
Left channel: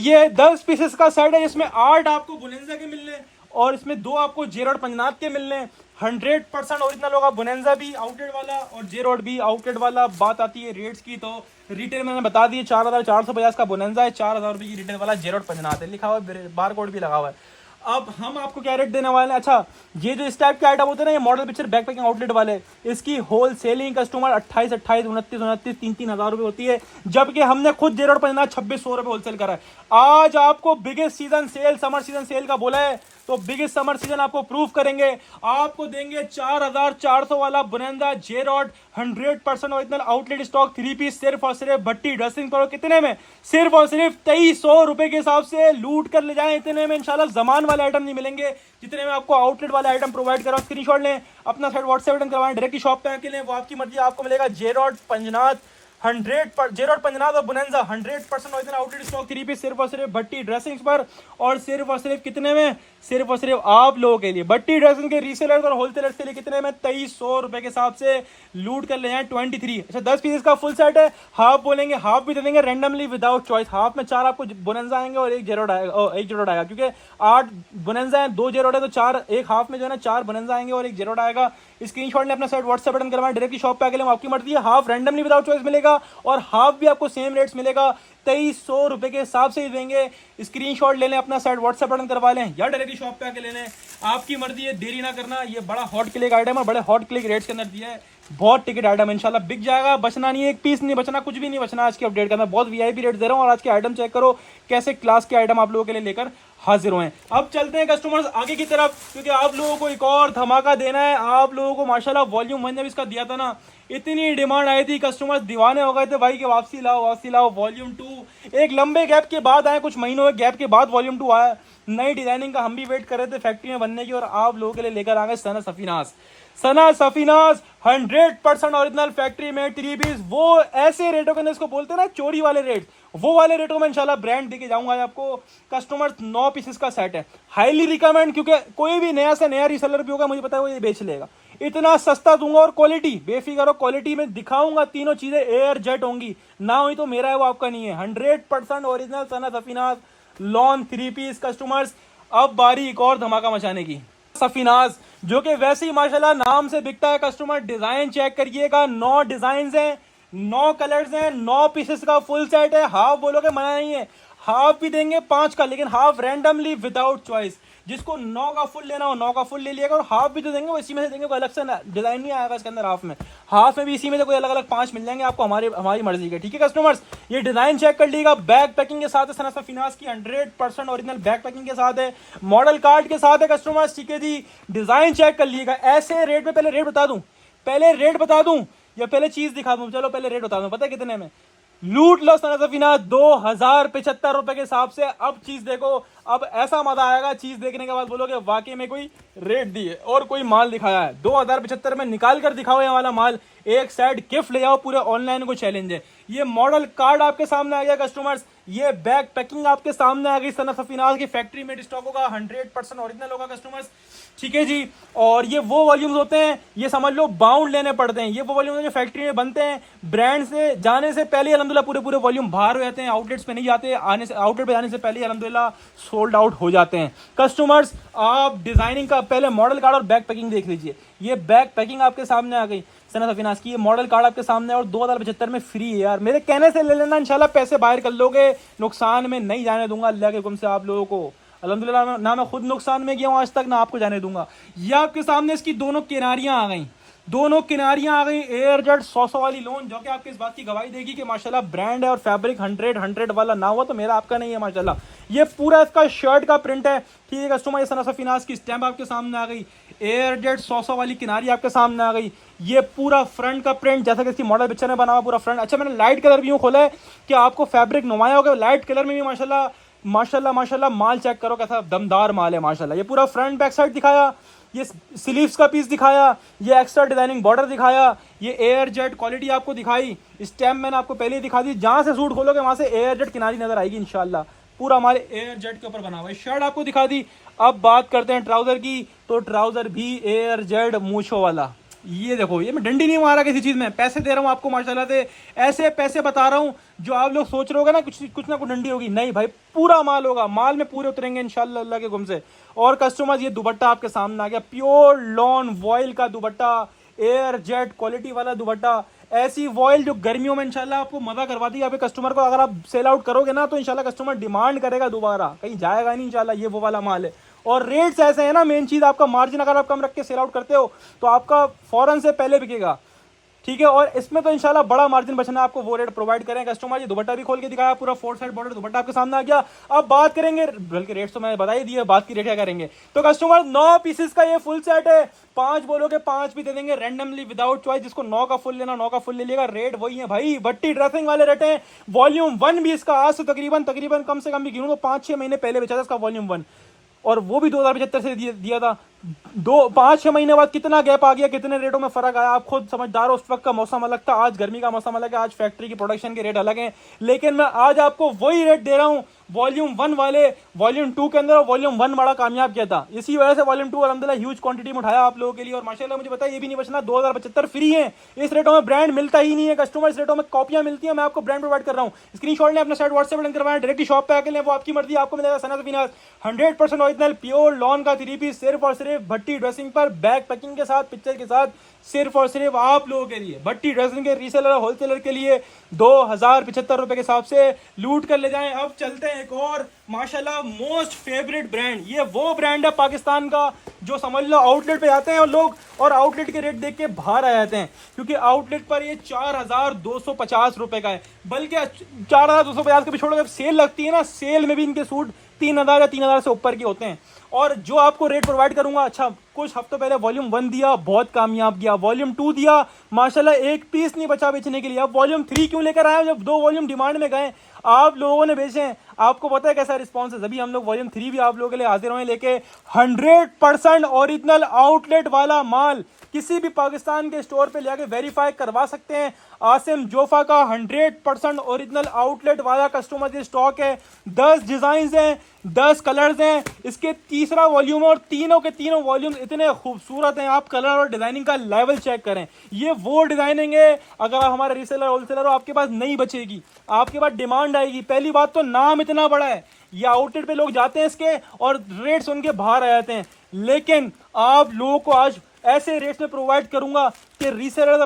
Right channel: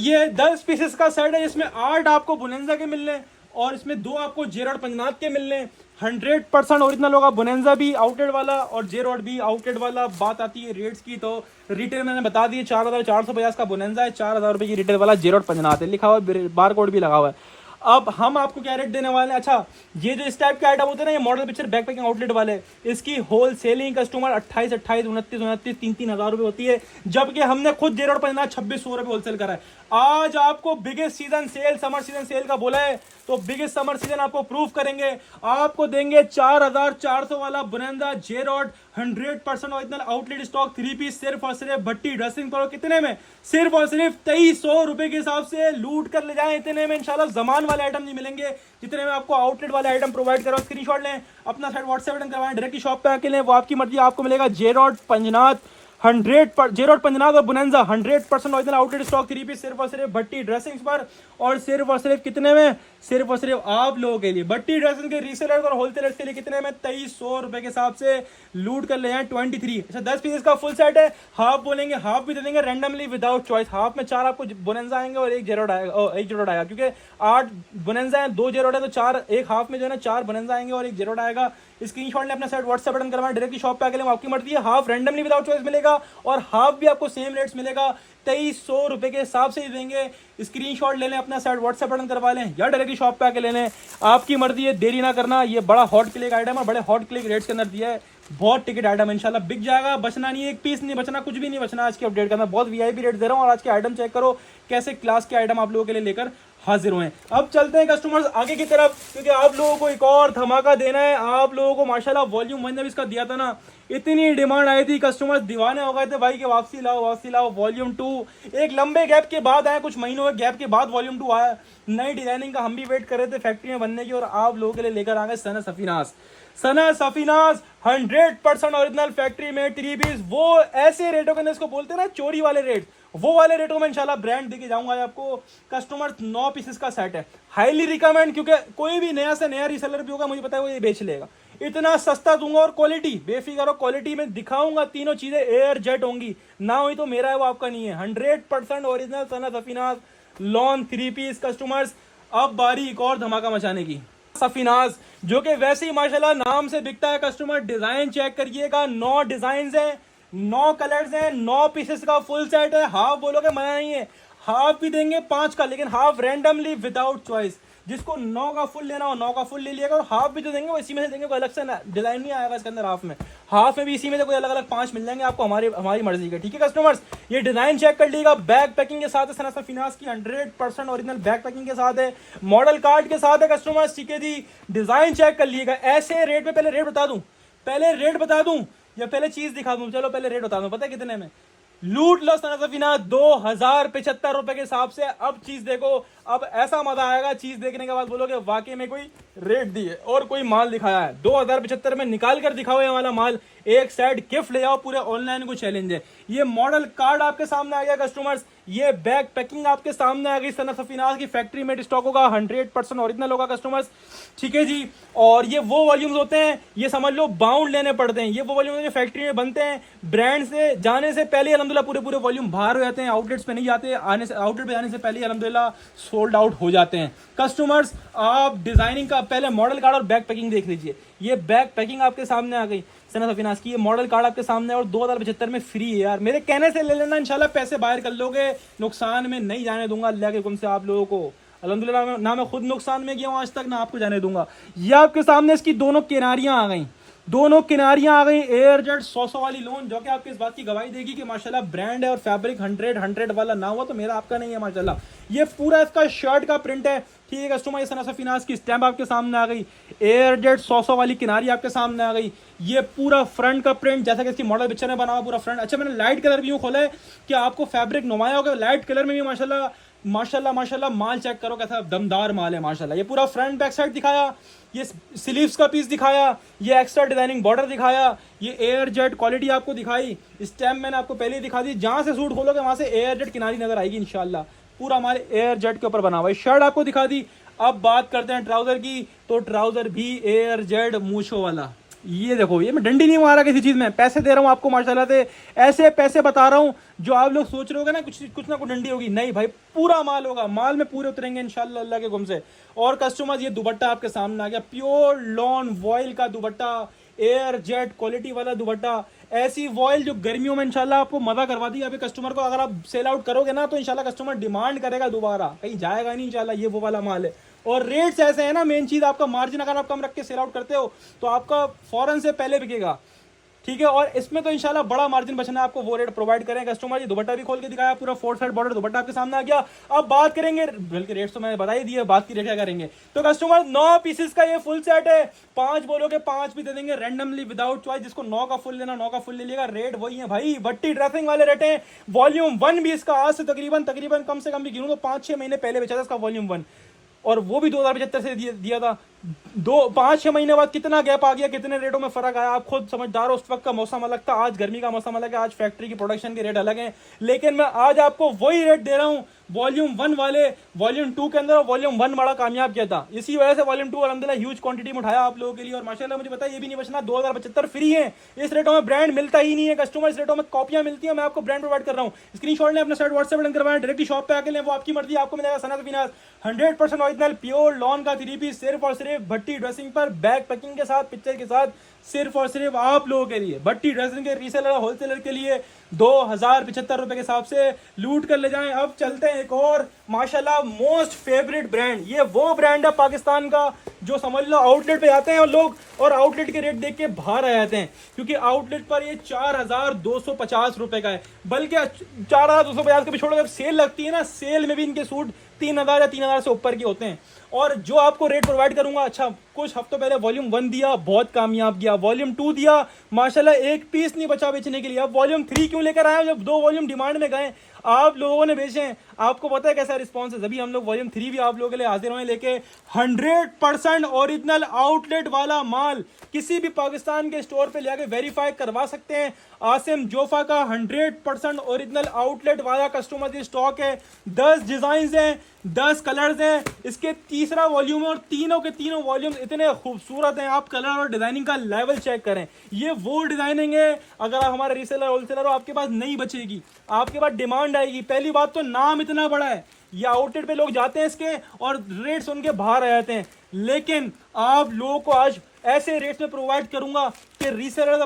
ये 10 पीसेस का सेट है, जिसमें 8 आपको बोनेंजा के मिलने और इसमें 2 आपको जे रॉड पंजनाथ के मिलने। 100% ओरिजिनल होगा, बोनेंजा भी आउटलेट वाला और जे रॉड भी आउटलेट वाला। बात आती है रेट्स की, तो रिटेल मैंने बता दी 4450 का बोनेंजा है, 4000 रुपये की रिटेल वाला जे रॉड पंजनाथ है, लिखा हुआ बार कोड भी लगा हुआ है। अब हम आपको क्या रेट देने वाले हैं, अच्छा ये जो इस टाइप के आइटम होते हैं ना, ये model picture back packing outlet वाले, इसकी होल सेलिंग कस्टमर 28, 29, 3 हज़ार रुपये होती है, जबकि हमने खुद जे रॉड पंजनाथ 2600 रुपये होलसेल करा है। आज आपको biggest season sale, summer season sale का बोला है, तो बिगेस्ट समर सीजन आपको प्रूव करेंगे, आपको देंगे 4400 वाला बोनेंजा जे rod 100% original outlet stock 3 piece, सिर्फ और सिर्फ भट्टी ड्रेसिंग करो, कितने में, सिर्फ और सिर्फ 2300 रुपए के हिसाब से लूट कर ले जाएं। इतने में इंशाल्लाह जमान वाले आइटम नहीं मिलेंगे जितने में आपको आउटलेट वाले आइटम प्रोवाइड करो। स्क्रीनशॉट लें, अपना साइड व्हाट्सएप बटन करवाएं, डायरेक्ट शॉप पे आके लें, वो आपकी मर्जी, आपको मिलेगा जे रॉड पंजनाथ 100 जे रॉड पंजनाथ और Bonanza 100% original outlet stock 3 piece, सिर्फ और सिर्फ भट्टी ड्रेसिंग्स पर, और सिर्फ और सिर्फ कितने में, सिर्फ और सिर्फ आप लोगों के लिए, भट्टी ड्रेसिंग के रीसेलर्स और होलसेलर्स के लिए कितने में, 2300 रुपए के हिसाब से लूट कर ले जाएं 23। अच्छा 10 पीस का फुल सेट है, हाफ बोलेंगे हाफ भी दे देंगे रैंडमली विदाउट चॉइस। हाफ में 4 आपको बोनेंजा आएंगे और 1 जे रॉड आएगा, 1 जे रॉड आएगा, क्योंकि 8 बोनेंजा है 2 जे रॉड है, तो 4 एक हाफ में जो है ना 4 बोनेंजा आएंगे और 1 जे रॉड आएगा। स्क्रीनशॉट ने अपना साइड व्हाट्सएप बटन करवाएं, डायरेक्टली शॉप पे आके लें, आपकी मर्जी है, हाफ रैंडमली विदाउट चॉइस मिलेगा और हाफ भी आपको सेम रेट्स मिलेगा। 2300 रुपए के हिसाब से ही देंगे। स्क्रीनशॉट ले लें, अपना सेट व्हाट्सएप बटन करवा लें या डायरेक्टली शॉप पे आके ले लें, आपकी मर्जी है, देरी ना करना। ये बड़ा हॉट क्लिक आइटम है, बड़े हॉट क्लिक रेट्स के अंदर दिया है, बहुत टिकट आइटम इंशाल्लाह बिक जाएगा, बचना नहीं है, एक पीस नहीं बचना, कुछ भी नहीं बचना। आज के अपडेट का मैं बहुत वीआईपी रेट दे रहा हूँ और आज के आइटम चेक करो कैसे क्लास के आइटम आप लोगों के लिए लेकर हाजिर हुए हैं। अब चलते हैं कस्टमर्स आगे की तरफ, क्योंकि आप लोगों को एक और धमाका देना है। आप लोगों को माशाल्लाह वॉल्यूम 1 जब इसका दिया था ना, इतनी डिमांड आई थी, कस्टमर्स दीवाने हो गए थे भाई कि वापसी लाओ वॉल्यूम 2। एक लंबे गैप के बाद आया, कुछ महीनों के गैप के बाद वॉल्यूम 2 आया। नई डिजाइनिंग का हम भी वेट कर रहे थे फैक्ट्री में बनने की, और आप लोगों के लिए लेकर आ गए सना सफीनाज 100% ओरिजिनल फैक्ट्री में 3 पीस। वो ऐसे रेटों के अंदर इसको बोलते हैं ना, चोरी वाले रेट, वो वाले रेटों में इंशाल्लाह ब्रांड देके जाऊंगा आपको। कस्टमर्स 9 पीसेस का सेट है, हाईली रिकमेंड, क्योंकि कोई भी नया से नया रीसेलर भी होगा मुझे पता है वो ये बेच लेगा। इतना सस्ता दूंगा और क्वालिटी बेफिक्र हो, क्वालिटी में दिखाऊंगा, तीनों चीजें एयर जेट होंगी, ना हुई तो मेरा है वो आपका नहीं है। 100% ओरिजिनल सना सफीनाज लॉन 3 पीस। कस्टमर्स अब बारी एक और धमाका मचाने की, सफीनाज जो कि वैसे ही माशाल्लाह नाम से बिकता है। कस्टमर डिजाइन चेक करिएगा, 9 डिजाइन हैं, 9 कलर्स हैं, 9 पीसेस का फुल सेट है। हाफ बोलोगे मना नहीं है, हाफ भी देंगे 5 का, लेकिन हाफ रैंडमली विदाउट चॉइस। जिसको 9 का फुल लेना हो 9 का फुल ले लिएगा, और हाफ भी तो देंगे वो इसी में से देंगे, कोई अलग से डिजाइन नहीं आएगा इसके अंदर। हाफ में भी इसी में से कोई अलग अलग 5 मिल जाएंगे आपको, हमारी मर्जी के। ठीक है कस्टमर्स, ये डिजाइन चेक कर लीजिएगा, बैक पैकिंग के साथ है, सना सफीनाज की 100% ओरिजिनल बैक पैकिंग के साथ है, मॉडल कार्ड के साथ है कस्टमर्स। ठीक है जी, डिजाइन चेक कर लीजिएगा। ऐसे रेट में पहले रेट बता दूं या पहले चीज दिखा दूं? चलो पहले रेट बता दूं, पता है कितने में? लूट लो सना सफीनाज 2075 रुपए के हिसाब से। अब चीज देखो, अब ऐसा मजा आएगा चीज देखने के बाद, बोलोगे वाकई में कोई रेट दी है और कोई माल दिखाया है। 2075 में निकाल कर दिखाओ ये वाला माल, एक साइड गिफ्ट ले जाओ, पूरे ऑनलाइन को चैलेंज है। ये मॉडल कार्ड आपके सामने आ गया कस्टमर्स, ये बैक पैकिंग आपके सामने आ गई, सना सफीनाज की फैक्ट्री में स्टॉक होगा, 100% ओरिजिनल होगा कस्टमर्स। ठीक है जी, और ये वो वॉल्यूम्स होते हैं, ये समझ लो बाउंड लेने पड़ते हैं, ये वो वॉल्यूम जो फैक्ट्री में बनते हैं, ब्रांड से जाने से पहले अल्हम्दुलिल्लाह पूरे वॉल्यूम बाहर हो जाते हैं, आउटलेट्स पे नहीं जाते, आउटलेट पे जाने से पहले अल्हम्दुलिल्लाह सोल्ड आउट हो जाते हैं। कस्टमर्स आप डिजाइनिंग का पहले मॉडल कार्ड और बैक पैकिंग देख लीजिए, ये बैक पैकिंग आपके सामने आ गई सना सफीनाज की, ये मॉडल कार्ड आपके सामने, और 2075 में फ्री है यार। मेरे कहने से ले लेना, इंशाल्लाह पैसे बाहर कर लोगे, नुकसान में नहीं जाने दूंगा अल्लाह के हुक्म से आप लोगों को। अल्हम्दुलिल्लाह ना मैं खुद नुकसान में गया हूं आज तक, ना आपको जाने दूंगा। ये आपके सामने इसकी दोनों किनारियां आ गई, एयर जेट 100 वाली लोन, जो कि आपकी इस बात की गवाही देगी कि माशाल्लाह ब्रांड है और फैब्रिक 100 वाला ना हुआ तो मेरा आपका नहीं है माशाल्लाह। ये पूरा इसका शर्ट का प्रिंट है। ठीक है कस्टमर, ये सना सफीनाज की स्टैंप आपके सामने आ गई, एयर जेट 100 वाली किनारी आपके सामने आ गई, ये पूरा फ्रंट का प्रिंट जैसा कि इसकी मॉडल पिक्चर में बना हुआ पूरा फ्रंट। अच्छा, मैंने लाइट कलर भी यूं खोला है कि आपको फैब्रिक नुमाया होगा, लाइट कलर में भी माशाल्लाह माल चेक करो कैसा दमदार माल है माशाल्लाह। ये पूरा फ्रंट बैक साइड दिखाया, ये स्लीव्स का पीस दिखाया, ये एक्स्ट्रा डिजाइनिंग बॉर्डर दिखाया, ये एयर जेट क्वालिटी आपको दिखाई, स्टैम्प मैंने आपको पहले ही दिखा दी। जहां से सूट खोलोगे वहां से एयर जेट किनारी नजर आएगी इंशाल्लाह, पूरा हमारे एयर जेट के ऊपर बना हुआ है। शर्ट आपको दिखा दी। अब बात करते हैं ट्राउजर की, तो ट्राउजर भी एयर जेट मूछों वाला। ये देखो, ये मैं डंडी नहीं मारा किसी चीज में, पैसे दे रहा हूँ आपको माशाल्लाह से, ऐसे पैसे बता रहा हूँ जो आप लोग सोच रहे होगे ना कुछ ना कुछ डंडी होगी, नहीं भाई, पूरा माल होगा, माल में पूरे उतरेंगे इंशाल्लाह अल्लाह के हुक्म से। और कस्टमर, ये दुपट्टा आपके सामने आ गया, प्योर लॉन वॉयल का दुपट्टा, एयर जेट क्वालिटी वाला दुपट्टा, ऐसी वॉयल जो गर्मियों में इंशाल्लाह आपको मजा करवा दी आपके कस्टमर को। अगर आप सेल आउट करोगे ना तो इंशाल्लाह कस्टमर डिमांड करेगा दोबारा, कहीं जाएगा नहीं इंशाल्लाह, ये वो वाला माल है। और रेट्स ऐसे है ना, मेन चीज आपका मार्जिन अगर आप कम रख के सेल आउट करते हो तो आपका फौरन से पहले बिकेगा। ठीक है, और इसमें तो इंशाल्लाह बड़ा मार्जिन बचना है आपको, वो रेट प्रोवाइड करें कस्टमर। ये दुपट्टा भी खोल के दिखाया, पूरा 4 साइड बॉर्डर दुपट्टा आपके सामने आ गया। अब बात करेंगे, बल्कि रेट तो मैंने बता ही दिया, बात की रेट क्या करेंगे। तो कस्टमर 9 पीसेस का ये फुल सेट है, 5 बोलोगे 5 भी दे देंगे रैंडमली विदाउट चॉइस। जिसको 9 का फुल लेना 9 का फुल ले लिएगा, रेट वही है भाई, भट्टी ड्रेसिंग वाले रेट है। वॉल्यूम 1 भी इसका आज से तकरीबन कम से कम भी गिनूं तो 5-6 महीने पहले बेचा था इसका वॉल्यूम 1, और वो भी 2075 से दिया था। 5-6 महीने बाद कितना गैप आ गया, कितने रेटों में फर्क आया, आप खुद समझदार हो। उस वक्त का मौसम अलग था, आज गर्मी का मौसम अलग है, आज फैक्ट्री की प्रोडक्शन के रेट अलग हैं, लेकिन मैं आज आपको वही रेट दे रहा हूँ वॉल्यूम 1 वाले। वॉल्यूम 2 के अंदर वॉल्यूम 1 बड़ा कामयाब किया था, इसी वजह से वॉल्यूम 2 अल्हम्दुलिल्लाह ह्यूज क्वांटिटी में उठाया आप लोगों के लिए। और माशाल्लाह मुझे पता है ये भी नहीं बचना, 2075 फ्री है, इस रेटों में ब्रांड मिलता ही नहीं है कस्टमर, इस रेटों में कॉपियां मिलती है, मैं आपको ब्रांड प्रोवाइड कर रहा हूँ। स्क्रीनशॉट लें, अपना साइट व्हाट्सएप लिंक करवाएं, डायरेक्टली शॉप पे आके लें, वो आपकी मर्जी, आपको मिलेगा सना सफीनाज 100% ओरिजिनल प्योर लॉन का 3 पीस, सिर्फ और सिर्फ भट्टी ड्रेसिंग पर, बैक पैकिंग के साथ, पिक्चर के साथ सिर्फ और सिर्फ आप लोगों के लिए। भट्टी ड्रेसिंग के रीसेलर और होलसेलर के लिए 2075 रुपए के हिसाब से लूट कर ले जाएं। अब चलते हैं एक और माशाल्लाह मोस्ट फेवरेट ब्रांड। ये वो ब्रांड है पाकिस्तान का जो समझ लो आउटलेट पे जाते हैं और लोग और आउटलेट के रेट देख के बाहर आ जाते हैं, क्योंकि आउटलेट पर ये 4250 रुपए का है। बल्कि 4250 के भी छोड़ो, जब सेल लगती है ना, सेल में भी इनके सूट 3000 या 3000 से ऊपर के होते हैं। और जो आपको रेट प्रोवाइड करूंगा, अच्छा कुछ हफ्तों पहले वॉल्यूम 1 दिया, बहुत कामयाब गया। वॉल्यूम 2 दिया, माशाल्लाह एक पीस नहीं बचा बेचने के लिए। अब वॉल्यूम 3 क्यों लेकर आए जब 2 वॉल्यूम डिमांड में गए, आप लोगों ने बेचे हैं, आपको पता है कैसा रिस्पॉन्स है। तभी हम लोग वॉल्यूम 3 भी आप लोगों के लिए हाजिर हुए लेके। 100% ओरिजिनल आउटलेट वाला माल किसी भी पाकिस्तान के स्टोर पे लेके वेरीफाई करवा सकते हैं। आसिम जोफा का 100% ओरिजिनल आउटलेट वाला कस्टमर के स्टॉक है। 10 डिजाइन हैं, 10 कलर्स हैं। इसके तीसरा वॉल्यूम है और तीनों के तीनों वॉल्यूम इतने खूबसूरत हैं। आप कलर और डिजाइनिंग का लेवल चेक करें। ये वो डिजाइनिंग है, अगर आप हमारे रीसेलर होलसेलर हो आपके पास नहीं बचेगी, आपके पास डिमांड आएगी। पहली बात तो नाम इतना बड़ा है, ये आउटलेट पे लोग जाते हैं इसके और रेट सुन के बाहर आ जाते हैं। लेकिन आप लोगों को आज ऐसे रेट्स में प्रोवाइड करूंगा कि रीसेलर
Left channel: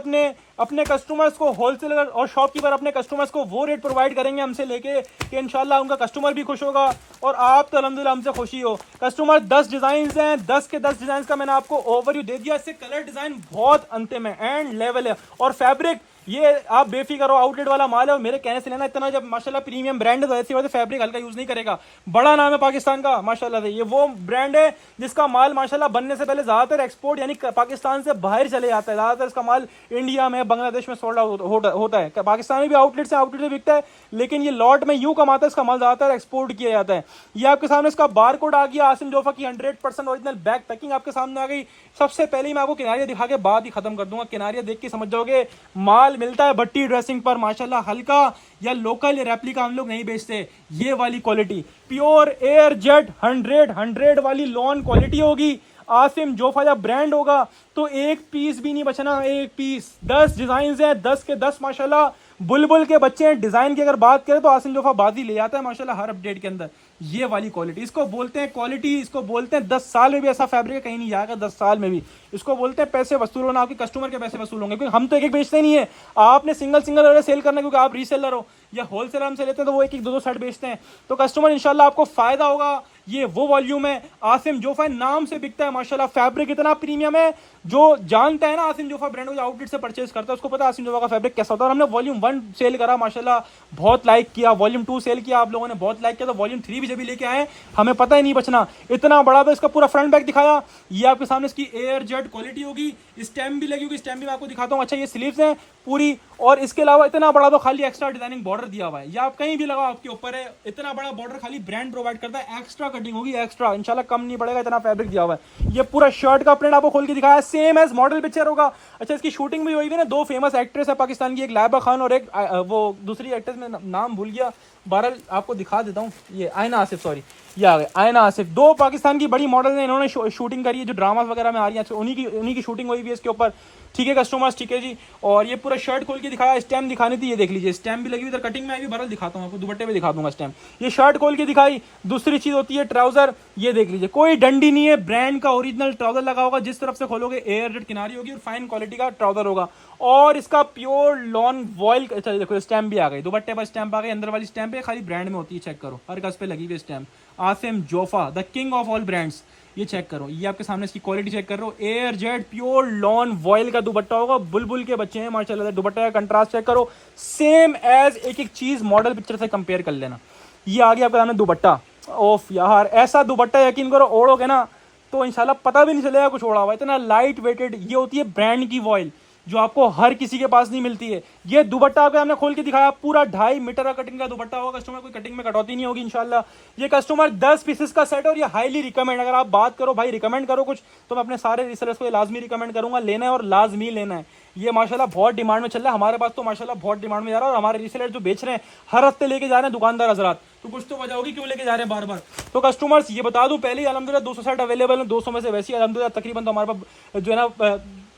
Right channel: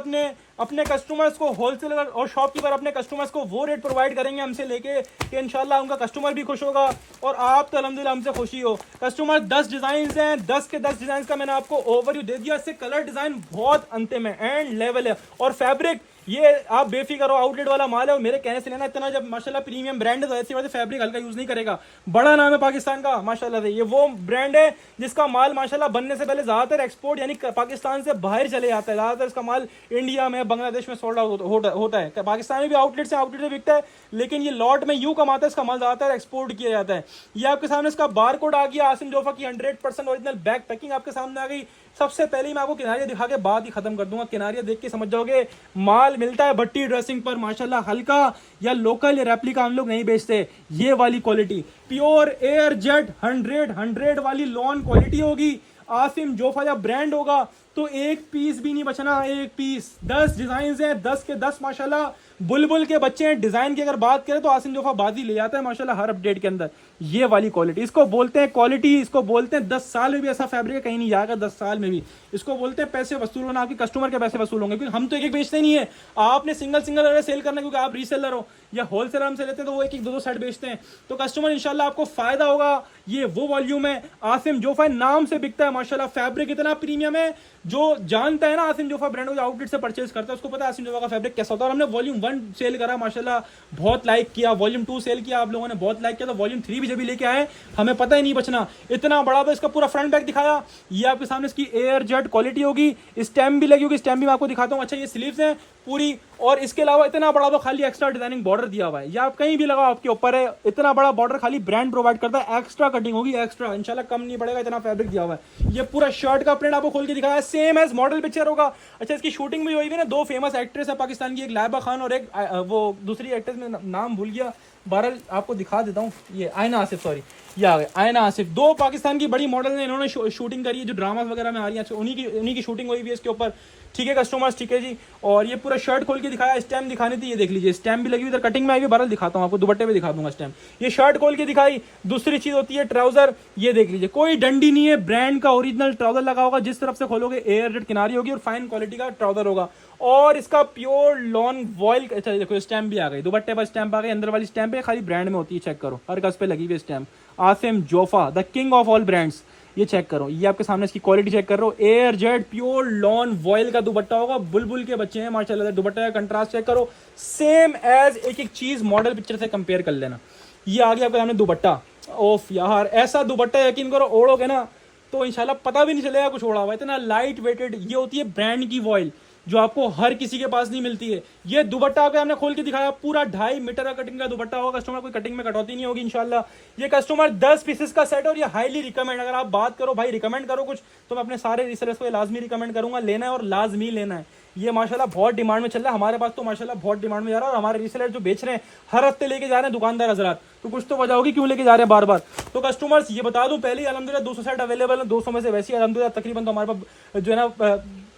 अपने कस्टमर्स को, होलसेलर और शॉपकीपर अपने कस्टमर्स को वो रेट प्रोवाइड करेंगे हमसे लेके कि इंशाल्लाह उनका कस्टमर भी खुश होगा और आप तो अल्हम्दुलिल्लाह हमसे खुशी हो। कस्टमर 10 डिजाइन हैं, 10 के 10 डिजाइन का मैंने आपको ओवरव्यू दे दिया। इससे कलर डिजाइन बहुत अंतिम है, एंड लेवल है। और फैब्रिक ये आप बेफिक्र हो, आउटलेट वाला माल है और मेरे कहने से लेना इतना, जब माशाल्लाह प्रीमियम ब्रांड है तो ऐसी बात है फैब्रिक हल्का यूज नहीं करेगा। बड़ा नाम है पाकिस्तान का माशाल्लाह से। ये वो ब्रांड है जिसका माल माशाल्लाह बनने से पहले ज्यादातर एक्सपोर्ट यानी पाकिस्तान से बाहर चले जाता है। ज्यादातर इसका माल इंडिया में, बांग्लादेश में सोल्ड आउट होता है। पाकिस्तान में भी आउटलेट से बिकता है, लेकिन ये लॉट में यूं कमाता है, इसका माल ज्यादातर एक्सपोर्ट किया जाता है। ये आपके सामने इसका बार कोड आ गया। आसिम जोफा की 100% ओरिजिनल बैक पैकिंग आपके सामने आ गई। सबसे पहले मैं आपको किनारिया दिखा के बात ही खत्म कर दूंगा। किनारिया देख के समझ जाओगे माल मिलता है भट्टी ड्रेसिंग पर माशाल्लाह। हल्का या लोकल या रेप्लिका हम लोग नहीं बेचते। ये वाली क्वालिटी प्योर एयर जेट 100 वाली लॉन क्वालिटी होगी। आसिम जोफा जब ब्रांड होगा तो एक पीस भी नहीं बचना, एक पीस। 10 डिजाइन है, 10 के 10 माशाल्लाह बुलबुल के बच्चे हैं। डिजाइन की अगर बात करें तो आसिम जोफा बाजी ले जाता है माशाल्लाह हर अपडेट के अंदर। ये वाली क्वालिटी, इसको बोलते हैं क्वालिटी, इसको बोलते हैं 10 साल में भी ऐसा फैब्रिक कहीं नहीं जाएगा। 10 साल में भी इसको बोलते हैं पैसे वसूल होना। आपके कस्टमर के पैसे वसूल होंगे, क्योंकि हम तो एक बेचते नहीं है। आपने सिंगल सेल करना, क्योंकि आप रीसेलर हो या होलसेलर हमसे लेते हैं तो वो एक 2 सेट बेचते हैं। तो कस्टमर इंशाल्लाह आपको फायदा होगा। ये वो वॉल्यूम है, आसिम जोफा नाम से बिकता है माशाल्लाह। फैब्रिक इतना प्रीमियम है, जो जानता है ना आसिम जोफा ब्रांड को, जो आउटलेट से परचेज करता है उसको पता है आसिम जोफा का फैब्रिक कैसा होता है। और हमने वॉल्यूम 1 सेल करा माशाल्लाह, बहुत लाइक किया। वॉल्यूम 2 सेल किया, आप लोगों ने बहुत लाइक किया। तो वॉल्यूम 3 भी जब भी लेके आए हमें पता ही नहीं बचना, इतना बड़ा। तो इसका पूरा फ्रंट बैक दिखाया। ये आपके सामने इसकी एयर जेट क्वालिटी होगी। स्टैम्प भी लगी होगी, स्टैम्प भी मैं आपको दिखाता हूँ। अच्छा ये स्लीव्स हैं पूरी, और इसके अलावा इतना बड़ा तो खाली एक्स्ट्रा डिजाइनिंग बॉर्डर दिया हुआ है। या आप कहीं भी लगाओ आपके ऊपर है, इतना बड़ा बॉर्डर खाली ब्रांड प्रोवाइड करता है। एक्स्ट्रा कटिंग होगी, एक्स्ट्रा, इंशाल्लाह कम नहीं पड़ेगा, इतना फैब्रिक दिया हुआ है। ये पूरा शर्ट का प्रिंट आपको खोल के दिखाया, सेम एज मॉडल पिक्चर होगा। अच्छा इसकी शूटिंग भी हुई है ना, 2 फेमस एक्ट्रेस है पाकिस्तान की, एक लाइबा खान और एक वो दूसरी एक्ट्रेस में नाम भूल गया। बहरहाल आपको दिखा देता हूँ। ये आयना आसिफ, सॉरी ये आ गए आयना आसिफ। 2 पाकिस्तान की बड़ी मॉडल ने इन्होंने शूटिंग करी है, जो ड्रामा वगैरह में आ रही है, उन्हीं की शूटिंग हुई भी है इसके ऊपर। ठीक है कस्टमर्स, ठीक है जी। और ये पूरा शर्ट खोल के दिखाया, स्टैम्प दिखानी थी, ये देख लीजिए स्टैम्प भी लगी हुई, इधर कटिंग में आई हुई। बहरहाल दिखाता हूँ आपको, दुपट्टे पे दिखा दूंगा स्टैम्प। ये शर्ट खोल के दिखाई। दूसरी चीज होती है ट्राउजर, ये देख लीजिए कोई डंडी नहीं है, ब्रांड का ओरिजिनल ट्राउजर लगा होगा। जिस तरफ से खोलोगे एयर जेट किनारी होगी और फाइन क्वालिटी का ट्राउजर होगा। और इसका प्योर लॉन वॉयल, चलिए देखो स्टैम्प भी आ गई, दुपट्टे पर स्टैम्प आ गई। अंदर वाली स्टैम्प है खाली ब्रांड में होती है, चेक करो हर गज पे लगी हुई stamp. Asim Jofa the king of all brands, ये चेक करो। ये आपके सामने इसकी क्वालिटी चेक कर रहे हो। Air jet pure lawn vial का दुपट्टा होगा। बुलबुल के बच्चे हैं माशाल्लाह। दुपट्टा का कंट्रास्ट चेक करो, सेम एज एक चीज मॉडल पिक्चर से कंपेयर कर लेना। ये आ गया आपके सामने दुपट्टा। ओफ यार, ऐसा दुपट्टा यकीन करो ओढ़ोगे ना तो इंशाल्लाह पता भी नहीं चलेगा कुछ ओढ़ा हुआ। इतना लाइट वेटेड। ये होती है ब्रांड की वॉयल, जो आपको हर किसी के पास नहीं मिलती है। ये दुपट्टा आपको हमने खोल के दिखाया, पूरा 2.5 मीटर का कटिंग का दुपट्टा होगा। कस्टमर कोई कटिंग में कटौती नहीं होगी इंशाल्लाह। ये कस्टमर 10 पीसेस का सेट, और ये हाईली रिकमेंड। अगर आप बात करो भाई रिकमेंड करो कुछ, तो मैं अपने सारे रिसेलर्स को लाजमी रिकमेंड करूंगा, लेना है और लाजमी लेना है। ये माशाल्लाह बहुत डिमांड में चल रहा है, हमारे पास तो माशाल्लाह बहुत डिमांड में जा रहा है। और हमारे रिसेलर जो बेच रहे हैं हर हफ्ते लेके जा रहे हैं दुकानदार हजरात, तो कुछ तो वजह होगी क्यों लेके जा रहे हैं बार बार। तो कस्टमर्स ये बता दूं पहले ही, अलहमदुलिल्लाह 200 सेट अवेलेबल है। 200 में से वैसे अलहमदुलिल्लाह तकरीबन तो हमारे पास जो है ना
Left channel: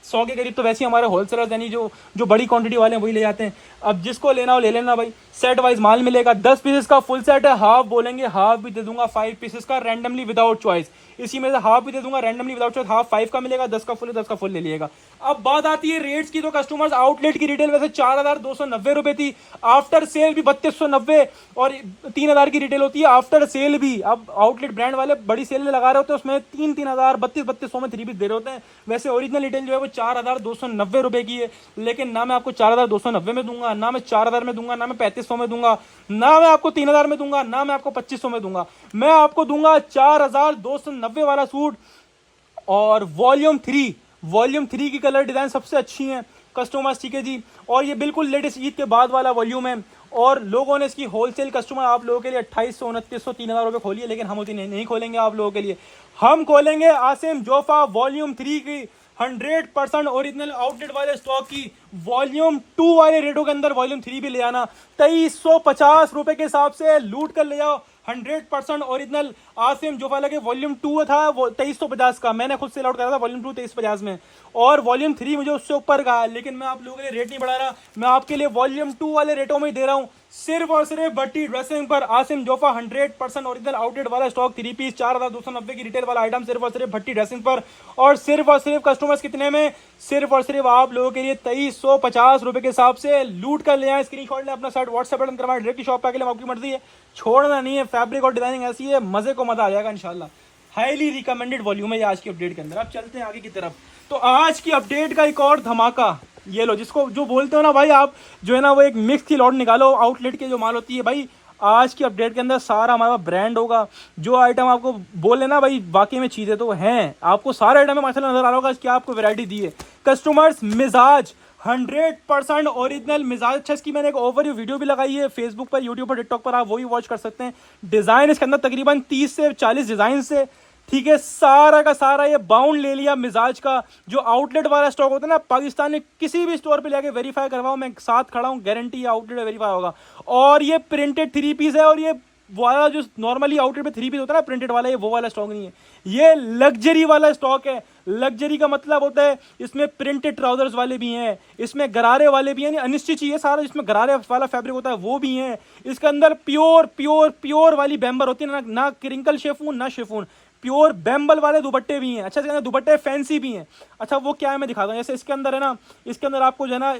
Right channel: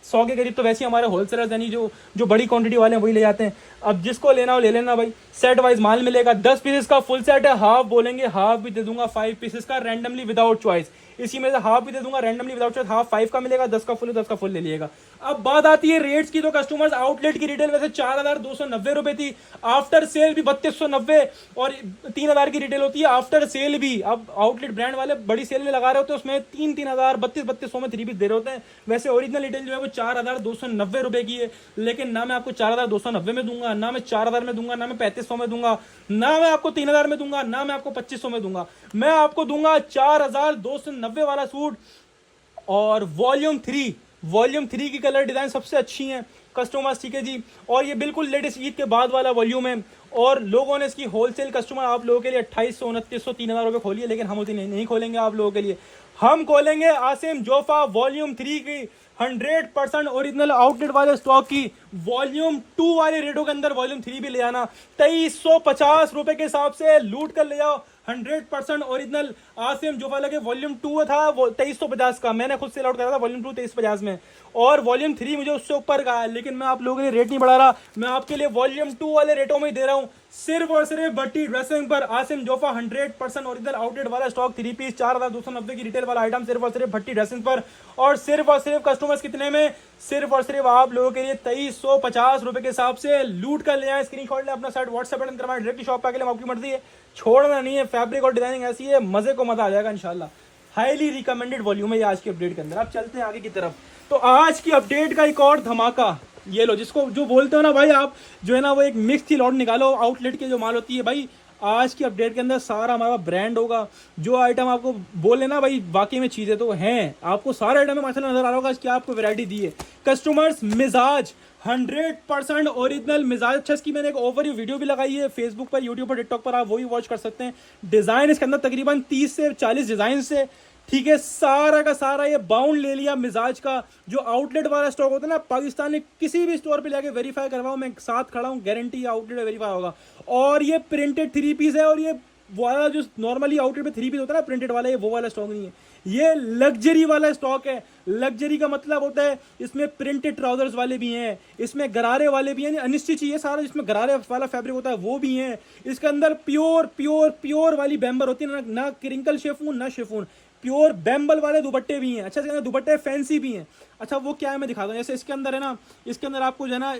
100 के करीब तो वैसे हमारे होलसेलर्स यानी जो बड़ी क्वांटिटी वाले हैं वही ले जाते हैं। अब जिसको लेना हो ले लेना भाई, सेट वाइज माल मिलेगा। 10 पीसेस का फुल सेट है, हाफ बोलेंगे हाफ भी दे दूंगा। 5 पीसेस का रैंडमली विदाउट चॉइस, इसी में से हाफ भी दे दूंगा रैंडमली विदाउट चॉइस। हाफ 5 का मिलेगा, 10 का फुल है, 10 का फुल ले लिएगा। अब बात आती है रेट्स की, तो कस्टमर्स आउटलेट की रिटेल वैसे 4,290 रुपए थी, आफ्टर सेल भी 3290 और 3,000 की रिटेल होती है आफ्टर सेल भी। अब आउटलेट ब्रांड वाले बड़ी सेल में लगा रहे होते हैं, उसमें 3,000 3200 में 3 पीस दे रहे होते हैं। वैसे ओरिजिनल रिटेल जो है वो 4,290 रुपए की है, लेकिन ना मैं आपको 4,290 में दूंगा, ना मैं 4,000 में दूंगा, ना मैं 3500 में दूंगा, ना मैं आपको 3,000 में दूंगा, ना मैं आपको 2500 में दूंगा। मैं आपको दूंगा 4,290 वाला सूट। और वॉल्यूम 3 की कलर डिजाइन सबसे अच्छी है कस्टमर्स, ठीक है जी। और ये बिल्कुल लेटेस्ट ईद के बाद वाला वॉल्यूम है, और लोगों ने इसकी होलसेल कस्टमर आप लोगों के लिए 2800 2900 3,000 रुपये खोली है, लेकिन हम उतनी नहीं खोलेंगे आप लोगों के लिए। हम खोलेंगे आसिम जोफा वॉल्यूम 3 की 100% ओरिजिनल आउटलेट वाले स्टॉक की वॉल्यूम 2 वाले रेटों के अंदर वॉल्यूम 3 भी ले आना। 2350 रुपए के हिसाब से लूट कर ले जाओ 100% ओरिजिनल आसिम जोफा लगे। वॉल्यूम 2 था वो 2350 का, मैंने खुद से लॉट करा था वॉल्यूम 2 2350 में, और वॉल्यूम 3 मुझे उससे ऊपर का है, लेकिन मैं आप लोगों के लिए रेट नहीं बढ़ा रहा, मैं आपके लिए वॉल्यूम 2 वाले रेटों में ही दे रहा हूं, सिर्फ और सिर्फ भट्टी ड्रेसिंग पर। आसिम जोफा 100% ओरिजिनल आउटलेट वाला स्टॉक 3 पीस 4,290 की रिटेल वाला आइटम सिर्फ और सिर्फ भट्टी ड्रेसिंग पर। और सिर्फ कस्टमर्स कितने में, सिर्फ और सिर्फ आप लोगों के लिए 2350 रुपए के हिसाब से लूट कर ले आए। स्क्रीनशॉट ले अपना साइट व्हाट्सएप पर करवाएं, डायरेक्ट शॉप पे आके आपकी मर्जी है, छोड़ना नहीं है। फैब्रिक और डिजाइनिंग ऐसी है, मजे को मजा आ जाएगा इंशाल्लाह। हाईली रिकमेंडेड वॉल्यूम है आज की अपडेट के अंदर। अब चलते हैं आगे की तरफ। तो आज की अपडेट का एक और धमाका, ये लो, जिसको जो बोलते हो ना भाई आप, जो है ना वो एक मिक्स की लॉट निकालो आउटलेट के जो माल होती है भाई। आज की अपडेट के अंदर सारा हमारा ब्रांड होगा। जो आइटम आपको बोले ना भाई वाकई में चीजें तो हैं, आपको सारे आइटम में माशाल्लाह नजर आ रहा होगा, क्या आपको वैरायटी दी है। कस्टमर्स मिजाज 100% ओरिजिनल मिजाज। अच्छा, इसकी मैंने एक ओवरव्यू वीडियो भी लगाई है फेसबुक पर, यूट्यूब पर, टिकटॉक पर, आप वो भी वॉच कर सकते हैं। डिजाइन इसके अंदर तकरीबन 30 से 40 डिजाइन से, ठीक है, सारा का सारा ये बाउंड ले लिया मिजाज का। जो आउटलेट वाला स्टॉक होता है ना पाकिस्तान में, किसी भी स्टोर पे जाके वेरीफाई करवाओ, मैं साथ खड़ा हूँ, गारंटी आउटलेट वेरीफाई होगा। और ये प्रिंटेड 3 पीस है, और ये वाला जो नॉर्मली आउटलेट पे 3 पीस होता है ना प्रिंटेड वाला, ये वो वाला स्टॉक नहीं है, ये लग्जरी वाला स्टॉक है। लग्जरी का मतलब होता है इसमें प्रिंटेड ट्राउजर्स वाले भी हैं, इसमें गरारे वाले भी हैं, अनिश्चित चाहिए सारा जिसमें गरारे वाला फैब्रिक होता है वो भी है। इसके अंदर प्योर वाली बैम्बर होती है, ना क्रिंकल शेफून ना शेफून, प्योर बैम्बल वाले दुपट्टे भी हैं। अच्छा, इसके अंदर दुपट्टे फैंसी भी हैं। अच्छा, वो क्या है मैं दिखाता हूँ। जैसे इसके अंदर है ना, इसके अंदर आपको जो है ना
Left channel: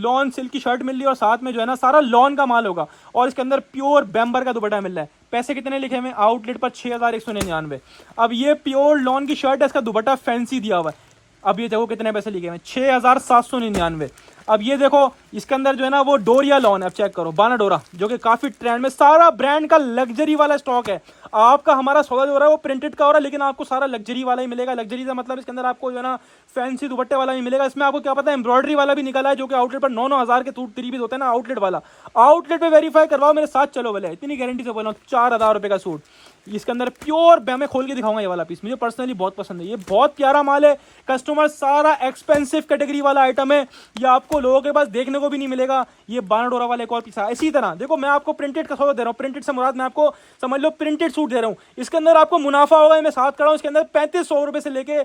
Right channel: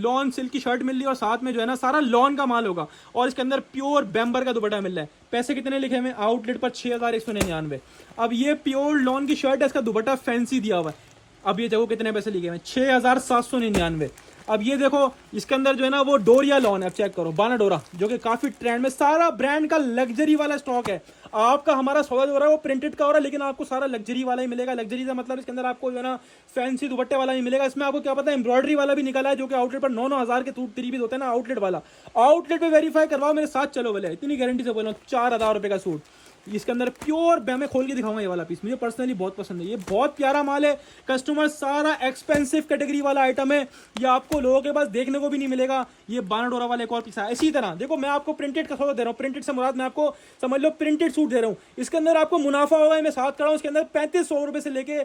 लॉन सिल्क की शर्ट मिल रही है, और साथ में जो है ना सारा लॉन का माल होगा, और इसके अंदर प्योर बैम्बर का दुपट्टा मिल रहा है। पैसे कितने लिखे हुए आउटलेट पर 6,199। अब ये प्योर लॉन की शर्ट है, इसका दुपट्टा फैंसी दिया हुआ है। अब ये देखो कितने पैसे लिखे हुए 6,799। अब ये देखो इसके अंदर जो है ना वो डोरिया लॉन है, अब चेक करो, बाना डोरा, जो कि काफी ट्रेंड में, सारा ब्रांड का लग्जरी वाला स्टॉक है। आपका हमारा सौदा जो हो रहा है वो प्रिंटेड का हो रहा है, लेकिन आपको सारा लग्जरी वाला ही मिलेगा। लग्जरी का मतलब इसके अंदर आपको जो है ना फैंसी दुपट्टे वाला ही मिलेगा। इसमें आपको क्या पता है एम्ब्रॉयडरी वाला भी निकला है, जो कि आउटलेट पर 9,000 के 3 पीस होते हैं ना आउटलेट वाला। आउटलेट पे वेरीफाई करवाओ, मेरे साथ चलो भले, इतनी गारंटी से बोल रहा हूँ। 4,000 रुपए का सूट, इसके अंदर प्योर, मैं खोल के दिखाऊंगा ये वाला पीस, मुझे पर्सनली बहुत पसंद है, ये बहुत प्यारा माल है। कस्टमर सारा एक्सपेंसिव कैटेगरी वाला आइटम है, ये आपको लोगों के पास देखने को भी नहीं मिलेगा। ये बाना डोरा वाला एक और पीस है। इसी तरह देखो, मैं आपको प्रिंटेड का सौदा दे रहा हूँ, प्रिंटेड से मुराद मैं आपको समझ लो प्रिंटेड सूट दे रहा हूँ। इसके अंदर आपको मुनाफा होगा, मैं साथ कर रहा हूँ। इसके अंदर 3500 रुपए से लेके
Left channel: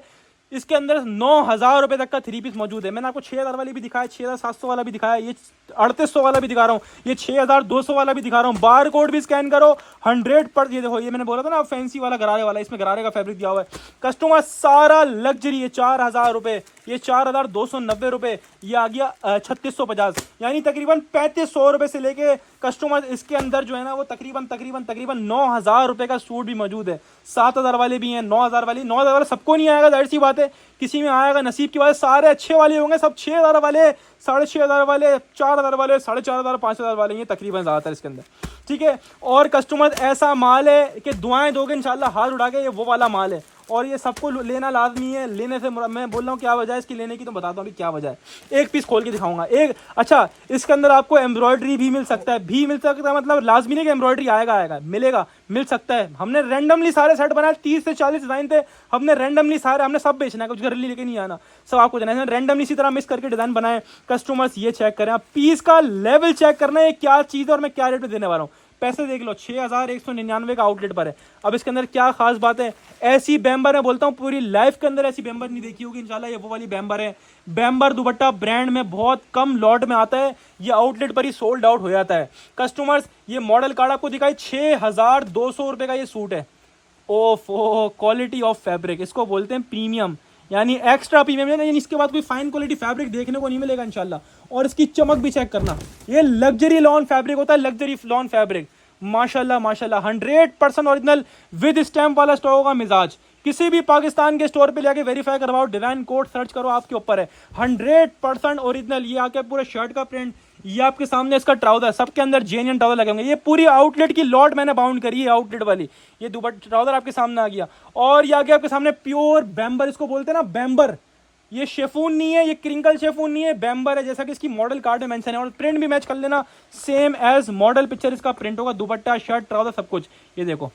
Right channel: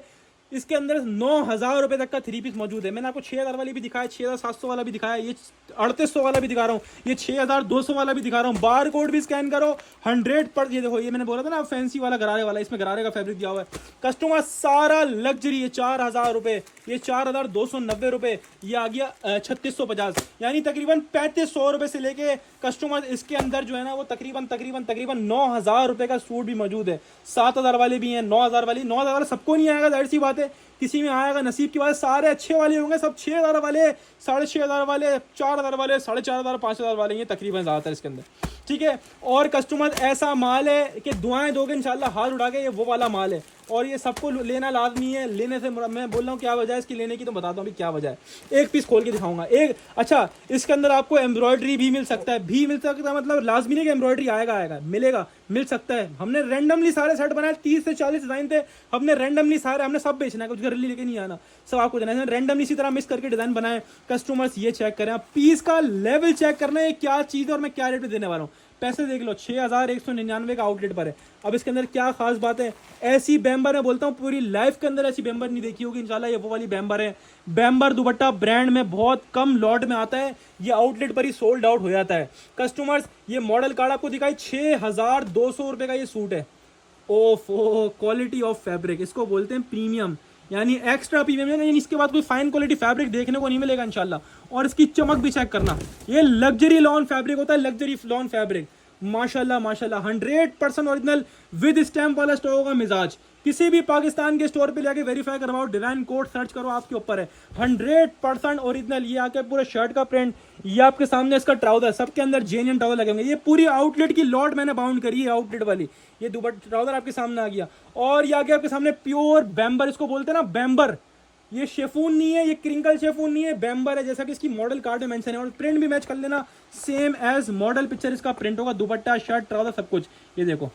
इसके अंदर 9,000 रुपए तक का 3 पीस मौजूद है। मैंने आपको 6,000 वाली भी दिखाया, 6,700 वाला भी दिखाया, ये 3,800 वाला भी दिखा रहा हूँ, ये 6,200 वाला भी दिखा रहा हूँ। बार कोड भी स्कैन करो 100%। ये देखो, ये मैंने बोला था ना फैंसी वाला गरारे वाला, इसमें गरारे का फैब्रिक दिया हुआ है। कस्टमर सारा लग्जरी है, 4,000 रुपए, ये 4,290 रुपए, ये आ गया 3,650, यानी तकरीबन 3,500 रुपए से लेके कस्टमर इसके अंदर जो है ना वो तकरीबन 9,000 रुपए का सूट भी मौजूद है। 7,000 वाले भी हैं, 9,000 वाले सबको नहीं आएगा, जाहिर सी बात है, किसी में आएगा नसीब की बात है। सारे अच्छे वाले होंगे, सब 6,000 वाले, 6,500 वाले, 4,000 वाले, 4,500, 5,000 वाले, ये तकरीबन ज़्यादातर इसके अंदर, ठीक है। और कस्टमर ऐसा माल है कि दुआएं दोगे इंशाल्लाह हाथ उठा के, ये वो वाला माल है, और ये सबको लेना लाजमी है। लेने से मैं बोल रहा हूँ क्या वजह है इसकी लेने की, तो बताता हूँ अभी क्या वजह है। एक पीस खोल के दिखाऊंगा एक। अच्छा, इसके अंदर आपको एम्ब्रॉयडरी भी मिल सकता है, मतलब लाजमी नहीं कि एम्ब्रॉयडरी आएगा, मिलेगा, मिल सकता है। हमने रैंडमली सारे सेट बनाए, 30 से 40 डिजाइन थे, हमने रैंडमली सारे, हमने सब बेचना है, कुछ घर लेके नहीं आना, सब आपको देना है। रैंडमली इसी तरह मिक्स करके डिजाइन बनाए। कस्टमर्स ये चेक करें, आप पीस का लेवल चेक करना है, क्या चीज़ है और मैं क्या रेट पे देने वाला हूँ। पैसे देख लो, 6,199 का आउटलेट पर है। अब इसके अंदर क्या खास बात है, ऐसी बैम्बर है, बोलता हूँ पूरी लाइफ के अंदर ऐसी बैम्बर नहीं देखी होगी इंशाल्लाह, ये वो वाली बैम्बर है। बैम्बर दुपट्टा ब्रांड में बहुत कम लॉट में आता है, ये आउटलेट पर ही सोल्ड आउट हो जाता है। कस्टमर्स ये मॉडल कार्ड आपको दिखाई, 6,200 रुपए का ये सूट है। ओफ, क्वालिटी ऑफ फैब्रिक, इसको बोलते हैं प्रीमियम। यानी एक्स्ट्रा प्रीमियम है, यानी इसके बाद कोई फाइन क्वालिटी फैब्रिक देखने को नहीं मिलेगा इंशाल्लाह। और इसकी चमक भी चेक करना, ये लग्जरी लॉन फैब्रिक होता है, लग्जरी लॉन फैब्रिक, माशाल्लाह माशाल्लाह 100% ओरिजिनल विद स्टैम्प वाला स्टॉक होगा। मिजाज किसी भी पाकिस्तान के स्टोर पे जाके वेरीफाई करवाओ, डिजाइन कोड सर्च करो, आपके ऊपर है। 100% ओरिजिनल। ये आके पूरे शर्ट का प्रिंट, ये आपके सामने इसका ट्राउजर, सबके अंदर जेन्युइन ट्राउजर लगे होंगे। ये पूरी आउटलेट की लॉट मैंने बाउंड करी है, आउटलेट वाली। ये दुपट्टा ट्राउजर आपके सामने आ गया, और ये आगे आपके सामने प्योर बैम्बर, इसको बोलते हैं ना बैम्बर। ये शेफून नहीं है, ये क्रिंकल शेफून नहीं है, बैम्बर है, जैसा कि इसकी मॉडल कार्ड में मेंशन है। और प्रिंट भी मैच कर लेना, सेम एज मॉडल पिक्चर इसका प्रिंट होगा। दुपट्टा, शर्ट, ट्राउजर सब कुछ। ये देखो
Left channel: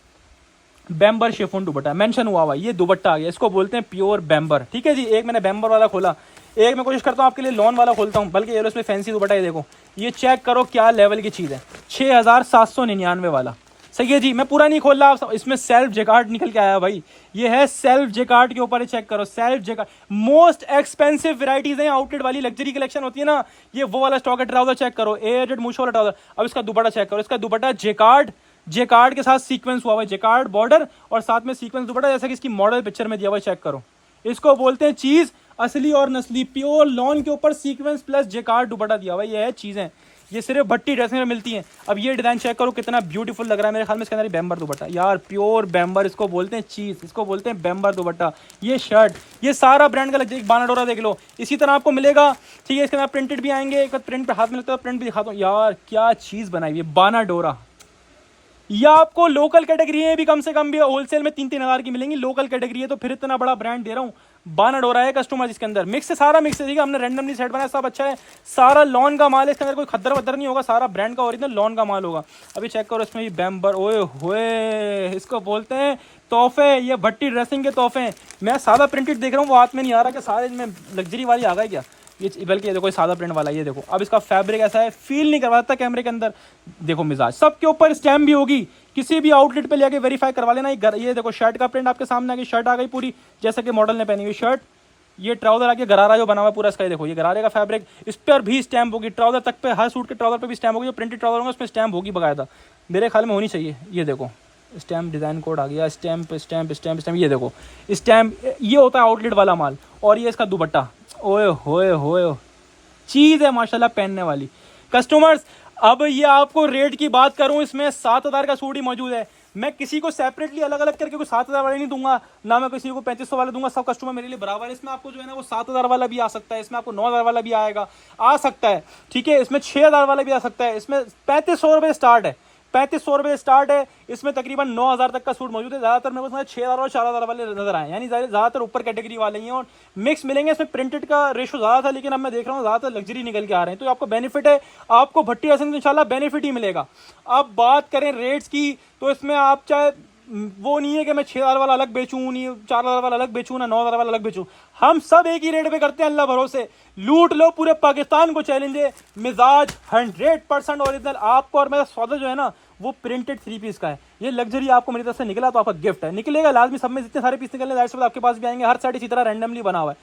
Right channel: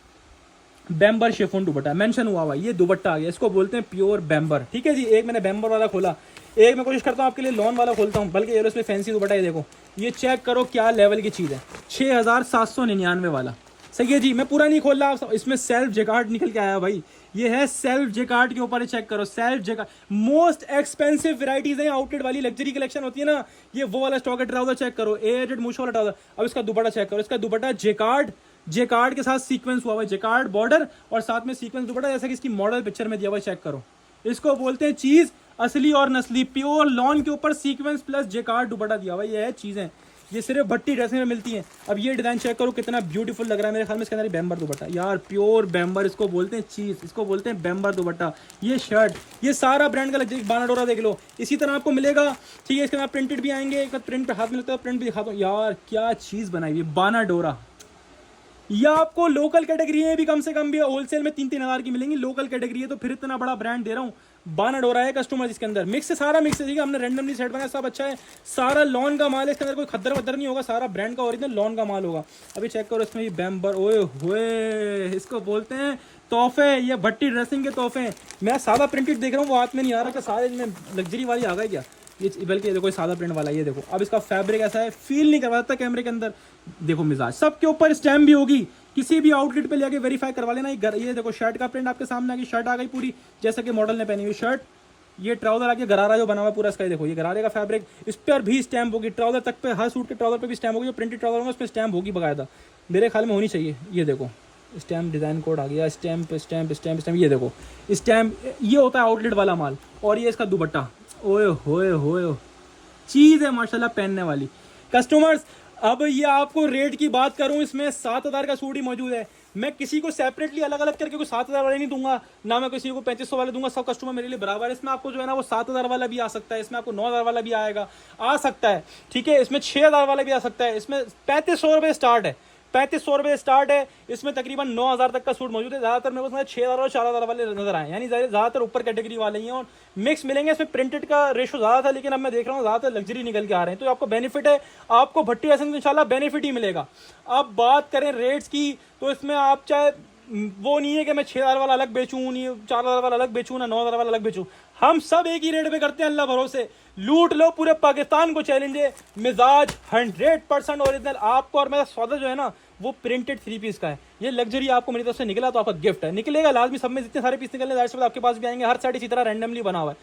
बैम्बर शेफून दुपट्टा मेंशन हुआ हुआ, ये दुपट्टा आ गया, इसको बोलते हैं प्योर बैम्बर। ठीक है जी, एक मैंने बैम्बर वाला खोला, एक मैं कोशिश करता हूँ आपके लिए लॉन वाला खोलता हूँ, बल्कि ये फैंसी दुपट्टा। ये देखो, ये चेक करो क्या लेवल की चीज़ है, 6799 वाला। सही है जी, मैं पूरा नहीं खोल रहा, इसमें सेल्फ जेकार्ड निकल के आया भाई। ये है सेल्फ जेकार्ड के ऊपर, चेक करो self jacquard. Most expensive varieties हैं, आउटलेट वाली लग्जरी कलेक्शन होती है ना, ये वो वाला स्टॉक है। ट्राउजर चेक करो, एजेड मूछों वाला ट्राउजर। अब इसका दुपट्टा चेक करो, इसका दुपट्टा जेकार्ड, जेकार्ड के साथ सीक्वेंस हुआ हुआ है, जेकार्ड बॉर्डर और साथ में सीक्वेंस दुपट्टा, जैसा कि इसकी मॉडल पिक्चर में दिया हुआ है। चेक करो, इसको बोलते हैं चीज असली और नस्ली। प्योर लॉन के ऊपर सीक्वेंस प्लस जेकार्ड दुपट्टा दिया हुआ है। ये है चीजें, ये सिर्फ भट्टी ड्रेसिंग में मिलती हैं। अब ये डिजाइन चेक करो कितना ब्यूटीफुल लग रहा है, मेरे ख्याल में इसके अंदर बैम्बर दुपट्टा, यार प्योर बैम्बर, इसको बोलते हैं चीज, इसको बोलते हैं बैम्बर दुपट्टा। ये शर्ट, ये सारा ब्रांड का लग बानाडोरा देख लो, इसी तरह आपको मिलेगा। ठीक है, इसके अंदर प्रिंटेड भी आएंगे, एक प्रिंट पे हाथ में लगता है, प्रिंट भी दिखाता हूँ। यार क्या चीज बनाई है बानाडोरा। या आपको लोकल कैटेगरी है भी, कम से कम भी होलसेल में 3-3 हज़ार की मिलेंगी। लोकल कैटेगरी है तो फिर इतना बड़ा ब्रांड दे रहा हूँ। बानाडोरा है कस्टमर, जिसके अंदर मिक्स है, सारा मिक्स है। ठीक है, हमने रैंडमली सेट बनाया, सब अच्छा है, सारा लॉन का माल है, इसके अंदर कोई खद्दर वद्दर नहीं होगा, सारा ब्रांड का ओरिजिनल लॉन का माल होगा। अभी चेक करो, इसमें ये बैम्बर, ओए होए, इसको बोलते हैं तोहफे, ये भट्टी ड्रेसिंग के तोहफे हैं। मैं सादा प्रिंटेड देख रहा हूँ, वो हाथ में नहीं आ रहा कि सारे में लग्जरी वाली आ गई क्या, ये बल्कि ये देखो सादा प्रिंट वाला। ये देखो, अब इसका फैब्रिक ऐसा है, फील नहीं करवाता कैमरे के अंदर। देखो मिजाज, सबके ऊपर स्टैम्प भी होगी, किसी भी आउटलेट पे लेके वेरीफाई करवा लेना। ये देखो शर्ट का प्रिंट आपके सामने आ गई, शर्ट आ गई पूरी जैसा कि मॉडल ने पहनी हुई शर्ट। ये ट्राउजर आके गरारा जो बना हुआ पूरा इसका, ये देखो ये गरारे का फैब्रिक, इस पर भी स्टैम्प होगी। ट्राउजर तक पे, हर सूट के ट्राउजर पे भी स्टैम्प होगी, जो प्रिंटेड ट्राउजर होगा उसमें स्टैम्प होगी बकायदा, मेरे ख्याल में होनी चाहिए। ये देखो स्टैम्प, डिजाइन कोड आ गया, स्टैम्प स्टैम्प स्टैम्प स्टैम्प। ये देखो स्टैम्प, ये होता है आउटलेट वाला माल। और ये इसका दुपट्टा, ओए होए होए, चीज है माशाल्लाह पहनने वाली। कस्टमर्स, अब ये आपको रेट की बात करूं, इसमें 7,000 का सूट ही मौजूद है। मैं किसी को सेपरेटली अलग अलग करके कोई 7,000 वाले नहीं दूंगा, ना मैं किसी को 3500 वाले दूंगा। सब कस्टमर मेरे लिए बराबर है। इसमें आपको जो है ना वो 7,000 वाला भी आ सकता है, इसमें आपको 9,000 वाला भी आएगा, आ सकता है। ठीक है, इसमें 6,000 वाला भी आ सकता है। इसमें 3500 रुपये स्टार्ट है, 3500 रुपये स्टार्ट है। इसमें तकरीबन 9,000 तक का सूट मौजूद है। ज़्यादातर मेरे को 6,000 और 4,000 वाले नजर आए, यानी ज़्यादातर ऊपर कैटेगरी वाले ही हैं। और मिक्स मिलेंगे, इसमें प्रिंटेड का रेशो ज़्यादा था, लेकिन अब मैं देख रहा हूँ ज़्यादातर लग्जरी निकल के आ रहे हैं। तो आपको बेनिफिट है, आपको भट्टी ऐसे इंशाल्लाह बेनिफिट ही मिलेगा। अब बात करें रेट्स की, तो इसमें आप चाहे वो नहीं है कि मैं 6,000 वाला अलग बेचूं, नहीं 4,000 वाला अलग बेचूं, ना 9,000 वाला अलग बेचूं। हम सब एक ही रेट पे करते हैं, अल्लाह भरोसे। लूट लो, पूरे पाकिस्तान को चैलेंज है। मिजाज 100% ओरिजिनल आपको, और मेरा सौदा जो है ना वो प्रिंटेड 3 पीस का है। ये लग्जरी आपको मेरी तरफ से निकला तो आपका गिफ्ट है, निकलेगा लाजमी। सब में जितने सारे पीस निकलने जाहिर सी बात आपके पास भी आएंगे। हर साइड इसी तरह रैंडमली बना हुआ है,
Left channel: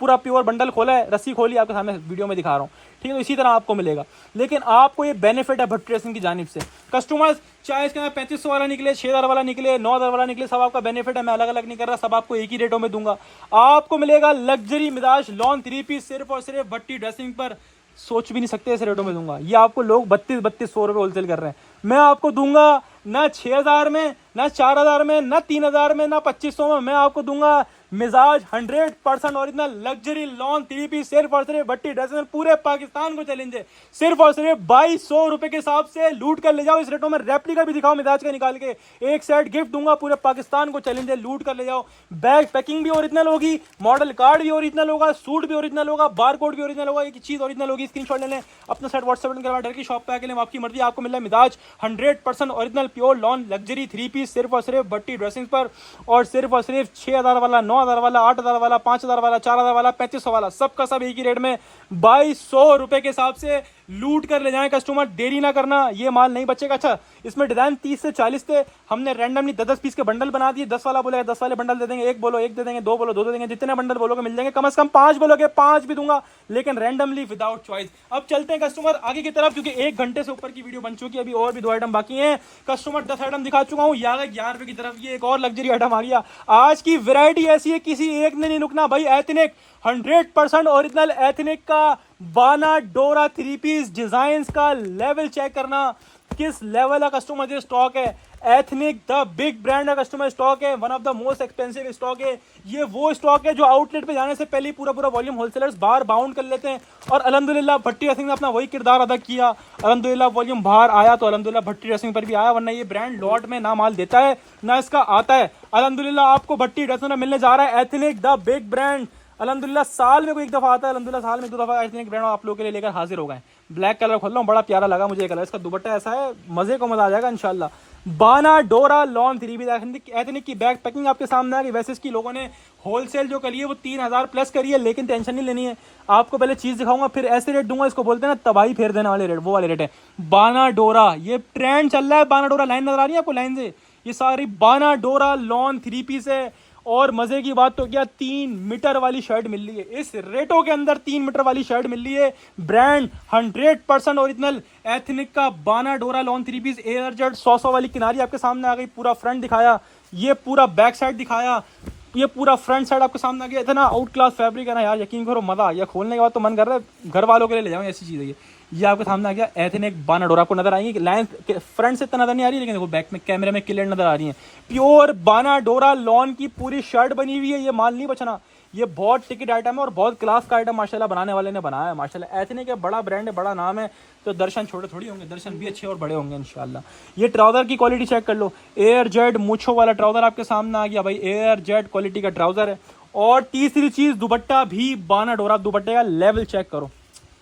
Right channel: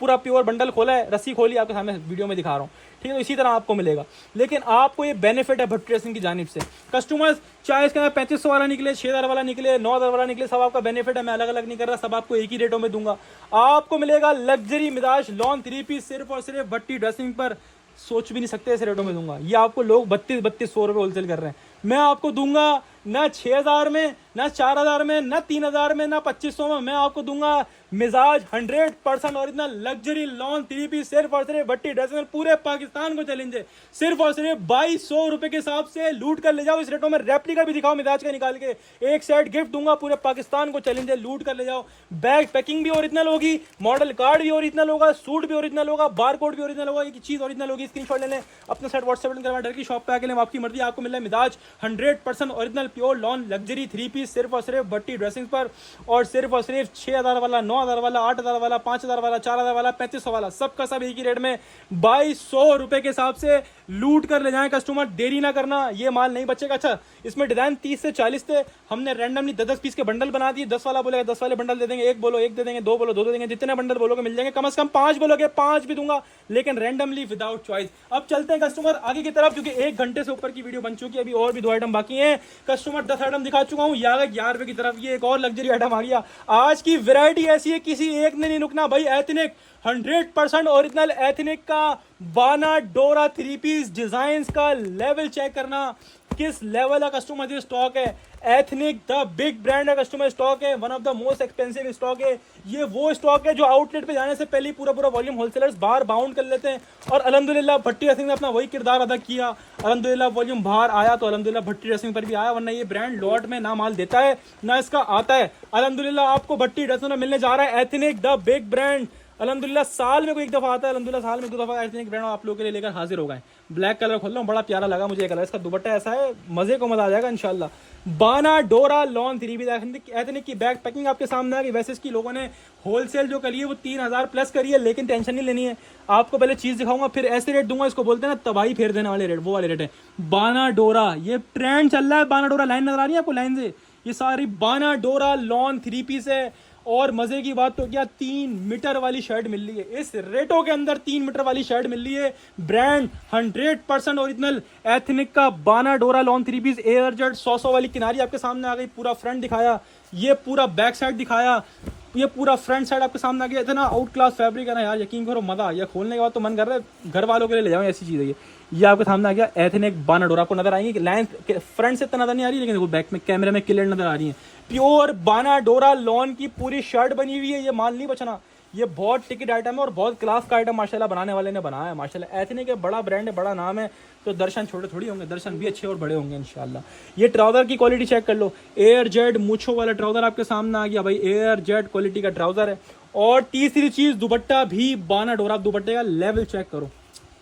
पूरा प्योर बंडल खोला है, रस्सी खोली आपके सामने वीडियो में दिखा रहा हूँ। ठीक है, तो इसी तरह आपको मिलेगा। लेकिन आपको ये बेनिफिट है भट्टी ड्रेसिंग की जानिब से। कस्टमर्स, चाहे इसके अंदर 3500 वाला निकले, 6,000 वाला निकले, 9,000 वाला निकले, सब आपका बेनिफिट है। मैं अलग अलग नहीं कर रहा, सब आपको एक ही रेटों में दूंगा। आपको मिलेगा लग्जरी मिजाज लॉन 3 पीस सिर्फ और सिर्फ भट्टी ड्रेसिंग पर। सोच भी नहीं सकते ऐसे रेटों में दूंगा। ये आपको लोग 3200 रुपये होलसेल कर रहे हैं, मैं आपको दूंगा ना 6,000 में, ना 4,000 में, ना 3,000 में, ना 2500 में। मैं आपको दूंगा मिजाज 100% ओरिजिनल लग्जरी लॉन 3 पीस सिर्फ और सिर्फ भट्टी ड्रेसिंग। पूरे पाकिस्तान को चैलेंज है, सिर्फ और सिर्फ 2200 रुपए के हिसाब से लूट कर ले जाओ। इस रेटों में रेप्लिका भी दिखाओ मिजाज का निकाल के, एक सेट गिफ्ट दूंगा। पूरे पाकिस्तान को चैलेंज है, लूट कर ले जाओ। बैग पैकिंग भी ओरिजिनल होगी, मॉडल कार्ड भी ओरिजिनल होगा, सूट भी ओरिजिनल होगा, बार कोड भी ओरिजिनल होगा, एक चीज ओरिजिनल होगी। स्क्रीनशॉट ले लें, अपना सेट व्हाट्सएप करवा, डर की शॉप पे आके लें, आपकी मर्जी। आपको मिल रहा है मिजाज 100% original pure lawn luxury 3 piece सिर्फ और सिर्फ भट्टी ड्रेसिंग पर। और सिर्फ 6,000 वाला, 9,000 वाला, 8,000 वाला, 5,000 वाला, 4,000 वाला, 3500 वाला, सबका सब एक ही रेट में 2200 रुपए के हिसाब से लूट कर ले जाएं कस्टमर, देरी ना करना, ये माल नहीं बचेगा। अच्छा, इसमें डिजाइन 30 से 40 थे, हमने रैंडमली 10-10 पीस के बंडल बना दिए। 10 वाला बोलेगा 10 वाले बंडल दे देंगे, एक बोलो एक दे देंगे, दो बोलो दो दे देंगे, जितने बंडल बोलोगे मिल जाएंगे। कम से कम 5 बोलोगे 5 भी दूंगा, लेकिन रैंडमली विदाउट चॉइस। अब चलते हैं कस्टमर आगे की तरफ, क्योंकि 1 घंटे से ऊपर की वीडियो बन चुकी है, अभी और भी 2 आइटम बाकी हैं। कस्टमर 10 आइटम दिखा चुका हूँ, यार 11 रुपए की तरफ ये एक और लग्जरी आइटम आ गया। आज की वैरायटी ऐसी है, किसी एक ने नहीं रुकना भाई। एथनिक 100% ओरिजिनल एथनिक का बाना डोरा 3 पीस डिजाइन का लेवल चेक करना, किस लेवल का कस्टमर ये स्टॉक है। एथनिक द बिग ब्रांड का कस्टमर स्टॉक है, one of the most expensive stock है। ये वो स्टॉक है जो आउटलेट पे जाने से पहले पूरा वॉल्यूम होलसेलर्स बाहर बाउंड कर लेते हैं, और अल्हम्दुलिल्लाह भट्टी ड्रेसिंग ने अपना वही किरदार अदा किया। अल्हम्दुलिल्लाह वॉल्यूम बाहर आया तो अल्हम्दुलिल्लाह भट्टी ड्रेसिंग पर भी आया, वरना ये ब्रांड लॉट में ना माल देता है ना इसका आता है। अल्हम्दुलिल्लाह आपको भट्टी ड्रेसिंग में मिलने जा रहा है एथनिक द बिग ब्रांड। अल्हम्दुलिल्लाह साल में कोई एक दफा आता है, अल्हम्दुलिल्लाह साल में 2 दफा एथनिक ब्रांड आप लोगों के लिए लेकर हाजिर हो गए। ब्लैक कलर खोल रहा हूँ, बड़ा प्यारा लगा मुझे ये कलर, इसका दुपट्टा ऐसा है, मजे को मजा आ जाएगा इंशाल्लाह। बाना डोरा लॉन 3 पीस एथनिक की बैग पैकिंग आपके सामने आ गई। वैसे इसकी लोगों ने होलसेल जो करी है वो 3000 प्लस करी है, लेकिन टेंशन नहीं लेनी है, आपको पहले चीज दिखाऊंगा फिर ऐसे रेट दूंगा। इसको बोलते हैं ना तबाही फेर देने वाले रेट, वो वाले रेट है। बाना डोरा, ये ट्रेंड चल रहा है। बाना डोरा लाइन नजर आ रही है आपको, लाइन से ये सारी बाना डोरा लॉन 3 पीस है। और मजे की बात तो क्या, 3 मीटर वाली शर्ट मिल रही है इस रेटों के अंदर, 3 मीटर वाली शर्ट मिल रही है। ब्रांड 100% ओरिजिनल एथनिक का बाना डोरा लॉन 3 पीस एयर जेट 100 वाली किनारी आपके सामने आ गई। पूरा फ्रंट दिखाया, ये पूरा बैक साइड दिखाया, ये पूरा फ्रंट साइड आपके सामने आ गया। इतना आउट क्लास फैब्रिक है ना यार, यकीन करो मजा आ गया। खोलने के बाद तो मन कर रहा है घर वालों के लिए ले जाऊँ, ऐसी चीज़ है ये आपके सामने आ गया। एथनिक बाना डोरा आपको नजर आएंगे, लाइन फ्रंट से इतना नजर नहीं आ रही, लेकिन देखो बैक में कैमरे में क्लियर नजर आ रही है। प्योर बाना डोरा लॉन की पूरी शर्ट बनी हुई है, ये माल नहीं बचना। ये बहुत टिकट आइटम है और बहुत क्लास का आइटम माशाल्लाह बनाने वाले ने बनाया है माशाल्लाह। एथनिक एक बड़ा ब्रांड है, बड़ा नाम है, तो दर्शन छोटे थोड़ी होंगे, दर्शन भी अच्छे और बड़े होंगे इंशाल्लाह। ये ट्राउजर की क्वालिटी चेक कर लो, एयर जेट मुछो वाला ट्राउजर आपके सामने आ गया भाई, एयर जेट क्वालिटी का ट्राउजर है। और तीसरी चीज दुपट्टा भी बाना डोरा, दुपट्टे का लेवल चेक करो,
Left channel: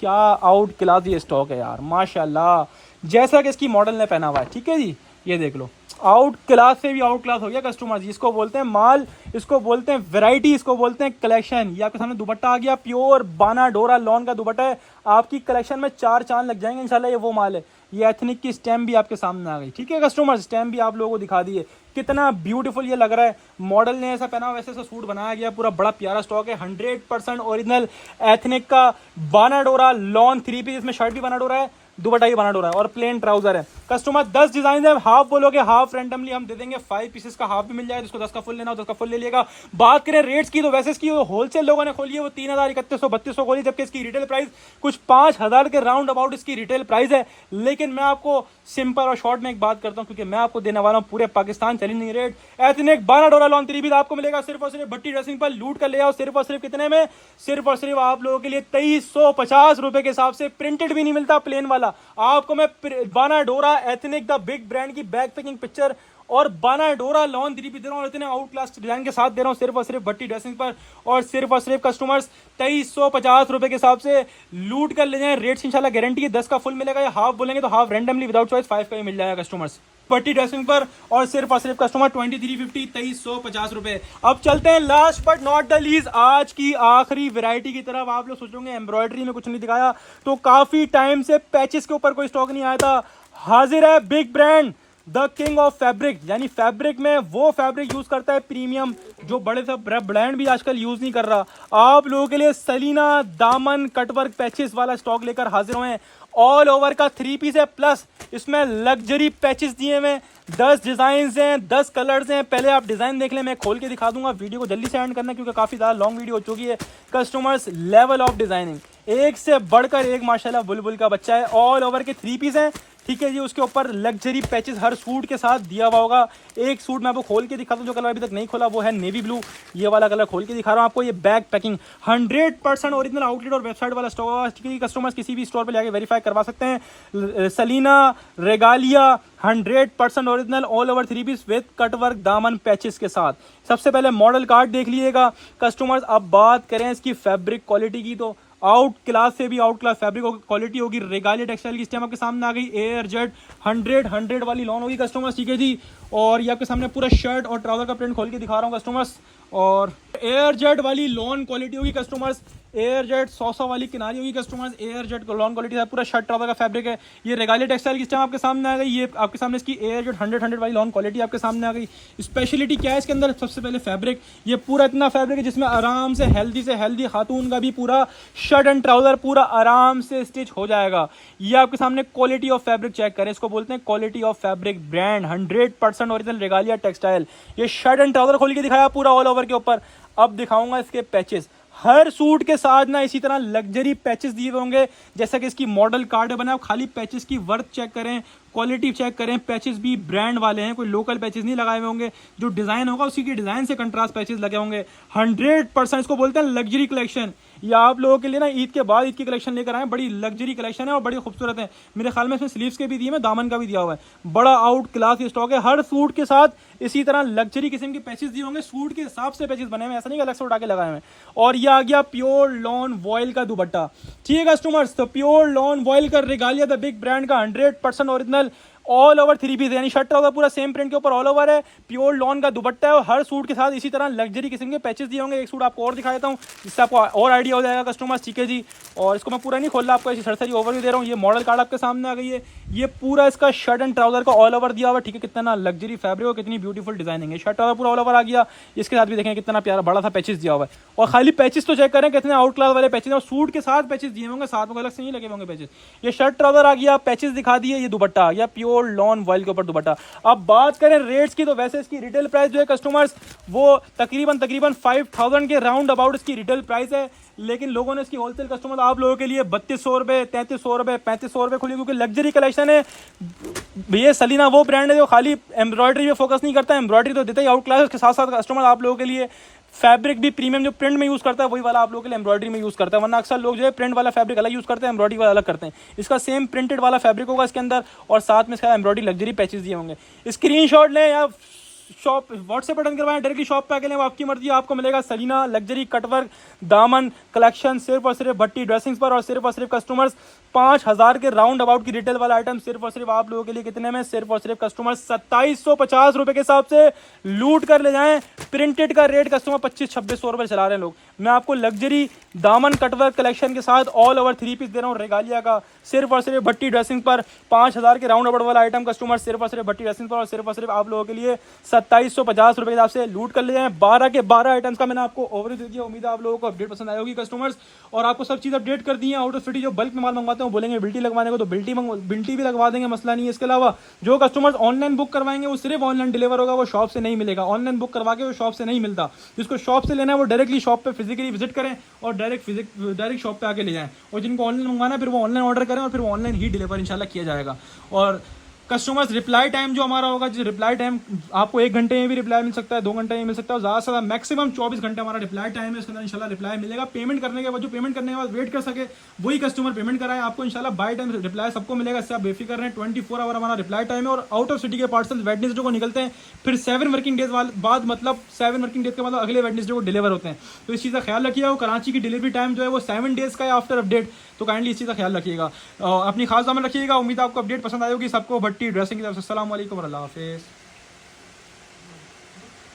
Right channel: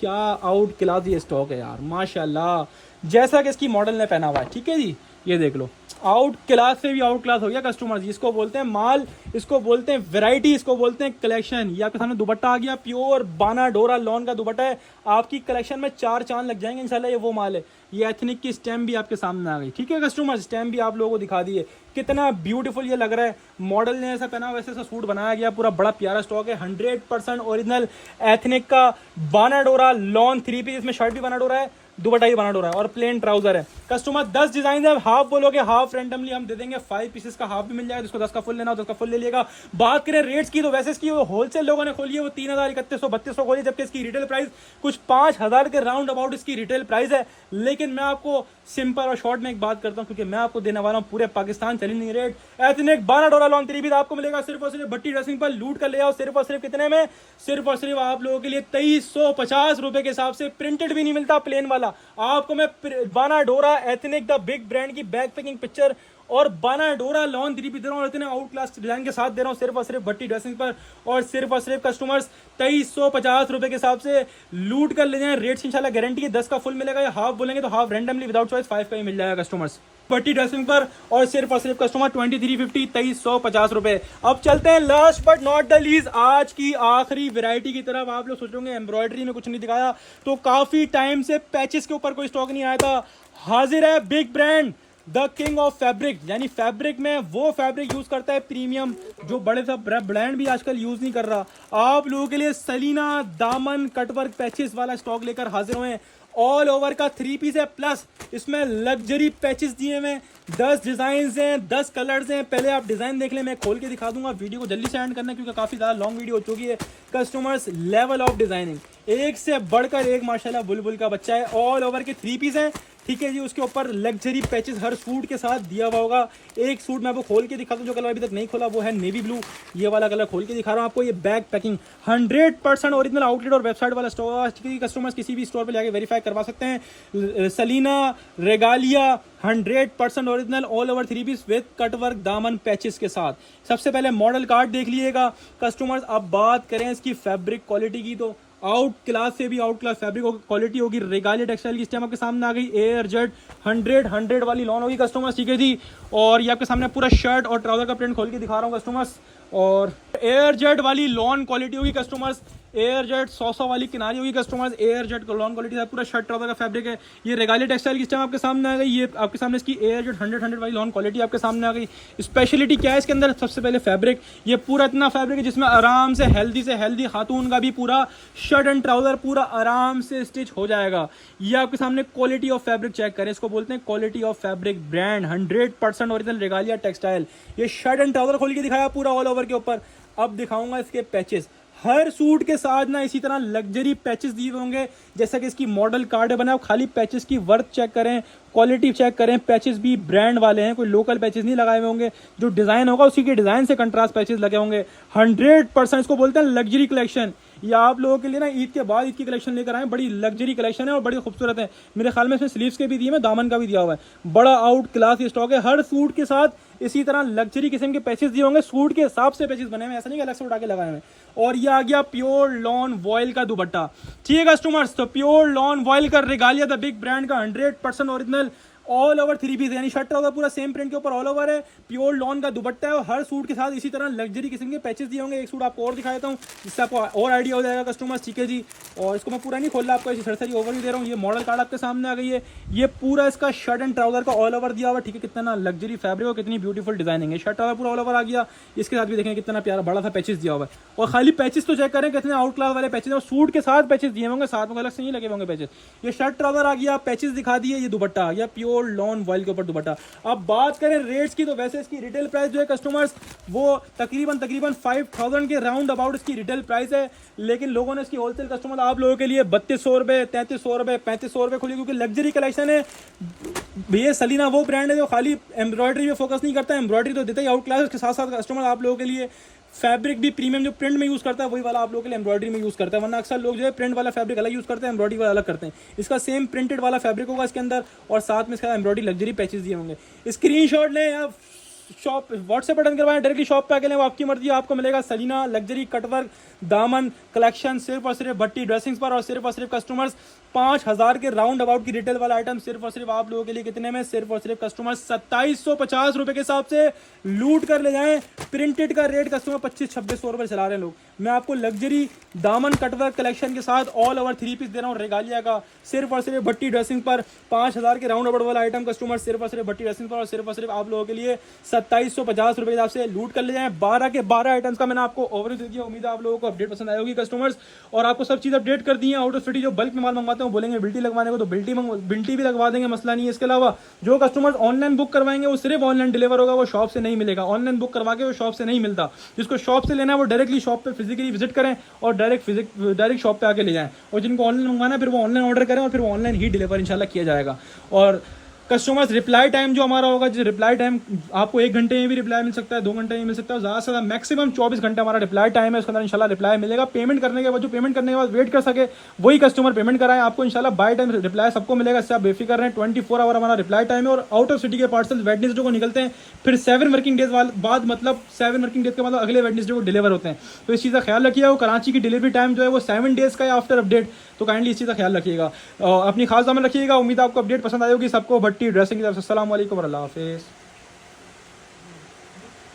क्या आउट क्लास ये स्टॉक है यार माशाल्लाह, जैसा कि इसकी मॉडल ने पहना हुआ है। ठीक है जी, ये देख लो, आउट क्लास से भी आउट क्लास हो गया कस्टमर जी। इसको बोलते हैं माल, इसको बोलते हैं वैरायटी, इसको बोलते हैं कलेक्शन। ये आपके सामने दुपट्टा आ गया, प्योर बाना डोरा लॉन का दुपट्टा है। आपकी कलेक्शन में 4 चांद लग जाएंगे इंशाल्लाह। ये वो माल है। ये एथनिक की स्टैम्प भी आपके सामने आ गई। ठीक है कस्टमर, स्टैम्प भी आप लोगों को दिखा दी है, कितना ब्यूटीफुल ये लग रहा है। मॉडल ने ऐसा पहना, वैसे ऐसा सूट बनाया गया, पूरा बड़ा प्यारा स्टॉक है। 100% ओरिजिनल एथनिक का बाना डोरा लॉन 3 पीस, इसमें शर्ट भी बाना डोरा है, दुपट्टा ही बना डोरा है और प्लेन ट्राउजर है। कस्टमर 10 डिजाइन है, हाफ बोलोगे हाफ रैंडमली हम दे देंगे, 5 पीसेस का हाफ भी मिल जाएगा, जिसको 10 का फुल लेना हो 10 का फुल ले लिएगा। बात करें रेट्स की, तो वैसे इसकी होलसेल लोगों ने खोली है वो 3000 3100 3200 खोली, जबकि इसकी रिटेल प्राइस कुछ 5000 के राउंड अबाउट इसकी रिटेल प्राइस है। लेकिन मैं आपको सिंपल और शॉर्ट में एक बात करता हूं, क्योंकि मैं आपको देने वाला हूं पूरे पाकिस्तान चली नहीं रेट। एथनिक बाना डोरा लॉन 3 पीस आपको मिलेगा सिर्फ और सिर्फ भट्टी ड्रेसिंग पर, लूट कर ले आओ। सिर्फ और सिर्फ कितने में, सिर्फ और सिर्फ आप लोगों के लिए 2350 रुपए के हिसाब से। प्रिंटेड भी नहीं मिलता प्लेन वाला आपको। मैं बाना डोरा एथनिक द बिग ब्रांड की बैक पैकिंग पिक्चर और बाना डोरा लॉन 3 पीस दे रहा हूँ, इतने आउट क्लास डिजाइन के साथ दे रहा हूँ सिर्फ और सिर्फ भट्टी ड्रेसिंग पर। और सिर्फ कस्टमर्स 2350 रुपए के हिसाब से लूट कर ले जाएं। रेट्स इंशाल्लाह गारंटी है, 10 का फुल मिलेगा, या हाफ बोलेंगे तो हाफ रैंडमली विदाउट चॉइस 5 का ही मिल जाएगा कस्टमर्स भट्टी ड्रेसिंग पर। और सिर्फ कस्टमर 2350 2350 रुपए। अब चलते हैं last but not the least आज की आखिरी वैरायटी की तरफ। आप लोग सोच रहे होंगे एम्ब्रॉयडरी में कुछ नहीं दिखाया, तो काफी टाइम से पैचेस के ऊपर कोई स्टॉक नहीं आया था। हाजिर है big brand the king of fabric, यानी फैब्रिक में वो फैब्रिक यूज करता है प्रीमियम, जो बड़े सब ब्रांड भी आजकल यूज नहीं कर रहा। आप लोगों के लिए सलीना दामन कटवर्क पैचेस वाला स्टॉक लेकर हाजिर हुए हैं। ऑल ओवर का 3 पीस है, प्लस इसमें लग्जरी पैचेस दिए हुए, 10 डिजाइन हैं, 10 कलर्स हैं। पहले आप डिजाइन देख लें, मैं खोल के दिखा दूंगा। वीडियो को जल्दी से एंड करना क्योंकि काफी ज्यादा लॉन्ग वीडियो हो चुकी है। कस्टमर्स लेवल ऑफ डिजाइनिंग एक से बढ़कर एक माशाल्लाह बुलबुल का बच्चा है। ऑल ओवर के 3 पीस हैं, ठीक है जी। उसके ऊपर लग्जरी पैचेस हर सूट के साथ दिया हुआ होगा। एक सूट मैं आपको खोल के दिखाता हूँ, जो कलर अभी तक नहीं खोला वो है नेवी ब्लू, ये वाला कलर खोल के दिखा रहा हूँ आपको। ये बैक पैकिंग 100% ओरिजिनल आउटलेट और वेबसाइट वाला स्टोर, कस्टमर्स किसी भी स्टोर पर जाके वेरीफाई करवा सकते हैं। सलीना Regalia 100% original all over 3 piece with cutwork दामन पैचेस के साथ। सबसे पहले मॉडल कार्ड देख लीजिएगा कस्टमर्स। अब बात करें इसकी फैब्रिक क्वालिटी की, तो आउट क्लास से भी आउट क्लास फैब्रिक क्वालिटी होगी। रेगालिया टेक्सटाइल की स्टैम्प आपके सामने आ गई। एयर जेट 100 वाली लॉन होगी कस्टमर्स, ठीक है जी। और ये आपके सामने पूरा शर्ट और ट्राउजर का प्रिंट खोल के दिखा रहा हूँ कस्टमर्स। और एयर जेट वाली लॉन क्वालिटी होगी कस्टमर्स, एयर जेट 100 वाली किनारी होगी customers, air jet lawn quality है, पूरा शर्ट ट्राउजर का फैब्रिक है। ये रेगालिया टेक्सटाइल की टाइम आपके सामने आ गई, ये आपके सामने इसकी एयर जेट 100 वाली लॉन क्वालिटी आपके सामने आ गई। स्पेशलिटी क्या है इसके अंदर, सबसे पहले फैब्रिक, ये पूरा इतना फैब्रिक है जिसमें आराम से हेल्दी खातून का भी पूरा शर्ट एंड ट्राउजर पूरा आराम से स्टिच हो जाएगा। ये आपके सामने क्वालिटी ऑफ फैब्रिक चेक करें, इसको बोलते हैं quality of fabric brand, 100% original Regalia textile. ये शर्ट एंड ट्राउजर खोल के दिखाया पूरा ऑल ओवर के ऊपर। अब दिखाऊंगा इसके पैचेस, हर सूट के साथ ना इसी तरह लग्जरी पैचेस दिए होंगे, जैसा कि इसकी मॉडल कार्ड बना है। खाली पैचेस की वर्थ चेक करें, क्वालिटी चेक करें, पैचेस भी ब्रांड वाले हैं, कोई लोकल पैचेस नहीं लगाए हुए होंगे। जो डिजाइन होगा उसी के डिजाइन से कंट्रास्ट पैचेस लगे होंगे। 100% इसको बोलते हैं लग्जरी कलेक्शन। ये आप लोगों के लिए ना ईद के बाद ईद की कलेक्शन लेकर आए, बड़ी लग्जरी कलेक्शन है और बड़ी खूबसूरत है। मेरे ख्याल में इसमें स्लीव्स के भी दिए हैं, दामन का भी दिया हुआ है। बड़ा आउट क्लास ये स्टॉक है। हर सूट के साथ इसी तरह लग्जरी किस्म के पैचेस दिए होंगे, सूट के हिसाब से पैचेस बने हुए, ऐसा नहीं अलग से उठा के लगाए हुए। और ये आ गया प्योर लॉन वॉयल का दुपट्टा। ठीक है कस्टमर्स, तो प्योर लॉन वॉयल का रेगालिया द बिग ब्रांड का 100% ओरिजिनल ऑल ओवर 3 पीस, यानी शर्ट होगा पूरा सेम प्रिंट के ऊपर ऑल ओवर है। प्योर लॉन का दुपट्टा है और हर सूट के साथ इसी तरह लग्जरी किस्म के पैचेस दिए होंगे। एक सूट आपको और दिखा देता हूँ जिससे आपको और आइडिया हो जाएगा कस्टमर्स। ठीक है जी, और इसको मैं पूरा नहीं खोल रहा, आपको ऐसी सरसरी ओवरव्यू दे रहा हूँ। ये मॉडल कार्ड आपके सामने आ गई है। ये पूरा इसका शर्ट एंड ट्राउजर का ऑल ओवर दिया हुआ। ठीक है, कितना लग्जरी फैब्रिक और कितनी ब्यूटीफुल डिजाइनिंग है। शर्ट ट्राउजर पूरा ऑल ओवर आ गया। इसके साथ भी देखें कितना प्यारा बड़ा सा पैचेस दिया हुआ है। और खाली पैचेस तो चेक करें कितने आउट क्लास वाले पैचेस और सूट के साथ पैचेस दिए होंगे, साथ में अलग से नहीं लगे होंगे पैचेस। ये शर्ट ट्राउजर आ गया, पैचेस दिखा दिए, ये दुपट्टा या प्योर लॉन वॉयल के ऊपर दुपट्टा। अब बात करें रेट्स की, तो वैसे इसकी रिटेल प्राइस जो है कस्टमर्स वो तकरीबन 5000 के राउंड अबाउट इसकी रिटेल प्राइस है। लेकिन लोगों ने इसकी होलसेल कस्टमर आप लोगों के लिए 3200 रुपए, 3300 रुपए, 3500 रुपए खुली, क्योंकि लग्जरी कलेक्शन है। भैया सलीना वो ब्रांड है जो खाली एम्ब्रॉयडरी पे फोकस नहीं करता, एम्ब्रॉयडरी तो देता ही आउट क्लास, उसके साथ साथ कस्टमर आप लोगों के लिए फैब्रिक भी प्रीमियम जो प्रिंट में यूज करता है वही वाला आप लोगों के लिए एम्ब्रॉयडरी में यूज करता है। वरना अक्सर लोग जो है प्रिंट वाला फैब्रिक अलग यूज करते हैं, एम्ब्रॉयडरी वाला अलग करते हैं। इसका सेम प्रिंटेड वाला फैब्रिक होगा इसके अंदर और साथ में इसका एम्ब्रॉयडरी लग्जरी पैचेस दिए होंगे। स्क्रीनशॉट लें या शॉप व्हाट्सएप बटन करवाएं, डायरेक्टली शॉप पे आके लें, वो आपकी मर्जी। आपको मिलेगा सलीना लग्जरी कटवर्क दामन कलेक्शन सिर्फ और सिर्फ भट्टी ड्रेसिंग्स पर, और सिर्फ कस्टमर्स 5000 के राउंड अबाउट की रिटेल वाला आइटम सिर्फ और सिर्फ आप लोगों के लिए कितने में, सिर्फ और सिर्फ कस्टमर्स 2750 रुपए के हिसाब से लूट कर ले जाएं। प्रिंटेड का रेट कस्टमर 2500-2600 रुपए चला रहे हैं लोग। मैं आपको लग्जरी दामन कटवर्क कलेक्शन के साथ ऑल ओवर 3 पीस दे रहा हूँ रेगालिया का, सिर्फ और सिर्फ भट्टी ड्रेसिंग पर। 5000 के राउंड अबाउट वाला आइटम कस्टमर सिर्फ और सिर्फ भट्टी ड्रेसिंग पर और सिर्फ आप लोगों के लिए 2750 रुपए के हिसाब से लूट कर ले जाएं। 12 के 12 आइटम्स का मैंने आपको ओवरव्यू दे दिया। उम्मीद है आप लोगों को अपडेट पसंद आई होगी कस्टमर्स, और आपको सब चीज़ अपडेट कर दी है। आउट ऑफ सिटी जो बल्क में माल मंगवाते हैं बोलेंगे बिल्टी लगवाने को, तो बिल्टी भी लगवा देंगे, मसला नहीं है। इसके अलावा जो कस्टमर्स ऑनलाइन बुक करवाएंगे वो सिर्फ ऑनलाइन डिलीवर होगा, वो शॉप से नहीं मिलेगा। ऑनलाइन बुक करवा के वो शॉप से नहीं मिलता। जिसको शॉप से लेना है वो डायरेक्टली शॉप पे फिजिकली विजिट करें और डायरेक्ट शॉप पे आके ले जाएं। और जिनको ऑनलाइन मंगवाना है फिर वो ऑनलाइन ऑर्डर करें और फिर वो ऑनलाइन ही डिलीवर इंशाल्लाह किया जाएगा। और कस्टमर्स रिप्लाई टाइम जो हमारा होगा, जो रिप्लाई टाइम आपको 1 घंटे में भी रिप्लाई मिल सकता है, 2 घंटे में मिल सकता है, ज़्यादा से ज़्यादा मैक्सिमम 24 घंटे हमारा रिप्लाई टाइम है। उसके अंदर इंशाल्लाह रिप्लाई मिलेगा। पेमेंट करने के बाद जो पेमेंट करने के बाद वेट कर सके वही कस्टमर पेमेंट कराएं, आपको इंशाल्लाह बाय टाइम रिप्लाई सबको मिलेगा। इससे आप बेफिक्र रहें। 24 आवर हमारा रिप्लाई टाइम है। और आउट ऑफ सिटी के पार्सल वेडनेसडे को निकलते हैं, फिर 7 वर्किंग डेज बाद, मतलब 7 वर्किंग डेज के मतलब अगले वेडनेसडे को डिलीवर होते हैं। तो इस चीज़ का ख्याल रखिएगा। वो कराची की डिलीवरी टाइम जो है वो 7 डेज का है आफ्टर अपडेट, तो काइंडली इस चीज़ का ख्याल रखिएगा। अपनी खास ध्यान रखिएगा। उम्मीद आपको अपडेट पसंद आई होगी सबको। भट्टी ड्रेसिंग की तरफ से अस्सलाम वालेकुम और अल्लाह हाफिज़।